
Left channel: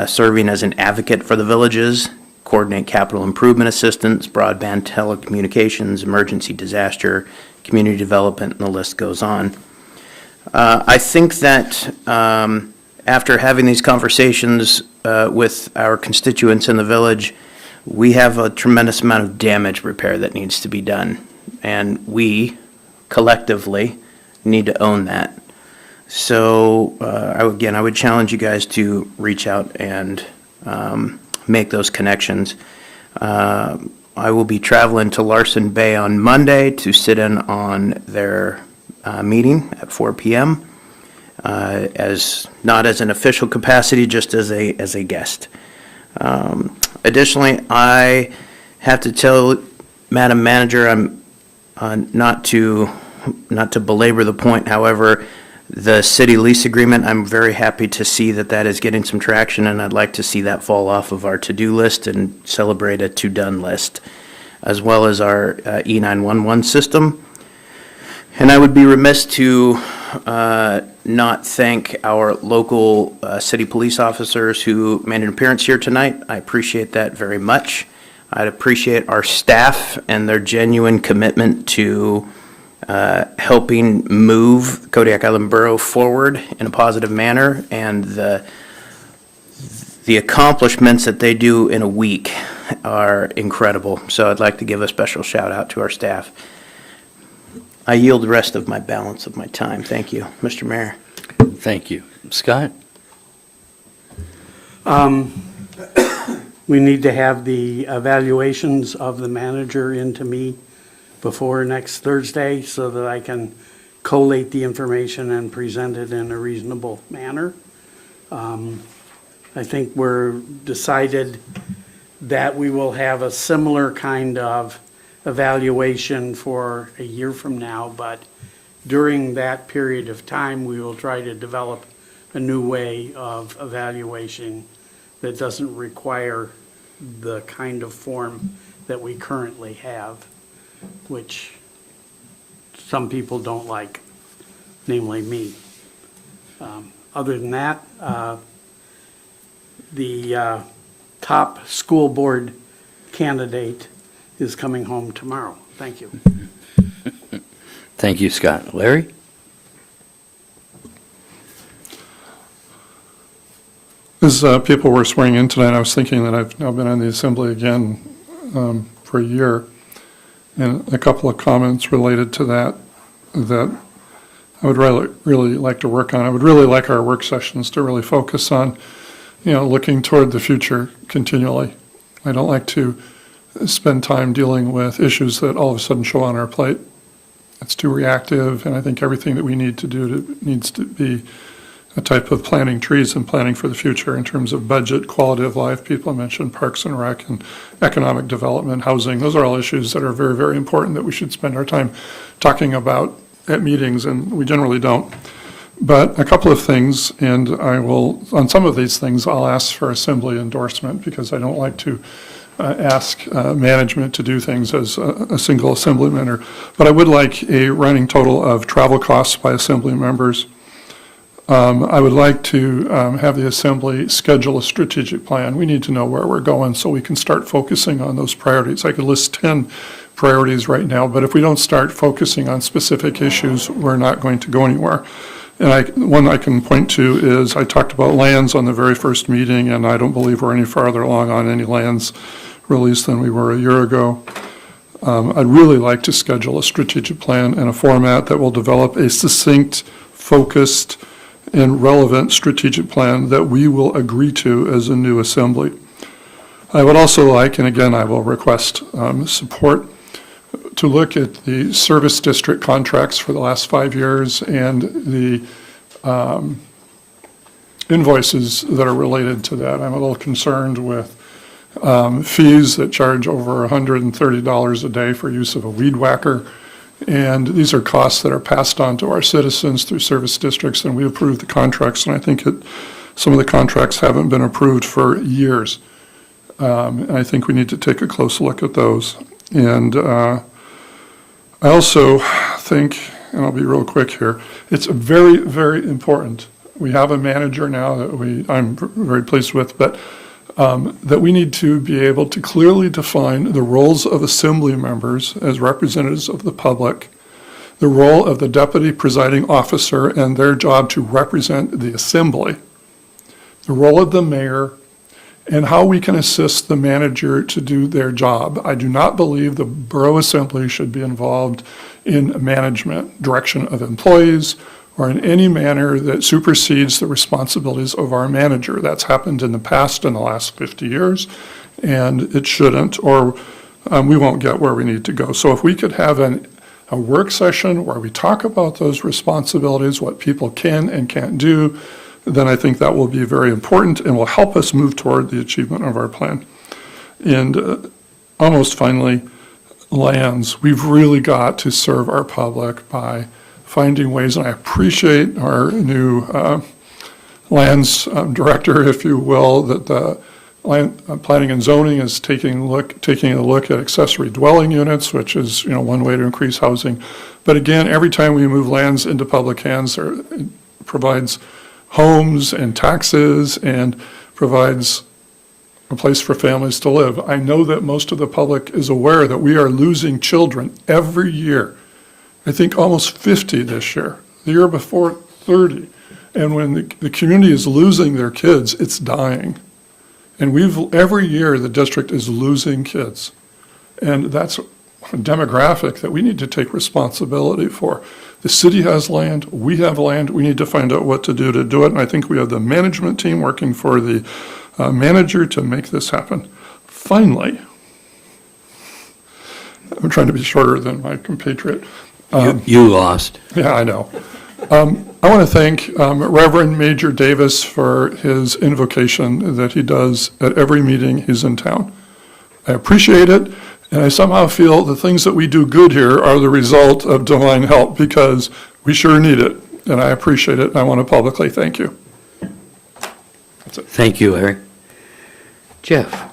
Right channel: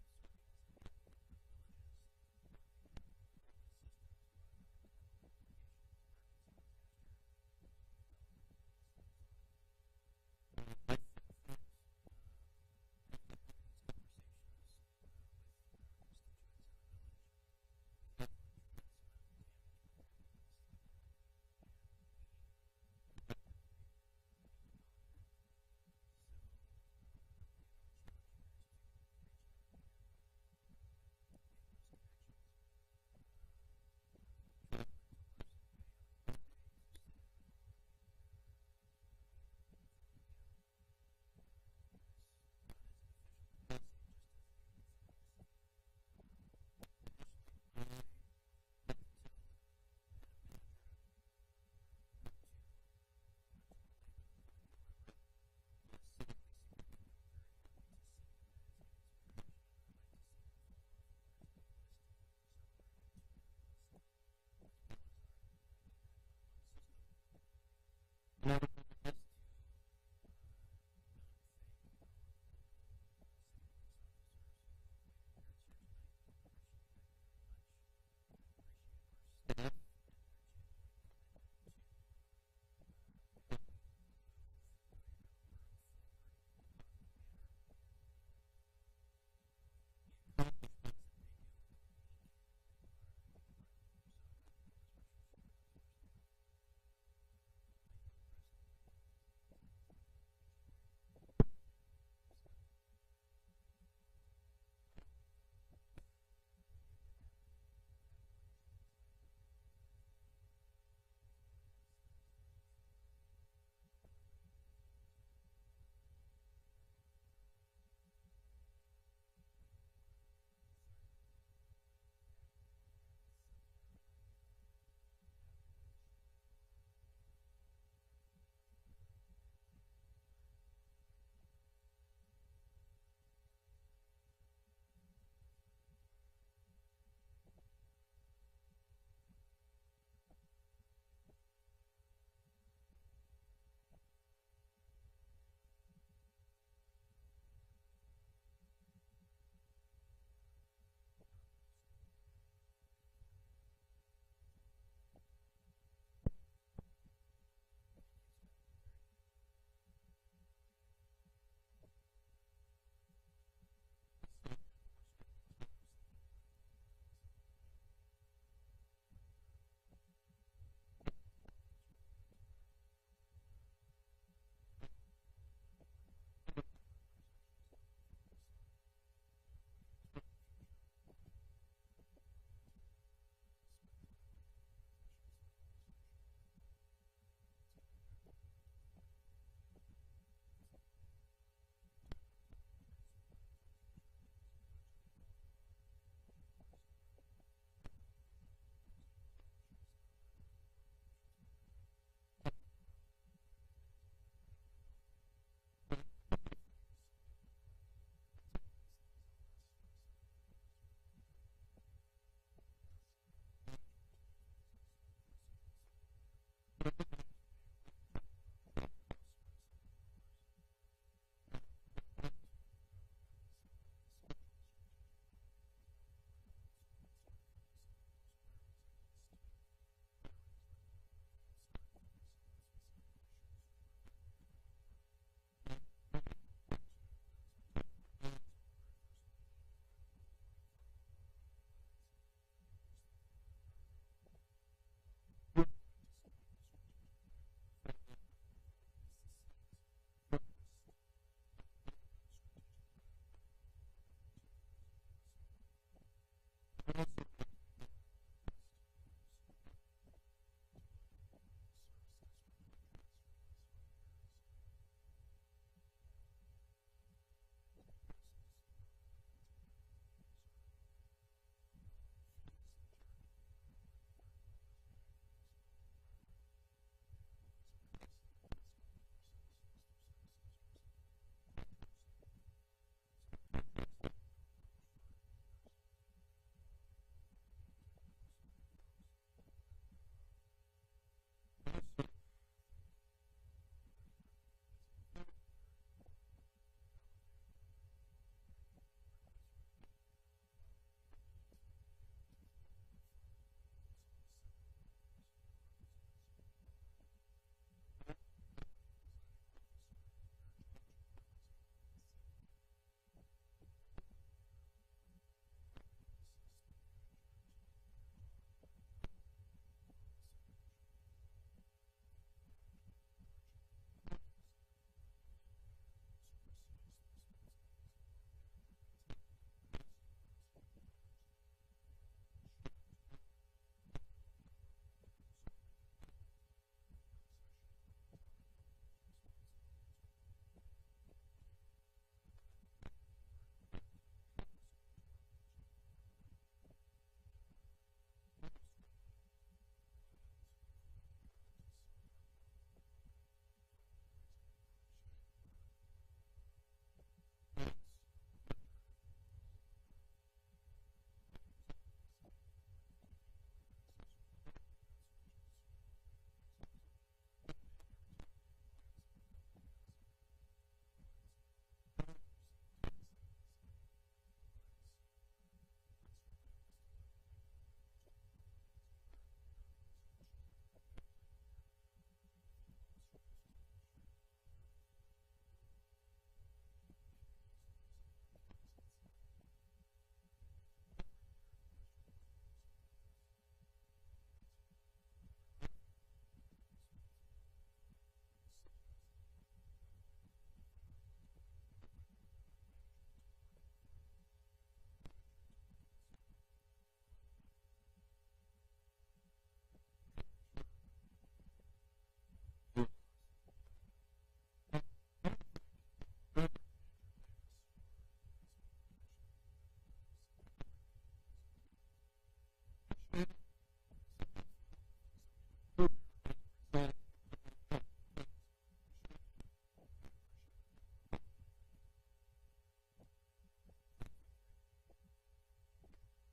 serving as an advocate for the villages, coordinate capital improvement assistance, broadband telecommunications, emergency disaster, community development, and the list goes on. I think that after having these conversations with our constituents in the village, we have a tremendous amount of damage repair that needs to be done. And we, collectively, need to own that. So, I would challenge you guys to reach out and make those connections. I will be traveling to Larson Bay on Monday to sit in on their meeting at 4 p.m. As not as an official capacity, just as a guest. Additionally, I have to tell Madam Manager, I'm not to belabor the point. However, the city lease agreement, I'm very happy to see that is getting some traction, and I'd like to see that fall off of our to-do list and celebrate a to-done list, as well as our E911 system. And I would be remiss to not thank our local city police officers who made an appearance here tonight. I appreciate that very much. I'd appreciate our staff and their genuine commitment to helping move Kodiak Island Borough forward in a positive manner, and the accomplishments that they do in a week are incredible. So I'd like to give a special shout out to our staff. I yield the rest of my balance of my time. Thank you, Mr. Mayor. Thank you. Scott? We need to have the evaluations of the manager into me before next Thursday so that I can collate the information and present it in a reasonable manner. I think we're decided that we will have a similar kind of evaluation for a year from now, but during that period of time, we will try to develop a new way of evaluation that doesn't require the kind of form that we currently have, which some people don't like, namely me. Other than that, the top school board candidate is coming home tomorrow. Thank you. Thank you, Scott. Larry? As people were swearing in tonight, I was thinking that I've now been on the assembly again for a year, and a couple of comments related to that I would really like to work on. I would really like our work sessions to really focus on, looking toward the future continually. I don't like to spend time dealing with issues that all of a sudden show on our plate. It's too reactive, and I think everything that we need to do needs to be a type of planting trees and planning for the future in terms of budget, quality of life. People mentioned Parks and Rec and economic development, housing. Those are all issues that are very, very important that we should spend our time talking about at meetings, and we generally don't. But a couple of things, and on some of these things, I'll ask for assembly endorsement because I don't like to ask management to do things as a single assembly member. But I would like a running total of travel costs by assembly members. I would like to have the assembly schedule a strategic plan. We need to know where we're going so we can start focusing on those priorities. I could list 10 priorities right now, but if we don't start focusing on specific issues, we're not going to go anywhere. And one I can point to is I talked about lands on the very first meeting, and I don't believe we're any farther along on any lands release than we were a year ago. I'd really like to schedule a strategic plan and a format that will develop a succinct, focused, and relevant strategic plan that we will agree to as a new assembly. I would also like, and again, I will request support, to look at the service district contracts for the last 5 years and the invoices that are related to that. I'm a little concerned with fees that charge over $130 a day for use of a weed whacker. And these are costs that are passed on to our citizens through service districts, and we approve the contracts, and I think some of the contracts haven't been approved for years. And I think we need to take a close look at those. And I also think and I'll be real quick here, it's very, very important. We have a manager now that I'm very pleased with, but that we need to be able to clearly define the roles of assembly members as representatives of the public, the role of the deputy presiding officer and their job to represent the assembly, the role of the mayor, and how we can assist the manager to do their job. I do not believe the Borough Assembly should be involved in management, direction of employees, or in any manner that supersedes the responsibilities of our manager. That's happened in the past, in the last 50 years, and it shouldn't, or we won't get where we need to go. So if we could have a work session where we talk about those responsibilities, what people can and can't do, then I think that will be very important and will help us move toward the achievement of our plan. And almost finally, lands. We've really got to serve our public by finding ways, and I appreciate our new lands director, if you will, that the planning and zoning is taking a look at accessory dwelling units, which is one way to increase housing. But again, every time we move lands into public hands, it provides homes and taxes and provides a place for families to live. I know that most of the public is aware that we are losing children every year. I think almost 50 this year. The year before, 30. And when the community is losing their kids, it's dying. And every year the district is losing kids. And that's a demographic that we need to take responsibility for. The city has land, we have land, we need to find out what to do it. And I think we have the management team working for the manager to make this happen. Finally, I'm trying to be shorter than my compatriot. You lost. Yeah, I know. I want to thank Reverend Major Davis for his invocation that he does at every meeting he's in town. I appreciate it, and I somehow feel the things that we do good here are the result of divine help, because we sure need it, and I appreciate it, and I want to publicly thank you. That's it. Thank you, Larry. Jeff?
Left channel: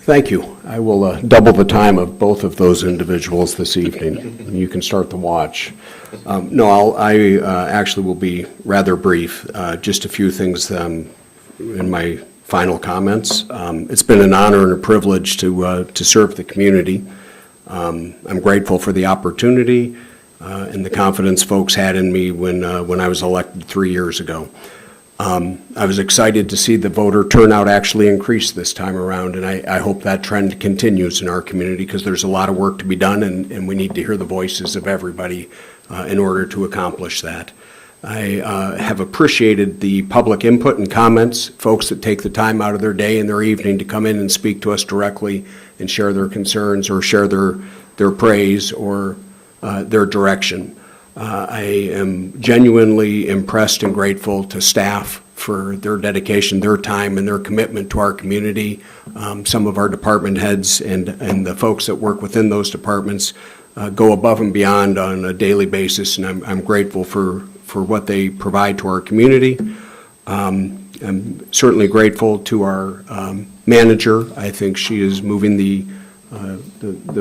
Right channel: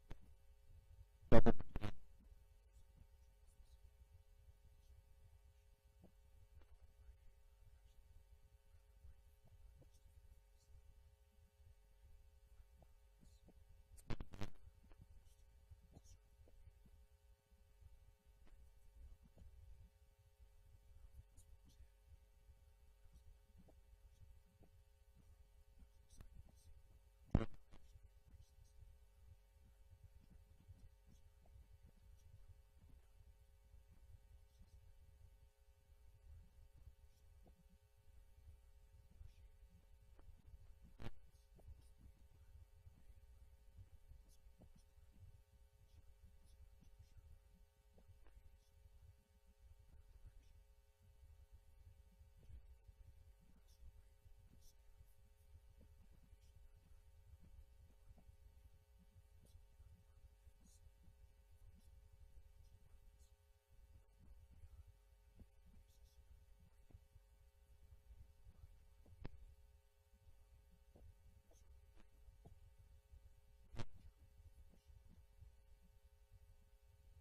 Thank you. I will double the time of both of those individuals this evening. You can start the watch. I actually will be rather brief. Just a few things in my final comments. It's been an honor and a privilege to serve the community. I'm grateful for the opportunity and the confidence folks had in me when I was elected 3 years ago. I was excited to see the voter turnout actually increase this time around, and I hope that trend continues in our community, because there's a lot of work to be done, and we need to hear the voices of everybody in order to accomplish that. I have appreciated the public input and comments, folks that take the time out of their day and their evening to come in and speak to us directly and share their concerns or share their praise or their direction. I am genuinely impressed and grateful to staff for their dedication, their time, and their commitment to our community. Some of our department heads and the folks that work within those departments go above and beyond on a daily basis, and I'm grateful for what they provide to our community. I'm certainly grateful to our manager. I think she is moving the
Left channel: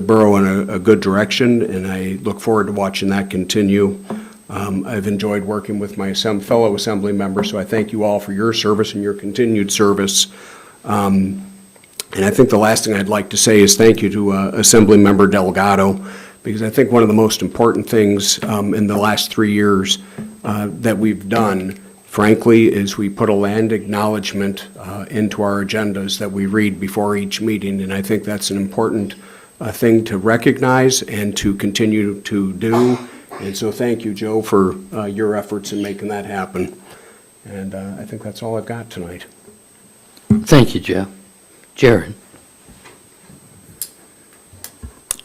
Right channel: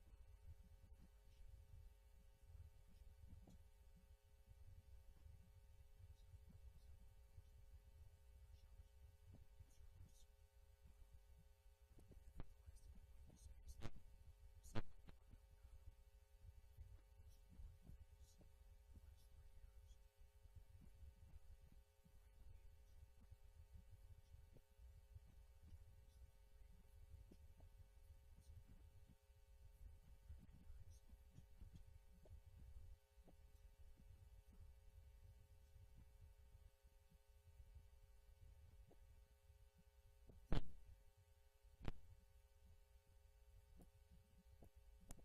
borough in a good direction, and I look forward to watching that continue. I've enjoyed working with my fellow assembly members, so I thank you all for your service and your continued service. And I think the last thing I'd like to say is thank you to Assembly Member Delgado, because I think one of the most important things in the last 3 years that we've done, frankly, is we put a land acknowledgement into our agendas that we read before each meeting, and I think that's an important thing to recognize and to continue to do. And so thank you, Joe, for your efforts in making that happen. And I think that's all I've got tonight. Thank you, Jeff. Jared?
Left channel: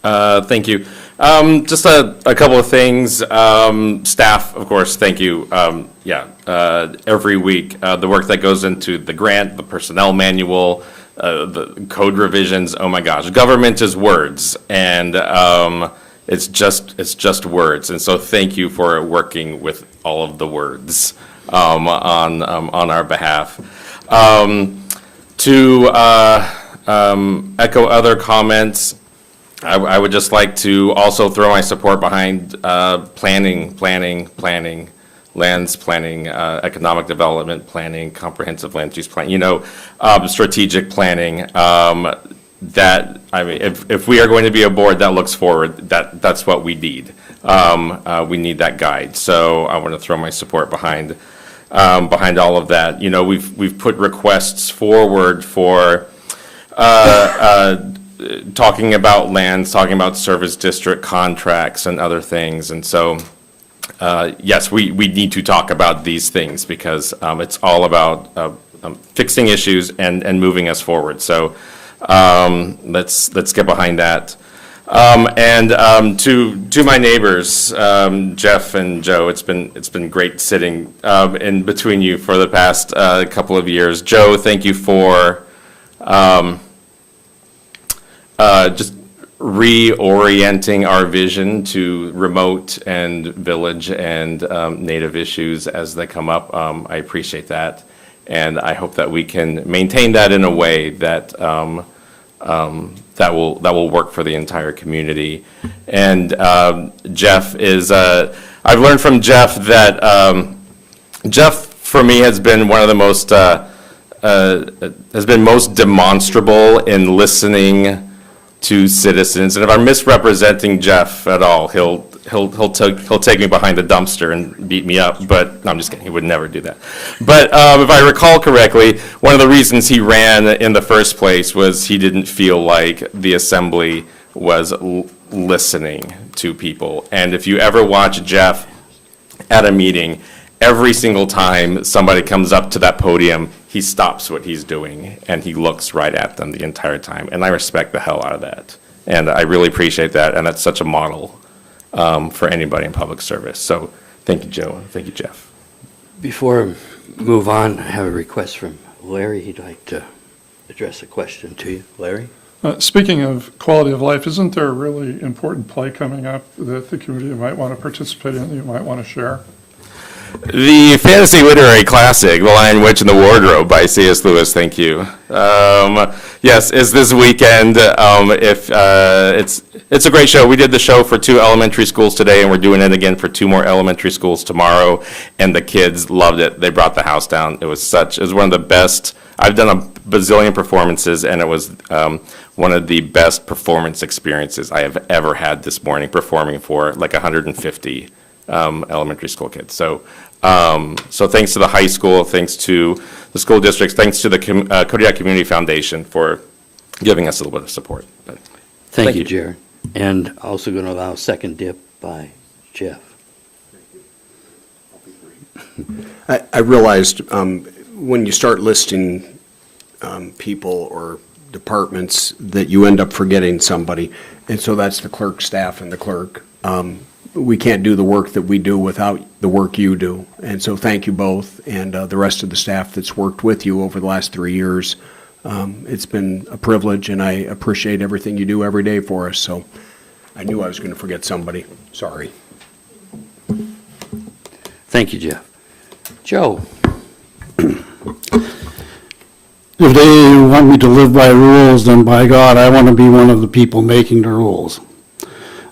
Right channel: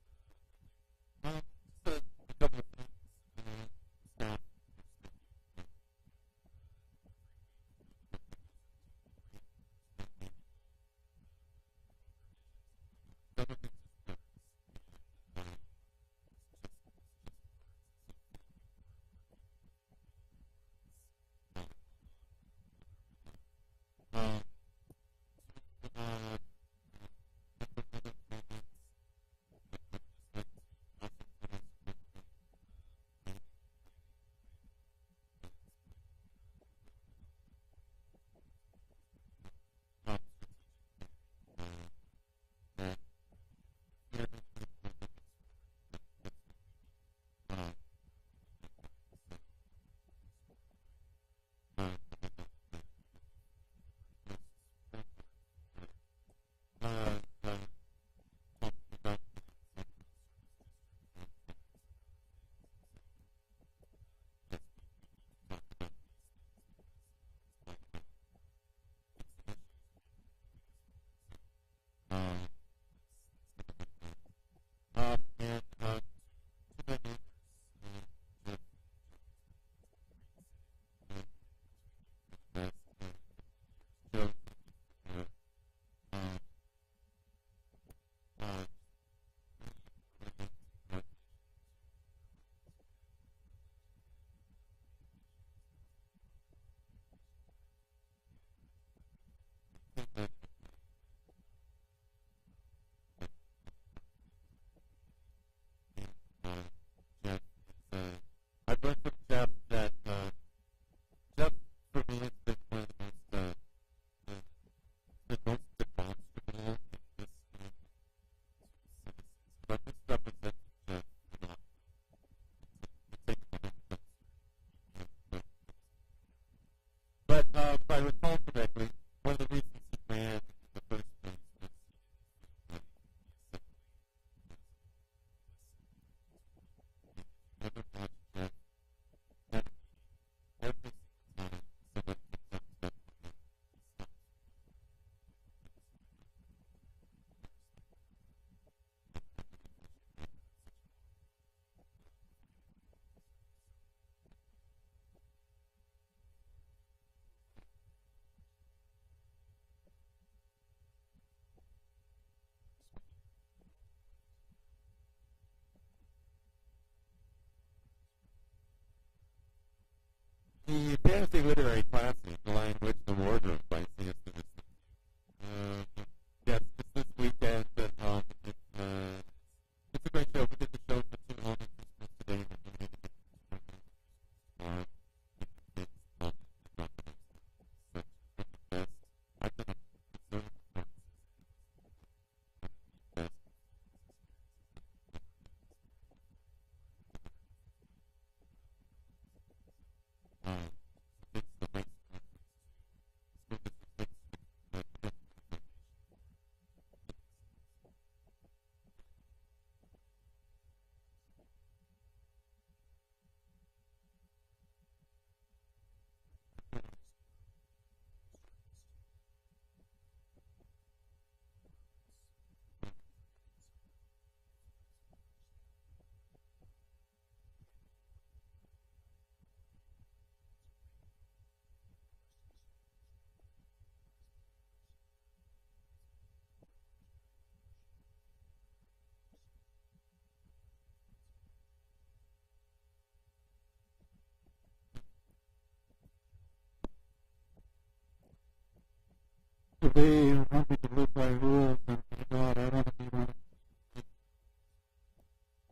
Thank you. Just a couple of things. Staff, of course, thank you. Every week, the work that goes into the grant, the personnel manual, the code revisions, oh my gosh, government is words, and it's just words. And so thank you for working with all of the words on our behalf. To echo other comments, I would just like to also throw my support behind planning, lands planning, economic development planning, comprehensive land use plan, strategic planning. That, I mean, if we are going to be a board that looks forward, that's what we need. We need that guide. So I want to throw my support behind all of that. We've put requests forward for talking about lands, talking about service district contracts and other things. And so, yes, we need to talk about these things because it's all about fixing issues and moving us forward. So let's get behind that. To my neighbors, Jeff and Joe, it's been great sitting in between you for the past couple of years. Joe, thank you for just reorienting our vision to remote and village and native issues as they come up. I appreciate that, and I hope that we can maintain that in a way that that will work for the entire community. And Jeff is, I've learned from Jeff that Jeff, for me, has been one of the most, has been most demonstrable in listening to citizens. And if I'm misrepresenting Jeff at all, he'll take me behind the dumpster and beat me up, but no, I'm just kidding, he would never do that. But if I recall correctly, one of the reasons he ran in the first place was he didn't feel like the assembly was listening to people. And if you ever watch Jeff at a meeting, every single time somebody comes up to that podium, he stops what he's doing and he looks right at them the entire time. And I respect the hell out of that. And I really appreciate that, and that's such a model for anybody in public service. So thank you, Joe. Thank you, Jeff. Before I move on, I have a request from Larry. He'd like to address a question to you. Larry? Speaking of quality of life, isn't there a really important play coming up that the community might want to participate in, that you might want to share? The fantasy literary classic, The Lion, Witch, and the Wardrobe by C.S. Lewis, thank you. Yes, it's this weekend. It's a great show. We did the show for 2 elementary schools today, and we're doing it again for 2 more elementary schools tomorrow, and the kids loved it. They brought the house down. It was one of the best. I've done a bazillion performances, and it was one of the best performance experiences I have ever had this morning, performing for like 150 elementary school kids. So thanks to the high school, thanks to the school districts, thanks to the Kodiak Community Foundation for giving us a little bit of support. But Thank you, Jared. And also going to allow a second dip by Jeff. I realized when you start listing people or departments that you end up forgetting somebody, and so that's the clerk staff and the clerk. We can't do the work that we do without the work you do. And so thank you both and the rest of the staff that's worked with you over the last 3 years. It's been a privilege, and I appreciate everything you do every day for us. So I knew I was going to forget somebody. Sorry. Thank you, Jeff. Joe? If they want me to live by rules, then by God, I want to be one of the people making the rules.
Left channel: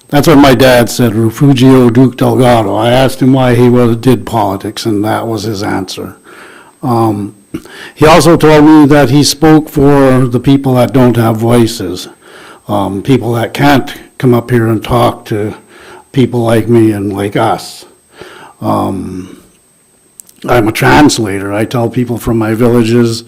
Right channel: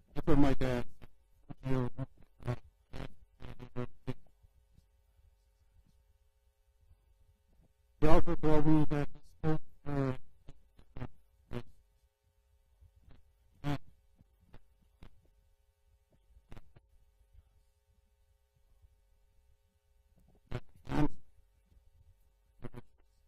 That's what my dad said, Refugio Duke Delgado. I asked him why he did politics, and that was his answer. He also told me that he spoke for the people that don't have voices, people that can't come up here and talk to people like me and like us. I'm a translator. I tell people from my villages,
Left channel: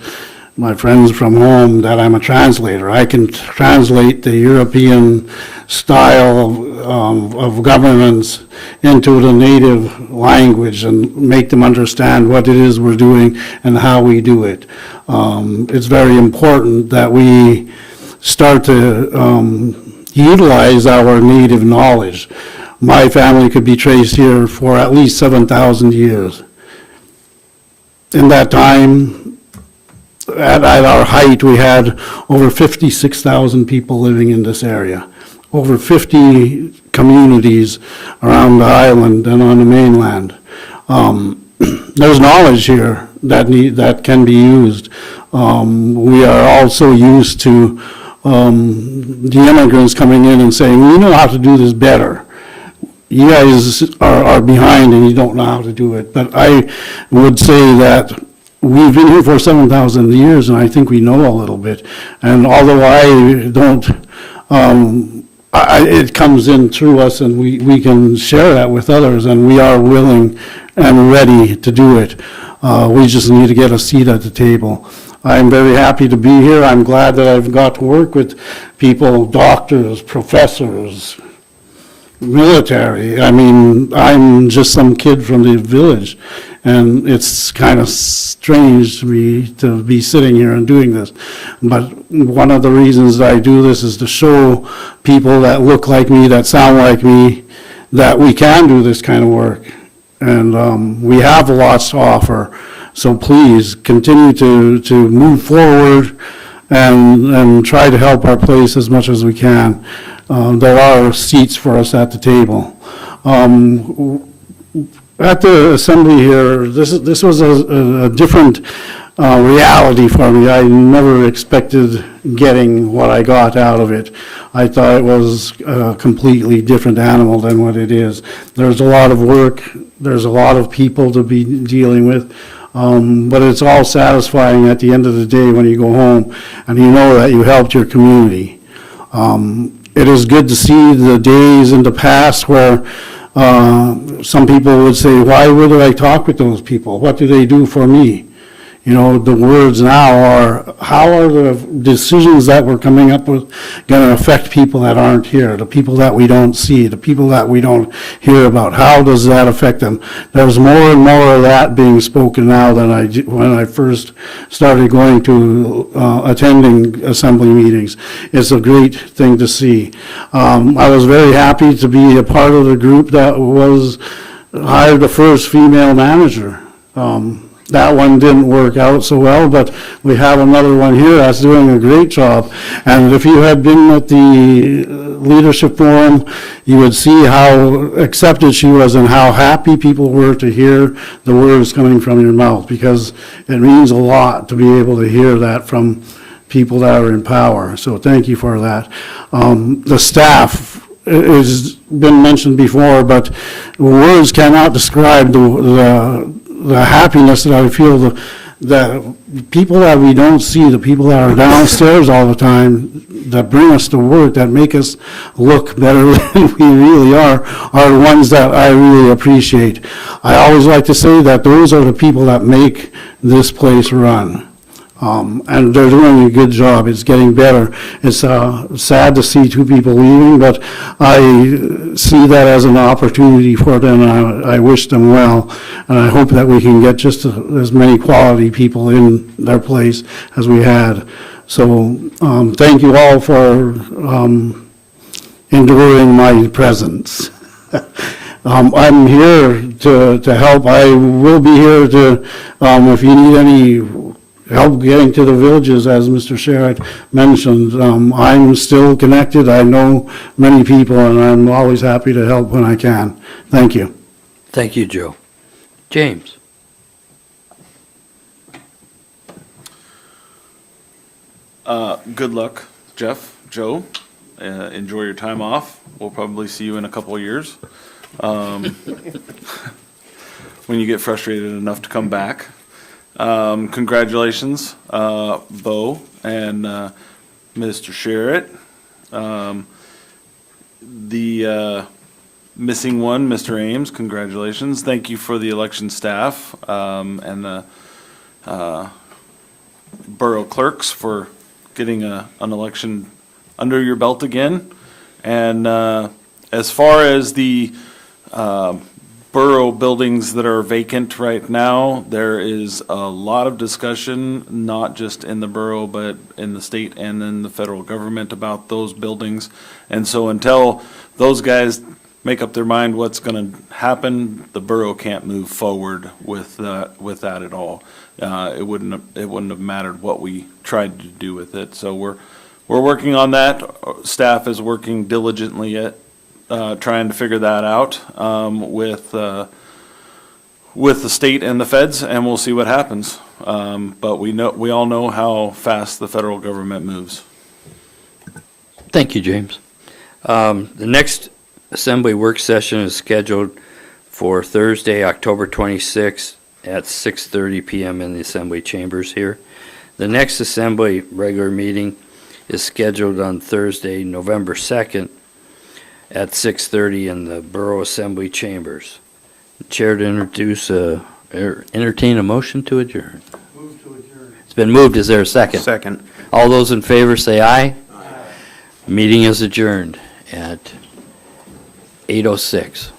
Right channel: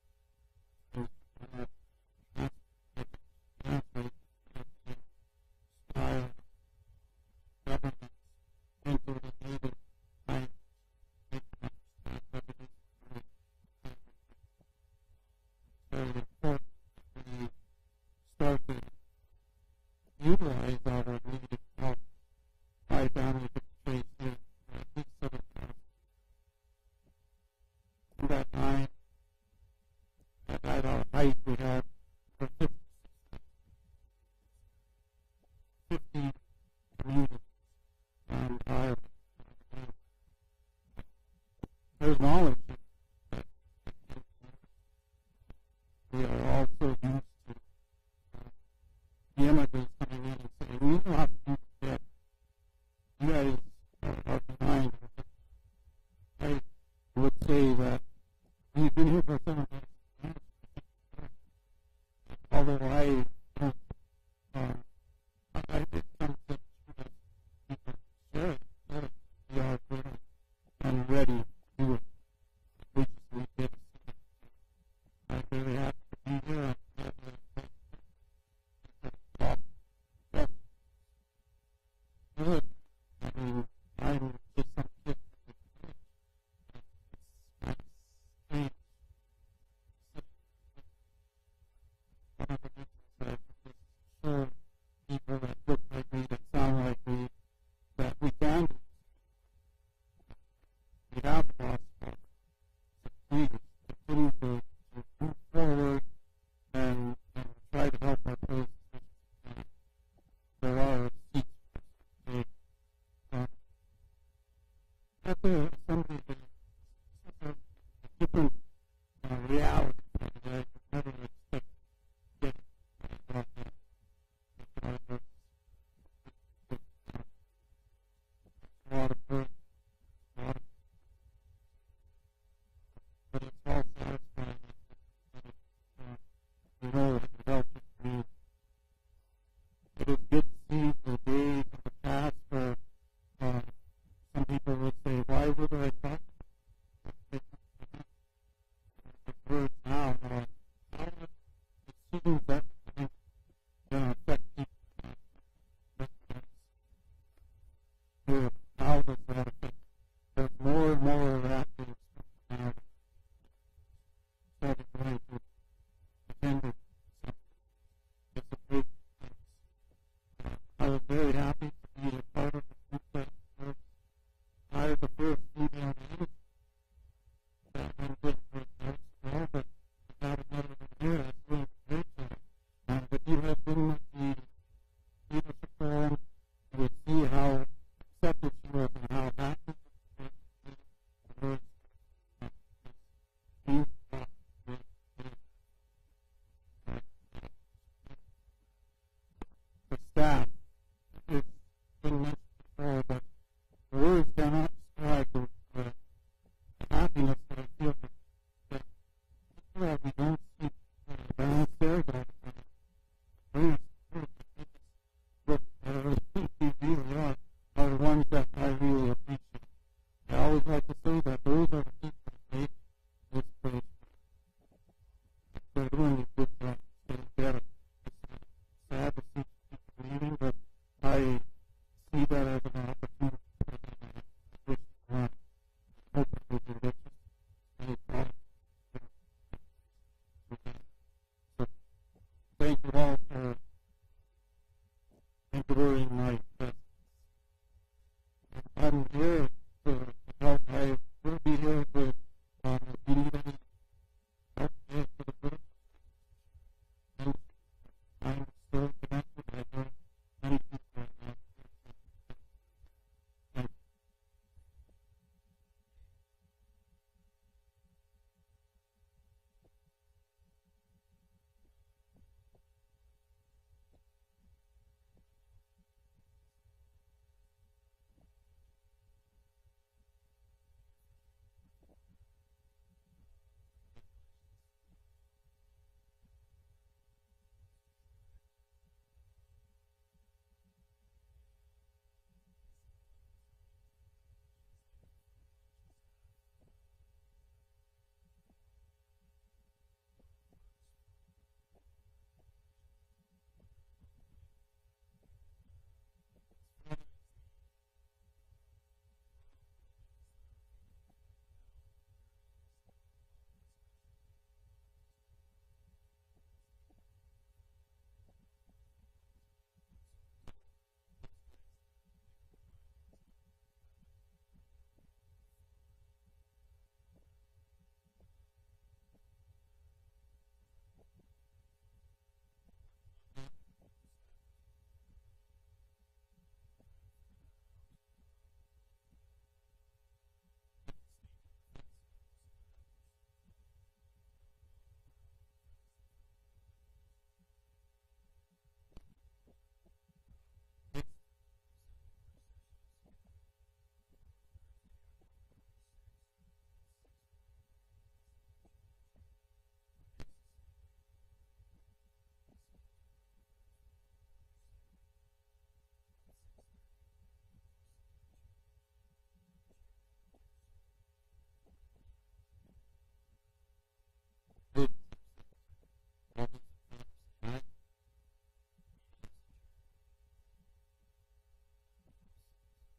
my friends from home, that I'm a translator. I can translate the European style of governance into the native language and make them understand what it is we're doing and how we do it. It's very important that we start to utilize our native knowledge. My family could be traced here for at least 7,000 years. In that time, at our height, we had over 56,000 people living in this area, over 50 communities around the island and on the mainland. There's knowledge here that can be used. We are also used to the immigrants coming in and saying, we know how to do this better. You guys are behind and you don't know how to do it. But I would say that we've been here for 7,000 years, and I think we know a little bit. And although I don't, it comes in through us, and we can share that with others, and we are willing and ready to do it. We just need to get a seat at the table. I'm very happy to be here. I'm glad that I've got to work with people, doctors, professors, military. I mean, I'm just some kid from the village, and it's kind of strange to me to be sitting here and doing this. But one of the reasons I do this is to show people that look like me, that sound like me, that we can do this kind of work. And we have lots to offer. So please continue to move forward and try to help our place as much as we can. There are seats for us at the table. At the assembly here, this was a different reality for me. I never expected getting what I got out of it. I thought it was a completely different animal than what it is. There's a lot of work. There's a lot of people to be dealing with. But it's all satisfying at the end of the day when you go home and you know that you helped your community. It is good to see the days in the past where some people would say, why would I talk with those people? What do they do for me? You know, the words now are, how are the decisions that we're coming up with going to affect people that aren't here, the people that we don't see, the people that we don't hear about? How does that affect them? There's more and more of that being spoken now than when I first started going to attending assembly meetings. It's a great thing to see. I was very happy to be a part of the group that hired the first female manager. That one didn't work out so well, but we have another one here that's doing a great job. And if you had been at the leadership forum, you would see how accepted she was and how happy people were to hear the words coming from your mouth, because it means a lot to be able to hear that from people that are in power. So thank you for that. The staff has been mentioned before, but words cannot describe the happiness that I feel, the people that we don't see, the people that are downstairs all the time, that bring us to work, that make us look better than we really are the ones that I really appreciate. I always like to say that those are the people that make this place run. And they're doing a good job. It's getting better. It's sad to see two people leaving, but I see that as an opportunity for them. I wish them well, and I hope that we can get just as many quality people in their place as we had. So thank you all for enduring my presence. I'm here to help. I will be here to, if you need any help getting to the villages, as Mr. Sherritt mentioned. I'm still connected. I know many people, and I'm always happy to help when I can. Thank you. Thank you, Joe. James? Good luck, Jeff, Joe. Enjoy your time off. We'll probably see you in a couple of years. When you get frustrated enough to come back. Congratulations, Bo and Mr. Sherritt. The missing one, Mr. Ames, congratulations. Thank you for the election staff and the borough clerks for getting an election under your belt again. And as far as the borough buildings that are vacant right now, there is a lot of discussion, not just in the borough, but in the state and in the federal government about those buildings. And so until those guys make up their mind what's going to happen, the borough can't move forward with that at all. It wouldn't have mattered what we tried to do with it. So we're working on that. Staff is working diligently at trying to figure that out with the state and the feds, and we'll see what happens. But we all know how fast the federal government moves. Thank you, James. The next Assembly work session is scheduled for Thursday, October 26th at 6:30 PM in the Assembly chambers here. The next Assembly regular meeting is scheduled on Thursday, November 2nd at 6:30 in the Borough Assembly chambers. Chair to entertain a motion to adjourn. Move to adjourn. It's been moved. Is there a second? Second. All those in favor say aye. Meeting is adjourned at 8:06.